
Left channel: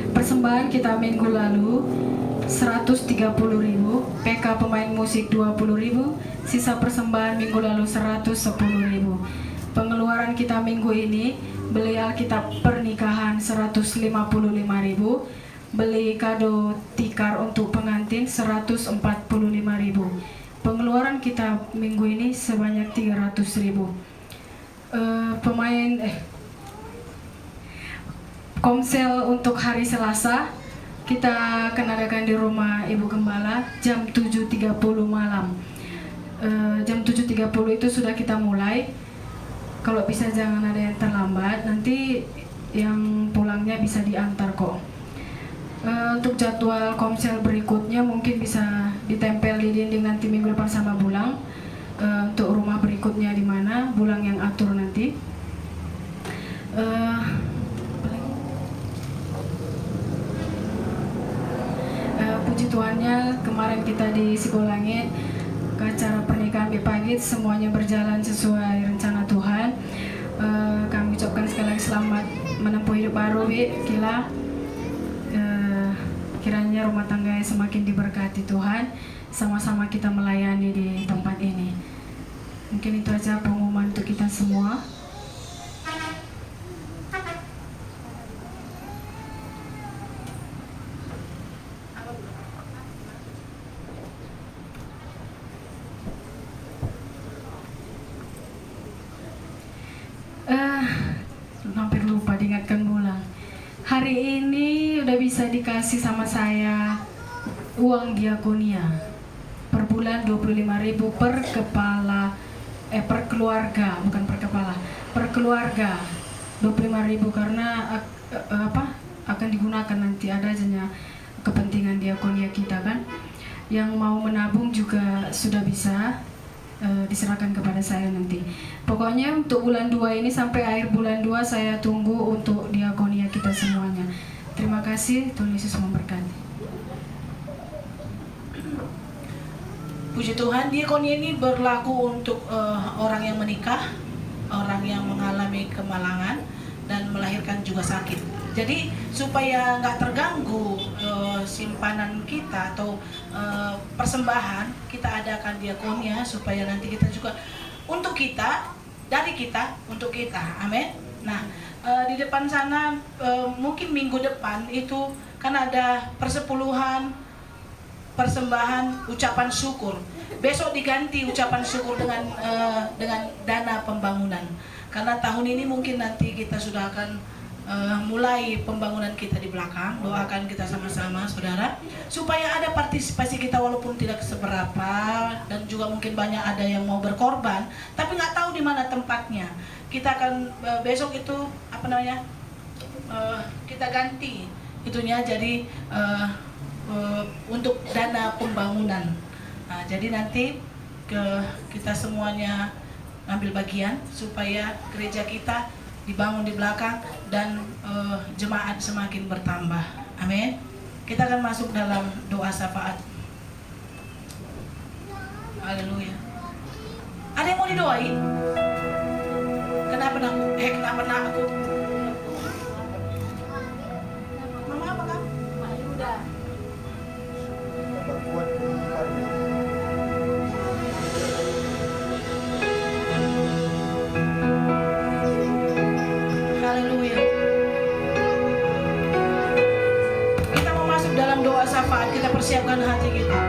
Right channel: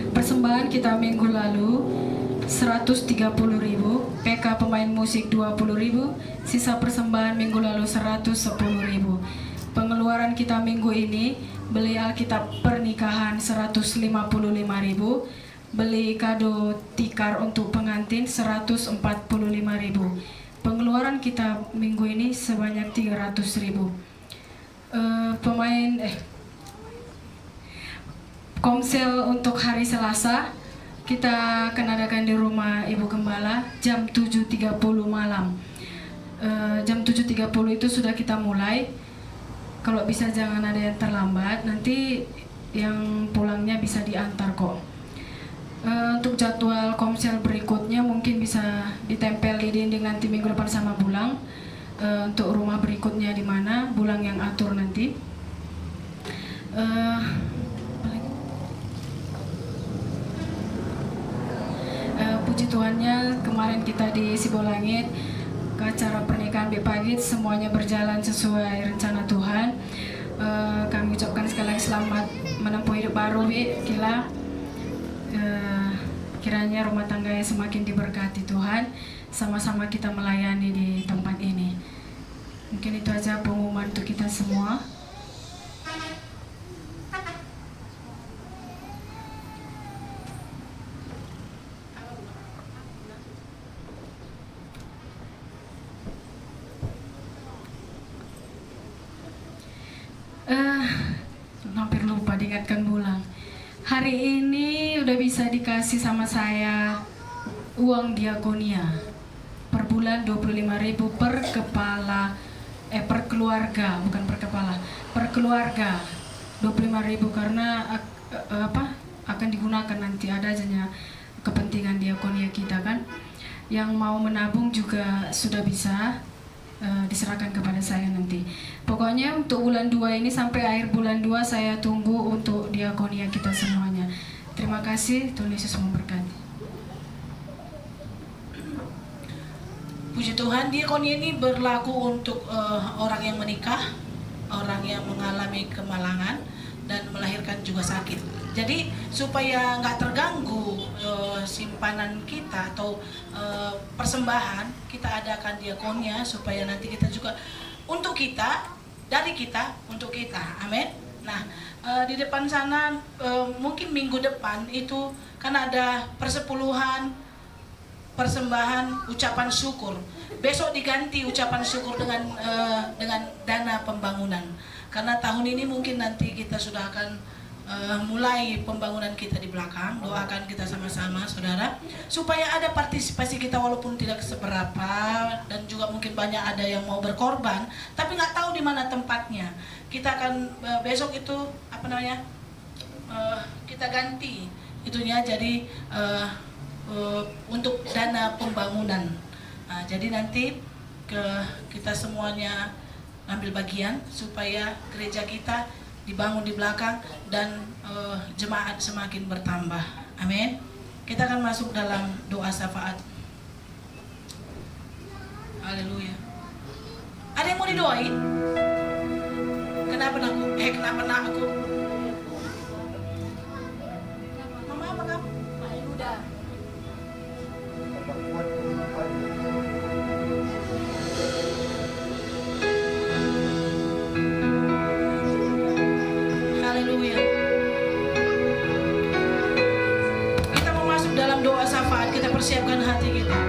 Persembahan kita minggu lalu 130.000, PK pemain musik 20.000, sisa persembahan minggu lalu 110.000. Pengeluaran kita minggu ini beli Alkitab pernikahan 155.000, beli kado tikar untuk pengantin 145.000. Pengeluaran kita minggu ini sebanyak 300.000. Komsel untuk hari Selasa kita akan adakan di rumah Ibu Gembala jam 7.30 malam. Jam 7.30 itu sudah kita mulai. Kalau bisa jangan ada yang terlambat, nanti yang pulangnya bisa diantar kok. Untuk jadwal komsel berikutnya mungkin bisa ditempel di dinding nanti minggu depan sama Bulang. Untuk rumah berikutnya di mana, Bulang yang atur nanti. Puji Tuhannya, kemarin kita di Sibolangit ke acara pernikahan Bepagit, semuanya berjalan sesuai rencana Tuhan. Kami ucapkan sekali lagi selamat menempuh hidup baru, Gila. Kiranya rumah tangganya semakin diberkati Tuhan, sama-sama kita melayani di tempat ini. Mungkin itu aja pengumuman untuk kita semua. Hampir lupa diingatkan Bulang. Hari ini udah bisa dikasih sama saya uang diakonia per bulan 25.000 per kepala, per keluarga, bukan per kepala, per keluarga 25.000 karena akan digunakan nanti ada aja kepentingan diakonia kita kan. Yang mau menabung juga sudah bisa diserahkan kepada saya nanti. Pokoknya untuk bulan 2 ini sampai akhir bulan 2 saya tunggu untuk diakonia kita semuanya. Terima kasih, Tuhan Yesus memberkati. Puji Tuhan, diakonia ini berlaku untuk orang yang menikah, orang yang mengalami kemalangan dan melahirkan juga sakit. Jadi supaya nggak terganggu simpanan kita atau persembahan, kita adakan diakonia supaya nanti kita juga untuk kita, dari kita untuk kita, amin. Nah, di depan sana mungkin minggu depan itu kan ada persepuluhan, persembahan, ucapan syukur. Besok diganti ucapan syukur dengan dana pembangunan. Karena tahun ini mungkin nanti kita sudah akan mulai pembangunan kita di belakang. Doakan kita sama-sama, saudara, supaya ada partisipasi kita walaupun tidak seberapa, dan juga mungkin banyak ada yang mau berkorban, tapi nggak tahu di mana tempatnya. Kita akan besok itu kita ganti itunya jadi untuk dana pembangunan. Nah, jadi nanti kita semuanya ambil bagian supaya gereja kita dibangun di belakang dan jemaat semakin bertambah. Amin. Kita akan masuk dalam doa syafaat. Haleluya. Ada yang mau didoain? Kenapa aku? Mama apa kamu? Buat pagi. Haleluya. Kita mau masuk dalam doa syafaat. Kita persiapkan hati kita.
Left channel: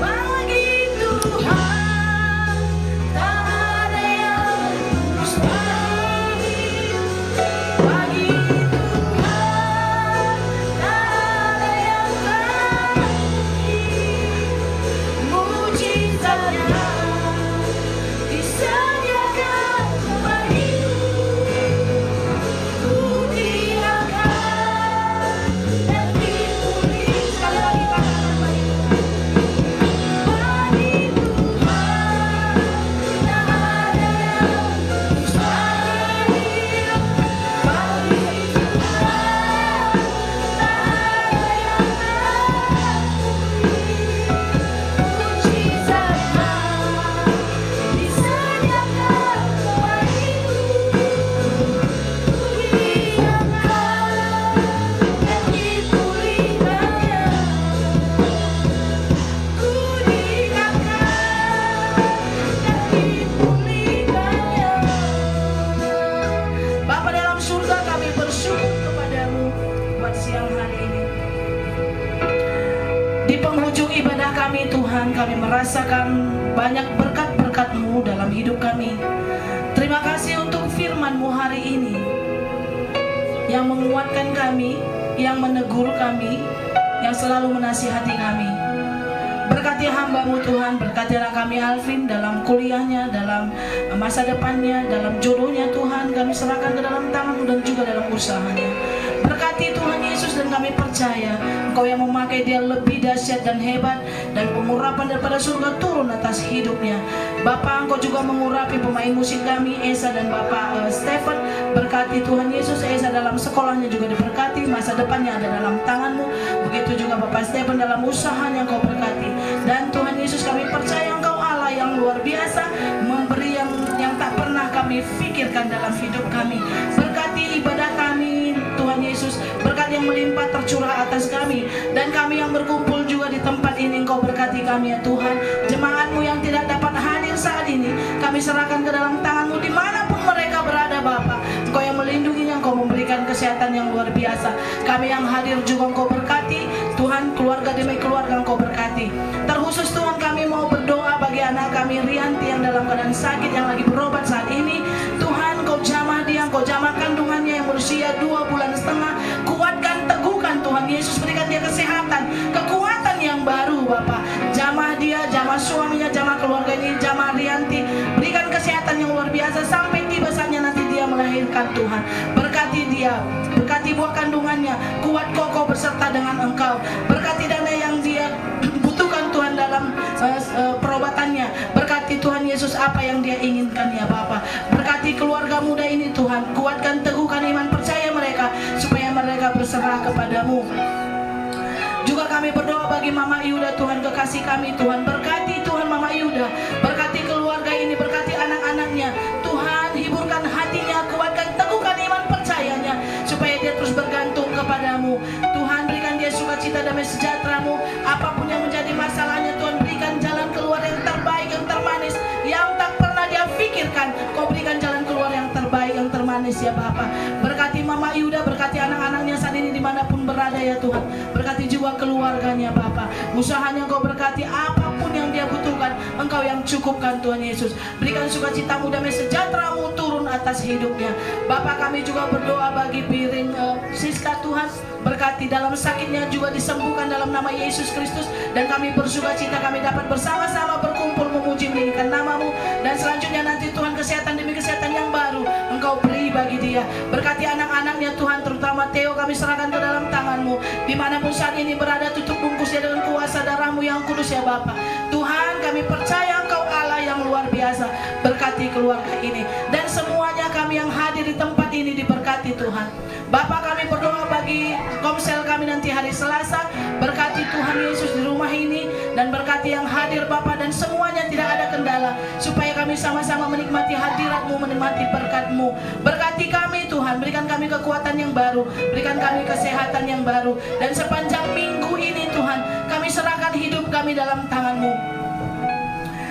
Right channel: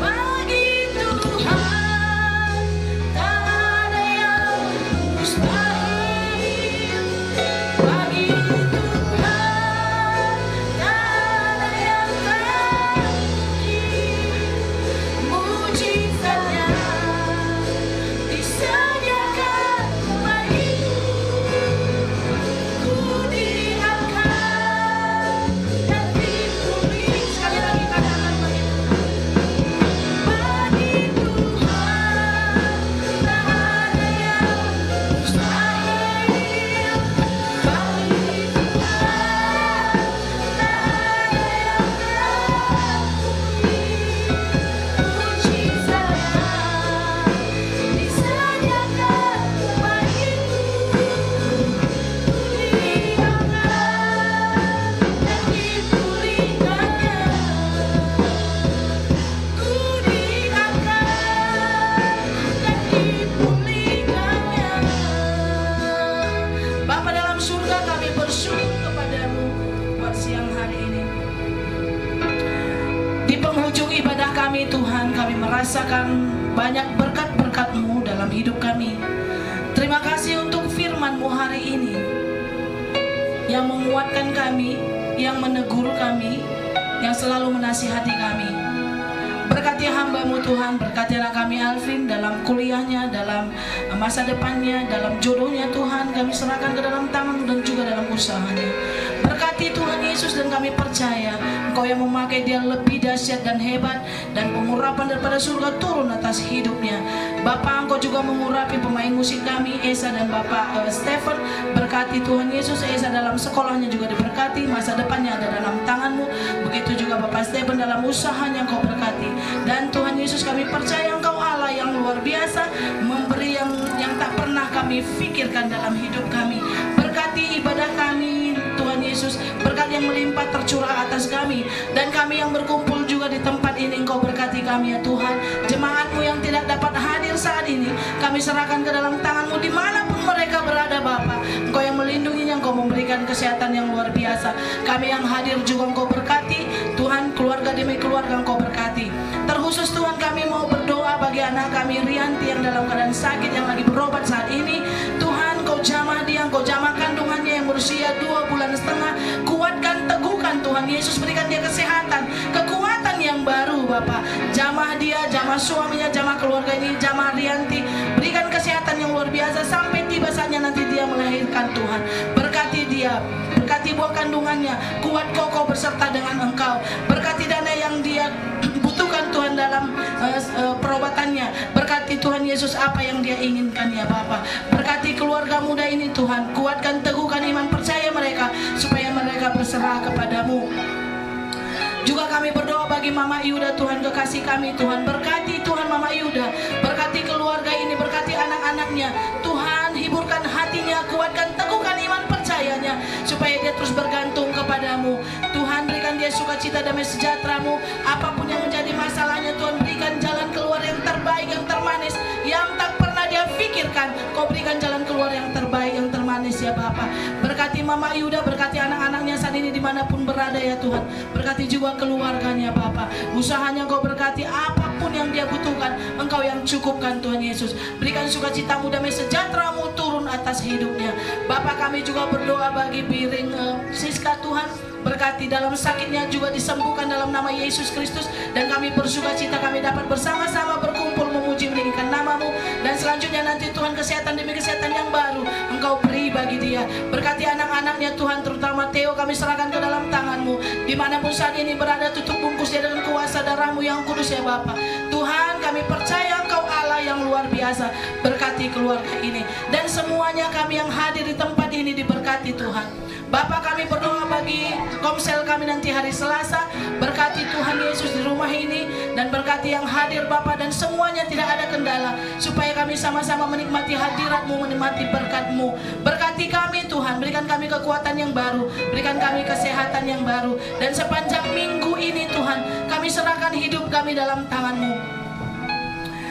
Bagi Tuhan tak ada yang mustahil. Bagi Tuhan tak ada yang tak mungkin. Mujizatnya disediakan bagiku. Ku diangkat dan dipulih. Sekali lagi katakan bagi Tuhan tak ada yang mustahil. Bagi Tuhan tak ada yang tak mungkin. Mujizatnya disediakan bagiku. Ku diangkat dan dipulihkannya. Ku diangkat dan dipulihkannya. Bapa dalam surga, kami bersyukur kepadamu buat siang hari ini. Di penghujung ibadah kami Tuhan, kami merasakan banyak berkat-berkat-Mu dalam hidup kami. Terima kasih untuk firman-Mu hari ini yang menguatkan kami, yang menegur kami, yang selalu menasihati kami. Berkati hamba-Mu Tuhan, berkatilah kami Alvin dalam kuliahnya, dalam masa depannya, dalam jodohnya Tuhan. Kami serahkan ke dalam tangan-Mu dan juga dalam usahanya. Berkati Tuhan Yesus, dan kami percaya Engkau yang memakai dia lebih dahsyat dan hebat, dan pengurapan daripada surga turun atas hidupnya. Bapa, Engkau juga mengurapi pemain musik kami, Esa dan Bapak Stephen. Berkati Tuhan Yesus, Esa dalam sekolahnya juga diberkati, masa depannya ada dalam tangan-Mu. Begitu juga Bapak Stephen dalam usahanya Engkau berkati. Dan Tuhan Yesus, kami percaya Engkau Allah yang luar biasa, memberi yang tak pernah kami pikirkan dalam hidup kami. Berkati ibadah kami Tuhan Yesus, berkat yang melimpah tercurah atas kami, dan kami yang berkumpul juga di tempat ini. Engkau berkati kami ya Tuhan. Jemaat-Mu yang tidak dapat hadir saat ini, kami serahkan ke dalam tangan-Mu dimanapun mereka berada Bapa. Engkau yang melindunginya, Engkau memberikan kesehatan yang luar biasa. Kami yang hadir juga Engkau berkati Tuhan, keluarga demi keluarga Engkau berkati. Terkhusus Tuhan, kami mau berdoa bagi anak kami Rianti yang dalam keadaan sakit, yang lagi berobat saat ini. Tuhan, Engkau jamah dia, Engkau jamah kandungannya yang berusia 2 bulan setengah. Kuatkan, teguhkan Tuhan Yesus, berikan dia kesehatan, kekuatan yang baru Bapa. Tuhan Yesus apa yang dia inginkan ya Bapa. Berkati keluarga muda ini Tuhan, kuatkan teguhkan iman percaya mereka supaya mereka berserah kepadamu. Juga kami berdoa bagi Mama Yuda Tuhan, kekasih kami Tuhan, berkati Tuhan Mama Yuda, berkati keluarga ini, berkati anak-anaknya Tuhan, hiburkan hatinya, kuatkan teguhkan iman percayanya supaya dia terus bergantung kepadamu Tuhan. Berikan dia sukacita damai sejahtera-Mu, apapun yang menjadi masalahnya Tuhan, berikan jalan keluar yang terbaik, yang termanis, yang tak pernah dia pikirkan. Kau berikan jalan keluar yang terbaik, yang termanis ya Bapa. Berkati Mama Yuda, berkati anak-anaknya saat ini dimanapun berada ya Tuhan, berkati juga keluarganya Bapa, usahanya Kau berkati, apapun yang dia butuhkan Engkau yang cukupkan Tuhan Yesus. Berikan sukacita-Mu, damai sejahtera-Mu turun atas hidupnya Bapa. Kami juga berdoa bagi piring Siska Tuhan, berkati dalam sakitnya juga disembuhkan dalam nama Yesus Kristus. Dan kami bersukacita kami dapat bersama-sama berkumpul memuji meninggikan nama-Mu. Dan selanjutnya nanti Tuhan kesehatan demi kesehatan yang baru Engkau beri bagi dia. Berkati anak-anaknya Tuhan, terutama Theo kami serahkan ke dalam tangan-Mu. Dimanapun saat ini berada, tutup bungkus dia dengan kuasa darah-Mu yang kudus ya Bapa. Tuhan, kami percaya Engkau Allah yang luar biasa. Berkati keluarga ini dan semuanya kami yang hadir di tempat ini diberkati Tuhan. Bapa, kami berdoa bagi komsel kami nanti hari Selasa. Berkati Tuhan Yesus di rumah ini dan berkati yang hadir Bapa, dan semuanya tidak ada kendala supaya kami sama-sama menikmati hadirat-Mu, menikmati berkat-Mu. Berkati kami Tuhan, berikan kami kekuatan yang baru, berikan kami kesehatan yang baru. Dan sepanjang minggu ini Tuhan, kami serahkan hidup kami dalam tangan-Mu.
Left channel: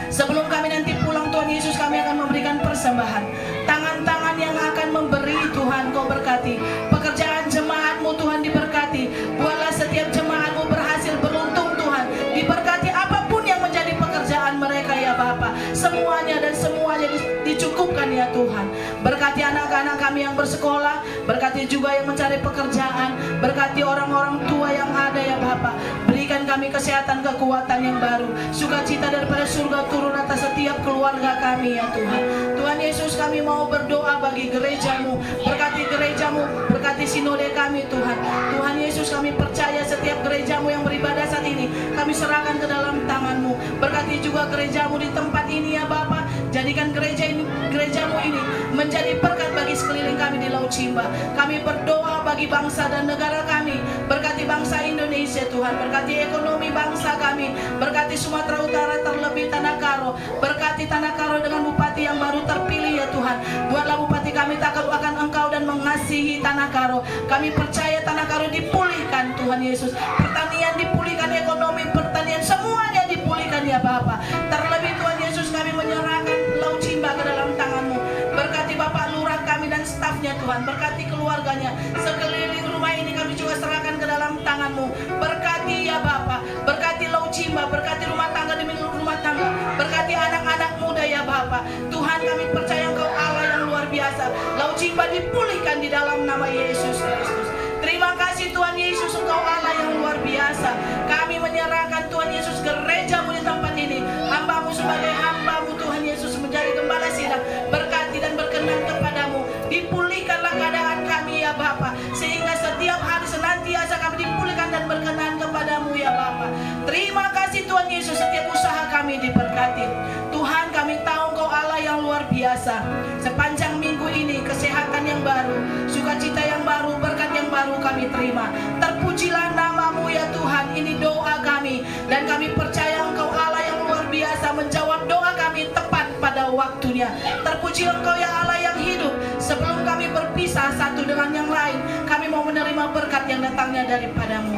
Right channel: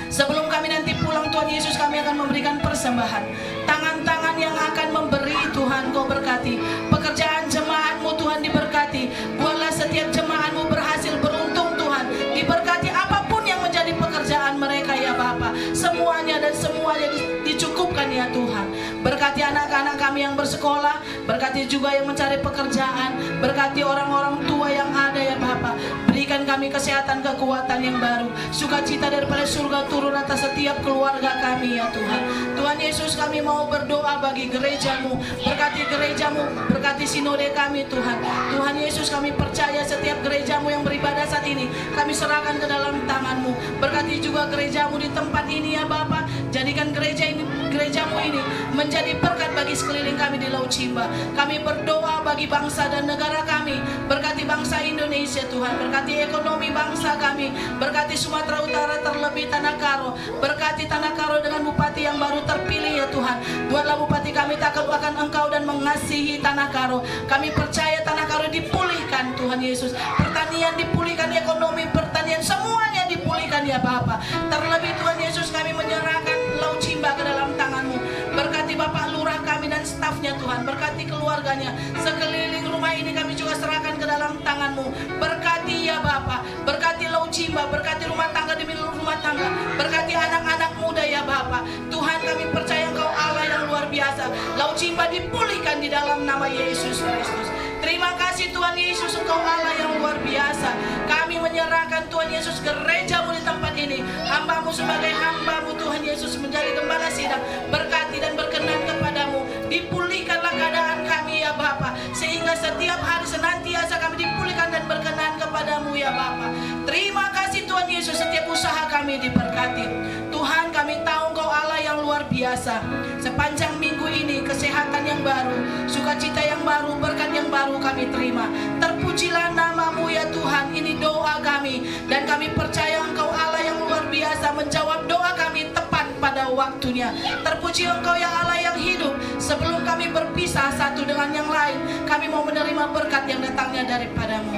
Sebelum kami nanti pulang Tuhan Yesus, kami akan memberikan persembahan. Tangan-tangan yang akan memberi Tuhan Kau berkati. Pekerjaan jemaat-Mu Tuhan diberkati. Buatlah setiap jemaat-Mu berhasil beruntung Tuhan. Diberkati apapun yang menjadi pekerjaan mereka ya Bapa. Semuanya dan semuanya dicukupkan ya Tuhan. Berkati anak-anak kami yang bersekolah, berkati juga yang mencari pekerjaan, berkati orang-orang tua yang ada ya Bapa. Berikan kami kesehatan, kekuatan yang baru, sukacita daripada surga turun atas setiap keluarga kami ya Tuhan. Tuhan Yesus, kami mau berdoa bagi gereja-Mu, berkati gereja-Mu, berkati sinode kami Tuhan. Tuhan Yesus, kami percaya setiap gereja-Mu yang beribadah saat ini, kami serahkan ke dalam tangan-Mu. Berkati juga gereja-Mu di tempat ini ya Bapa. Jadikan gereja-Mu ini menjadi berkat bagi sekeliling kami di Laut Cimba. Kami berdoa bagi bangsa dan negara kami. Berkati bangsa Indonesia Tuhan, berkati ekonomi bangsa kami, berkati Sumatera Utara, terlebih Tanah Karo. Berkati Tanah Karo dengan bupati yang baru terpilih ya Tuhan. Buatlah bupati kami takut akan Engkau dan mengasihi Tanah Karo. Kami percaya Tanah Karo dipulihkan Tuhan Yesus. Pertanian dipulihkan, ekonomi, pertanian, semuanya dipulihkan ya Bapa. Terlebih Tuhan Yesus, kami menyerahkan Laut Cimba ke dalam tangan-Mu. Berkati Bapak Lurah kami dan stafnya Tuhan, berkati keluarganya. Sekeliling rumah ini kami juga serahkan ke dalam tangan-Mu. Berkati ya Bapa, berkati Laut Cimba, berkati rumah tangga demi rumah tangga, berkati anak-anak muda ya Bapa. Tuhan, kami percaya Engkau Allah yang luar biasa. Laut Cimba dipulihkan di dalam nama Yesus Kristus. Terima kasih Tuhan Yesus, Engkau Allah yang luar biasa. Kami menyerahkan Tuhan Yesus gereja-Mu di tempat ini. Hamba-Mu sebagai hamba-Mu Tuhan Yesus menjadi gembala sidang. Berkati dan berkenan kepadamu. Dipulihkanlah keadaan kami ya Bapa, sehingga setiap hari senantiasa kami dipulihkan dan berkenan kepadamu ya Bapa. Terima kasih Tuhan Yesus, setiap usaha kami diberkati. Tuhan, kami tahu Engkau Allah yang luar biasa. Sepanjang minggu ini kesehatan yang baru, sukacita yang baru, berkat yang baru kami terima. Terpujilah nama-Mu ya Tuhan. Ini doa kami dan kami percaya Engkau Allah yang luar biasa menjawab doa kami tepat pada waktunya. Terpuji Engkau yang Allah yang hidup. Sebelum kami berpisah satu dengan yang lain, kami mau menerima berkat yang datangnya daripada-Mu.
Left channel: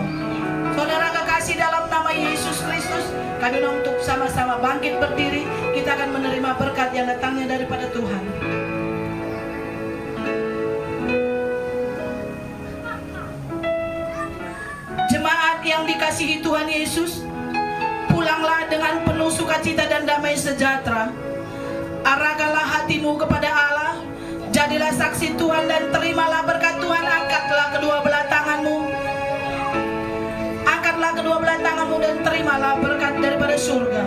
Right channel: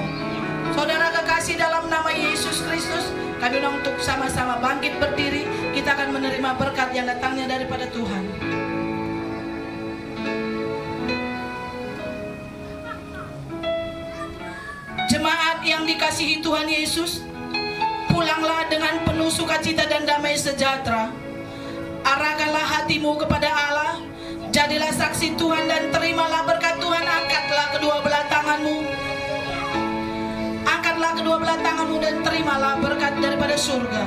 Saudara kekasih, dalam nama Yesus Kristus, kami untuk sama-sama bangkit berdiri. Kita akan menerima berkat yang datangnya daripada Tuhan. Jemaat yang dikasihi Tuhan Yesus, pulanglah dengan penuh sukacita dan damai sejahtera. Arahkanlah hatimu kepada Allah, jadilah saksi Tuhan dan terimalah berkat Tuhan. Angkatlah kedua belah tanganmu, angkatlah kedua belah tanganmu dan terimalah berkat daripada surga.